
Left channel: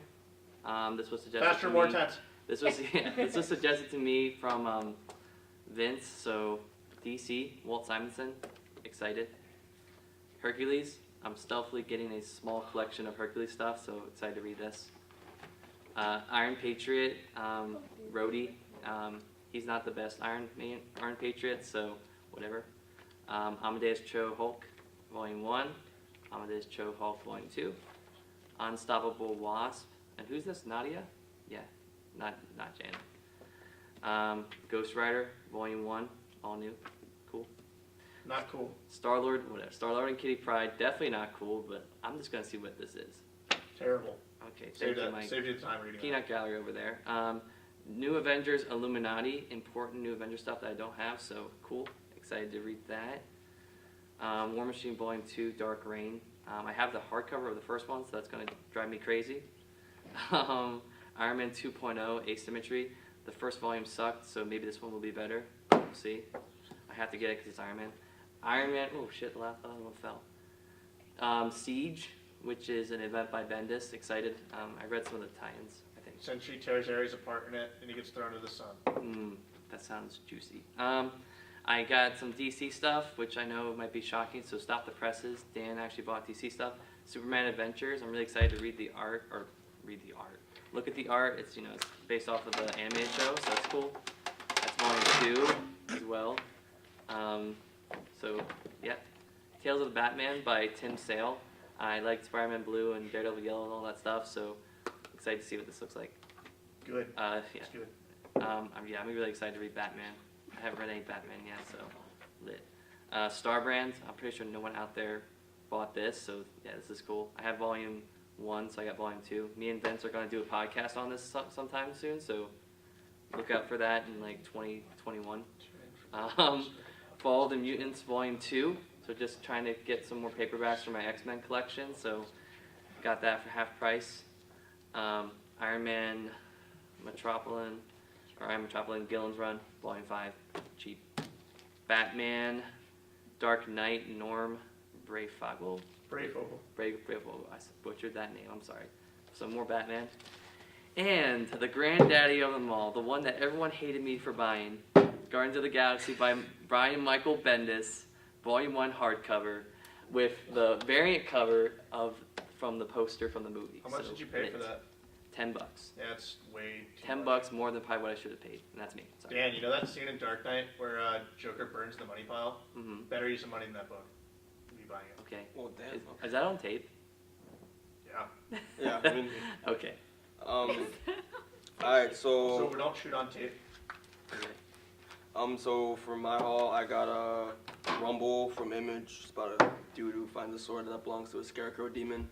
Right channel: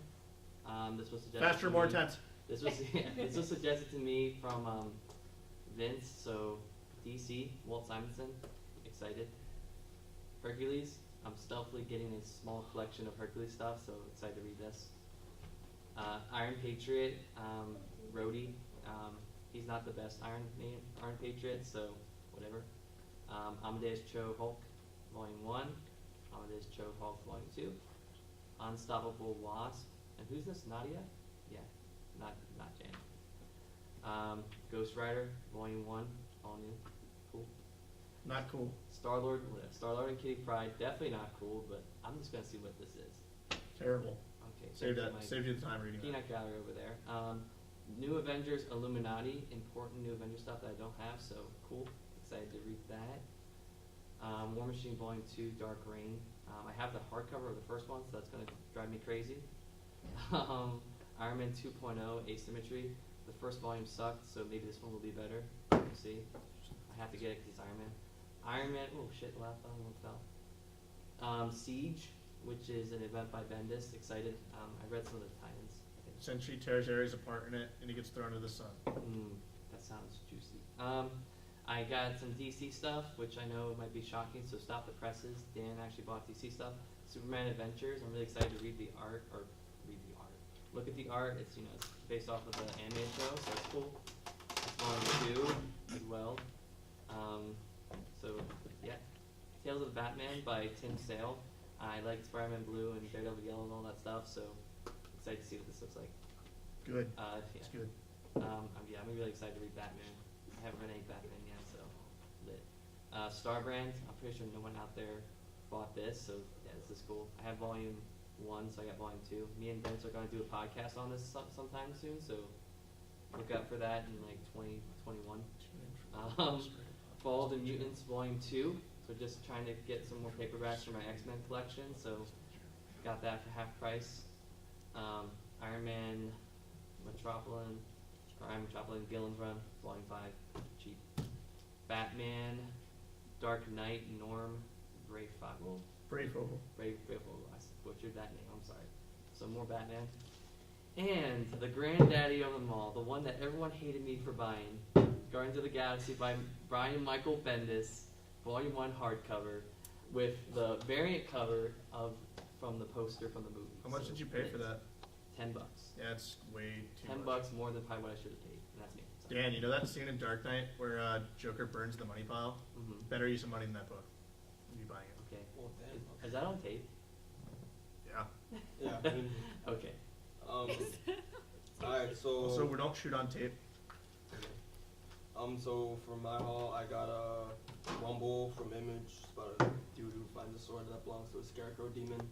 This was suggested. Faster, to more me. tense. This was suggested to me from Vince. So DC, Walt Simonson. Excited. Hercules. I'm stealthily getting a small collection of Hercules stuff, so excited to read this. Iron Patriot, Rhodey. He's not the best Iron Patriot, so whatever. Amadeus Cho Hulk, Volume 1. Amadeus Cho Hulk, Volume 2. Unstoppable Wasp. And who's this? Nadia? Yeah, not Janet. Ghost Rider, Volume 1, all new. Cool. Not cool. Star-Lord, whatever. Star-Lord and Kitty Pryde, definitely not cool, but I'm just going to see what this is. Terrible. Okay, thank you, Mike. Save your time reading. Peanut Gallery over there. New Avengers Illuminati, important New Avengers stuff that I don't have, so cool. Excited to read that. War Machine Volume 2, Dark Reign. I have the hardcover of the first one, so that's going to drive me crazy. Iron Man 2.0, Asymmetry. The first volume sucked, so maybe this one will be better. We'll see. I have to get it because it's Iron Man. Iron Man, oh shit, the last one fell. Siege, which is an event by Bendis. Excited. I read some of the tie-ins, I think. Sentry tears Ares apart in it, and he gets thrown to the sun. That sounds juicy. I got some DC stuff, which I know might be shocking, so stop the presses. Dan actually bought DC stuff. Superman Adventures. I'm really excited to read the art, Look at the art. It's it's based off of the animated show, so that's cool. That's volume 2 as well. So yeah, Tales of the Batman by Tim Sale. I like Spider-Man Blue and Daredevil Yellow and all that stuff, so excited to see what this looks like. Good. Yeah. It's good. I'm really excited to read Batman. I haven't read any Batman yet, so lit. Starbrand. I'm pretty sure no one out there bought this, so yeah, this is cool. I have volume 1, so I got volume 2. Me and Vince are going to do a podcast on this sometime soon, so look out for that in like 2021. Fall of the Mutants volume 2. So just trying to get some more paperbacks for my X-Men collection, so got that for half price. Iron Man Metropolitan Gillen's Run, Volume 5, cheap. Batman, Dark Knight, Norm, Breyfogle. Breyfogle, I butchered that name, I'm sorry. So more Batman. And the granddaddy of them all, the one that everyone hated me for buying, Guardians of the Galaxy by Brian Michael Bendis. Volume 1 hardcover with the variant cover from the poster from the movie. How much did you pay for that? $10. That's way too $10 much. more than probably what I should have paid, and that's me. So. Dan, you know that scene in Dark Knight where Joker burns the money pile? Mm-hmm. Better use of money in that book. Me buying it. Okay. Well, damn. Is that on tape? Yeah. Yeah. I mean, Okay. Alright, So we don't shoot on tape. So for my haul, I got a Rumble from Image. It's about a dude who finds a sword that belongs to a scarecrow demon.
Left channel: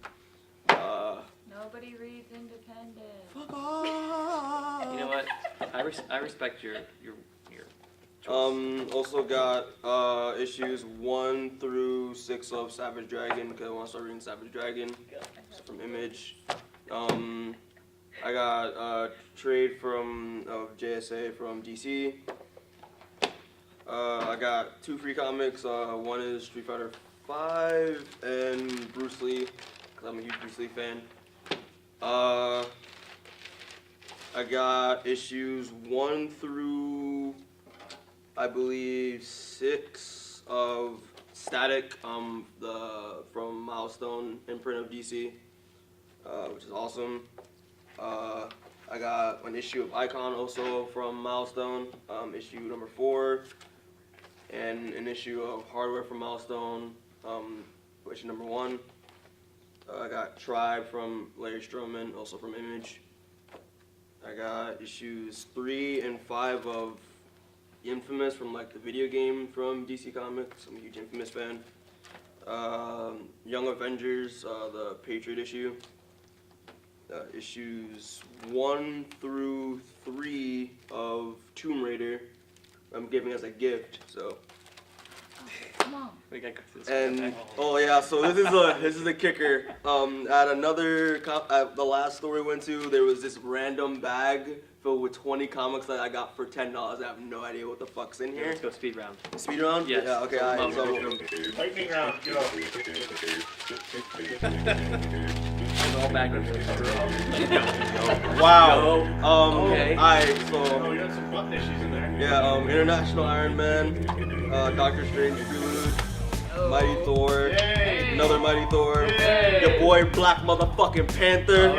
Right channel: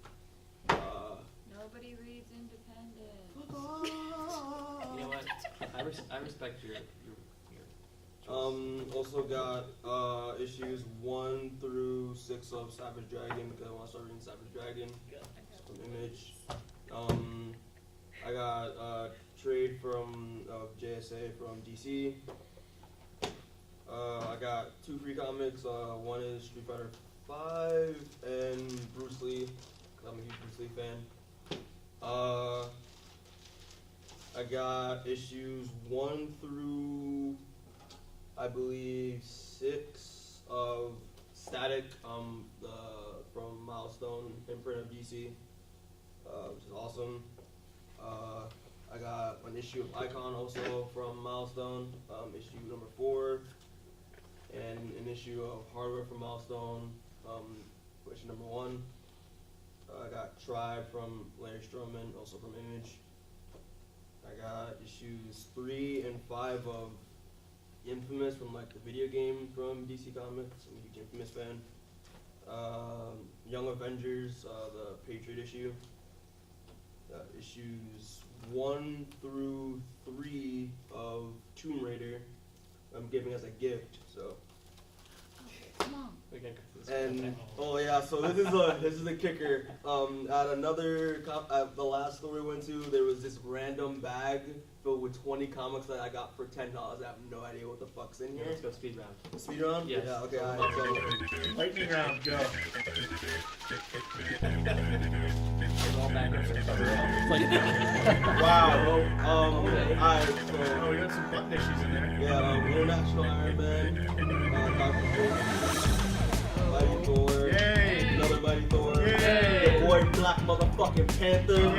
Nobody reads Independent. You know what? I respect your choice. Also got issues 1 through 6 of Savage Dragon because I want to start reading Savage Dragon. It's from Image. I got a trade from JSA from DC. I got 2 free comics. One is Street Fighter 5 and Bruce Lee, because I'm a huge Bruce Lee fan. I got issues 1 through, I believe, 6 of Static, from Milestone imprint of DC, which is awesome. I got an issue of Icon also from Milestone, issue number 4, and an issue of Hardware from Milestone, issue number 1. I got Tribe from Larry Stroman, also from Image. I got issues 3 and 5 of Infamous from like the video game from DC Comics. I'm a huge Infamous fan. Young Avengers, the Patriot issue. Issues 1 through 3 of Tomb Raider. I'm giving as a gift, so. Come on. We got this. And oh yeah, so this is the kicker. At another at the last store we went to, there was this random bag filled with 20 comics that I got for $10. I have no idea what the fuck's in here. Let's go speed round. Speed round? Yes. Yeah. Okay. Alright. So. Lightning round, go. All backwards. Wow. Okay. Alright. So. Oh, we got some button issues in there. Yeah. International Iron Man, Doctor Strange, Mighty Thor, another Mighty Thor, your boy Black motherfucking Panther,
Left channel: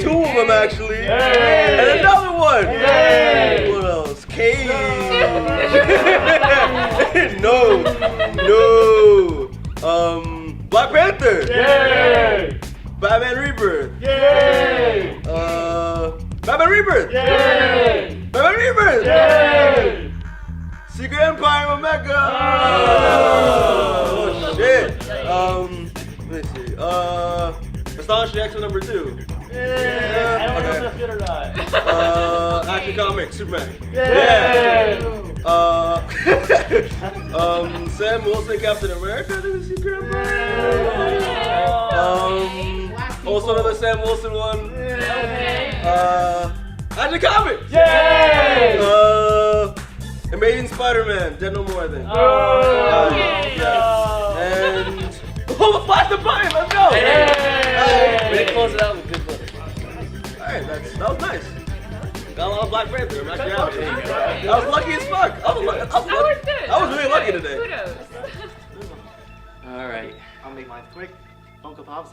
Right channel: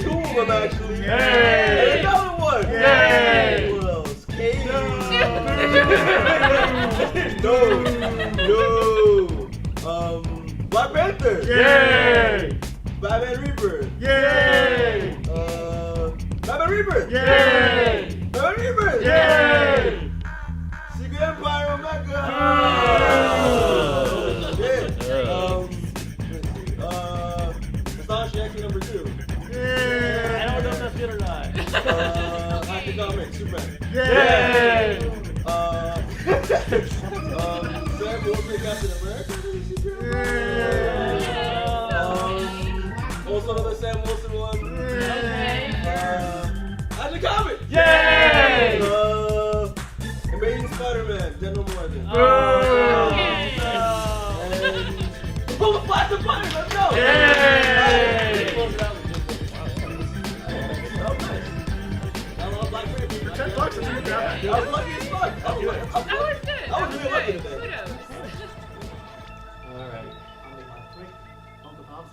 2 of them actually, and another one. What else? Cage. No. Black Panther. Batman Rebirth. Batman Rebirth. Batman Rebirth. Secret Empire Omega. Oh shit. Let's see. Astonishing X-Men number 2. Okay. Action Comics, Superman. Sam Wilson, Captain America, the Secret Empire. Also another Sam Wilson one. Action Comics. Amazing Spider-Man, Dead No More, I think. And the Flash the Button, let's go! We didn't close it out with good one. Alright, that was nice. Got a lot of Black Panther, I'm actually happy. I was lucky as fuck. I was really lucky today. Kudos. Alright. I'll make mine quick. Funko Pops,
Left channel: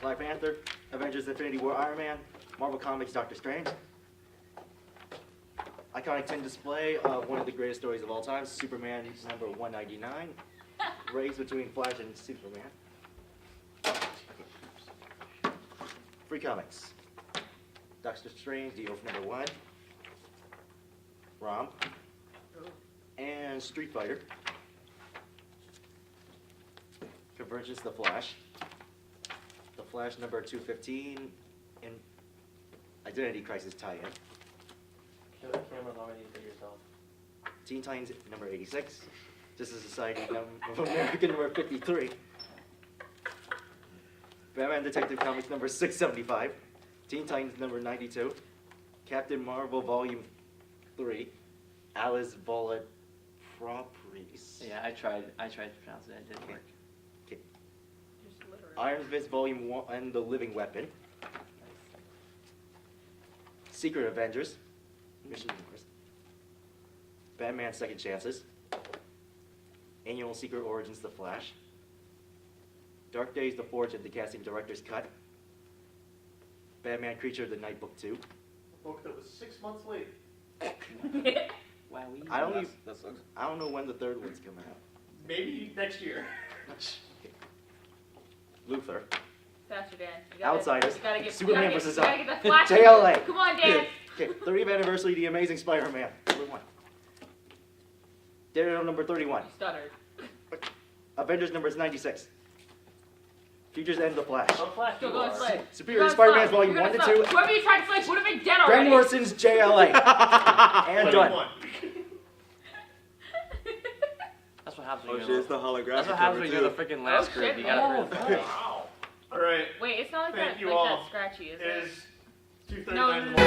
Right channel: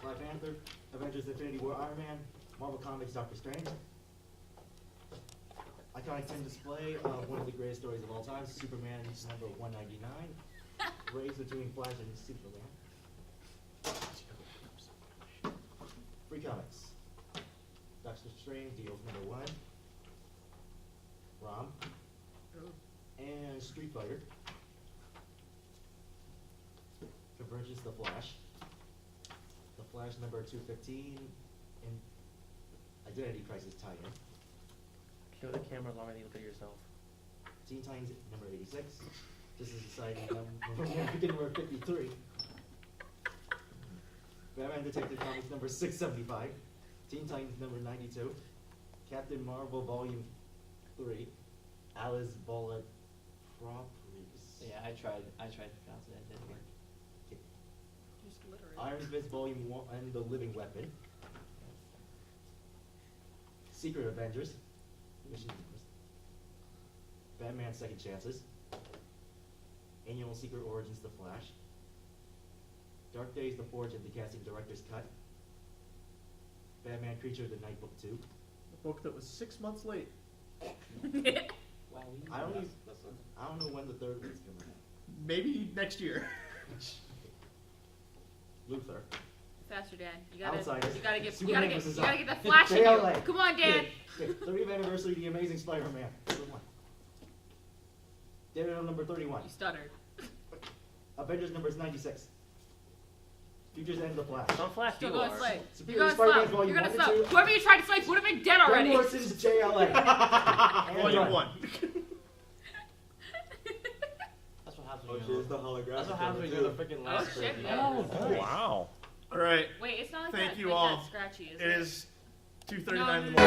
Black Panther, Avengers Infinity War Iron Man, Marvel Comics Doctor Strange. Iconic tin display of one of the greatest stories of all time, Superman number 199. Race between Flash and Superman. Free comics. Doctor Strange, The Oath number 1. Rom. And Street Fighter. Convergence, The Flash. The Flash number 215. And Identity Crisis tie-in. Kill the camera already for yourself. Teen Titans number 86. Justice Society of America number 53. Batman Detective Comics number 675. Teen Titans number 92. Captain Marvel Volume 3. Alice Bullet Properties. Yeah, I tried to pronounce it. It didn't work. Okay. Iron Fist Volume 1 and The Living Weapon. Secret Avengers. Mission to Mars. Batman Second Chances. Annual Secret Origins The Flash. Dark Days The Forge and the Casting Director's Cut. Batman Creature of the Night Book 2. A book that was 6 months late. Wow, I don't even, That sucks. I don't know when the third one's coming out. Maybe next year. Luther. Faster, Dan. You gotta- Outsiders. you gotta get- Superman you gotta vs. get, you gotta get the flash. JLA. Come on, Dan. Okay, 30th anniversary of The Amazing Spider-Man. Number 1. Daredevil number 31. You stuttered. Avengers numbers 96. Futures End of the Flash. Don't flash Still you going are. slave. Superior Spider-Man Volume 1 to 2. Whoever you tried to slay would have been dead already. Grant Morrison's JLA. And done. That's what happens Oh when shit, you're it's the holographic That's what happens cover, when you're the too. freaking last Oh, group. shit. You gotta Oh. hurry. Wow. All right. Wait, it's not like Thank that. you Like all. that scratchy, is It it? is 2:39 No, in the no, morning.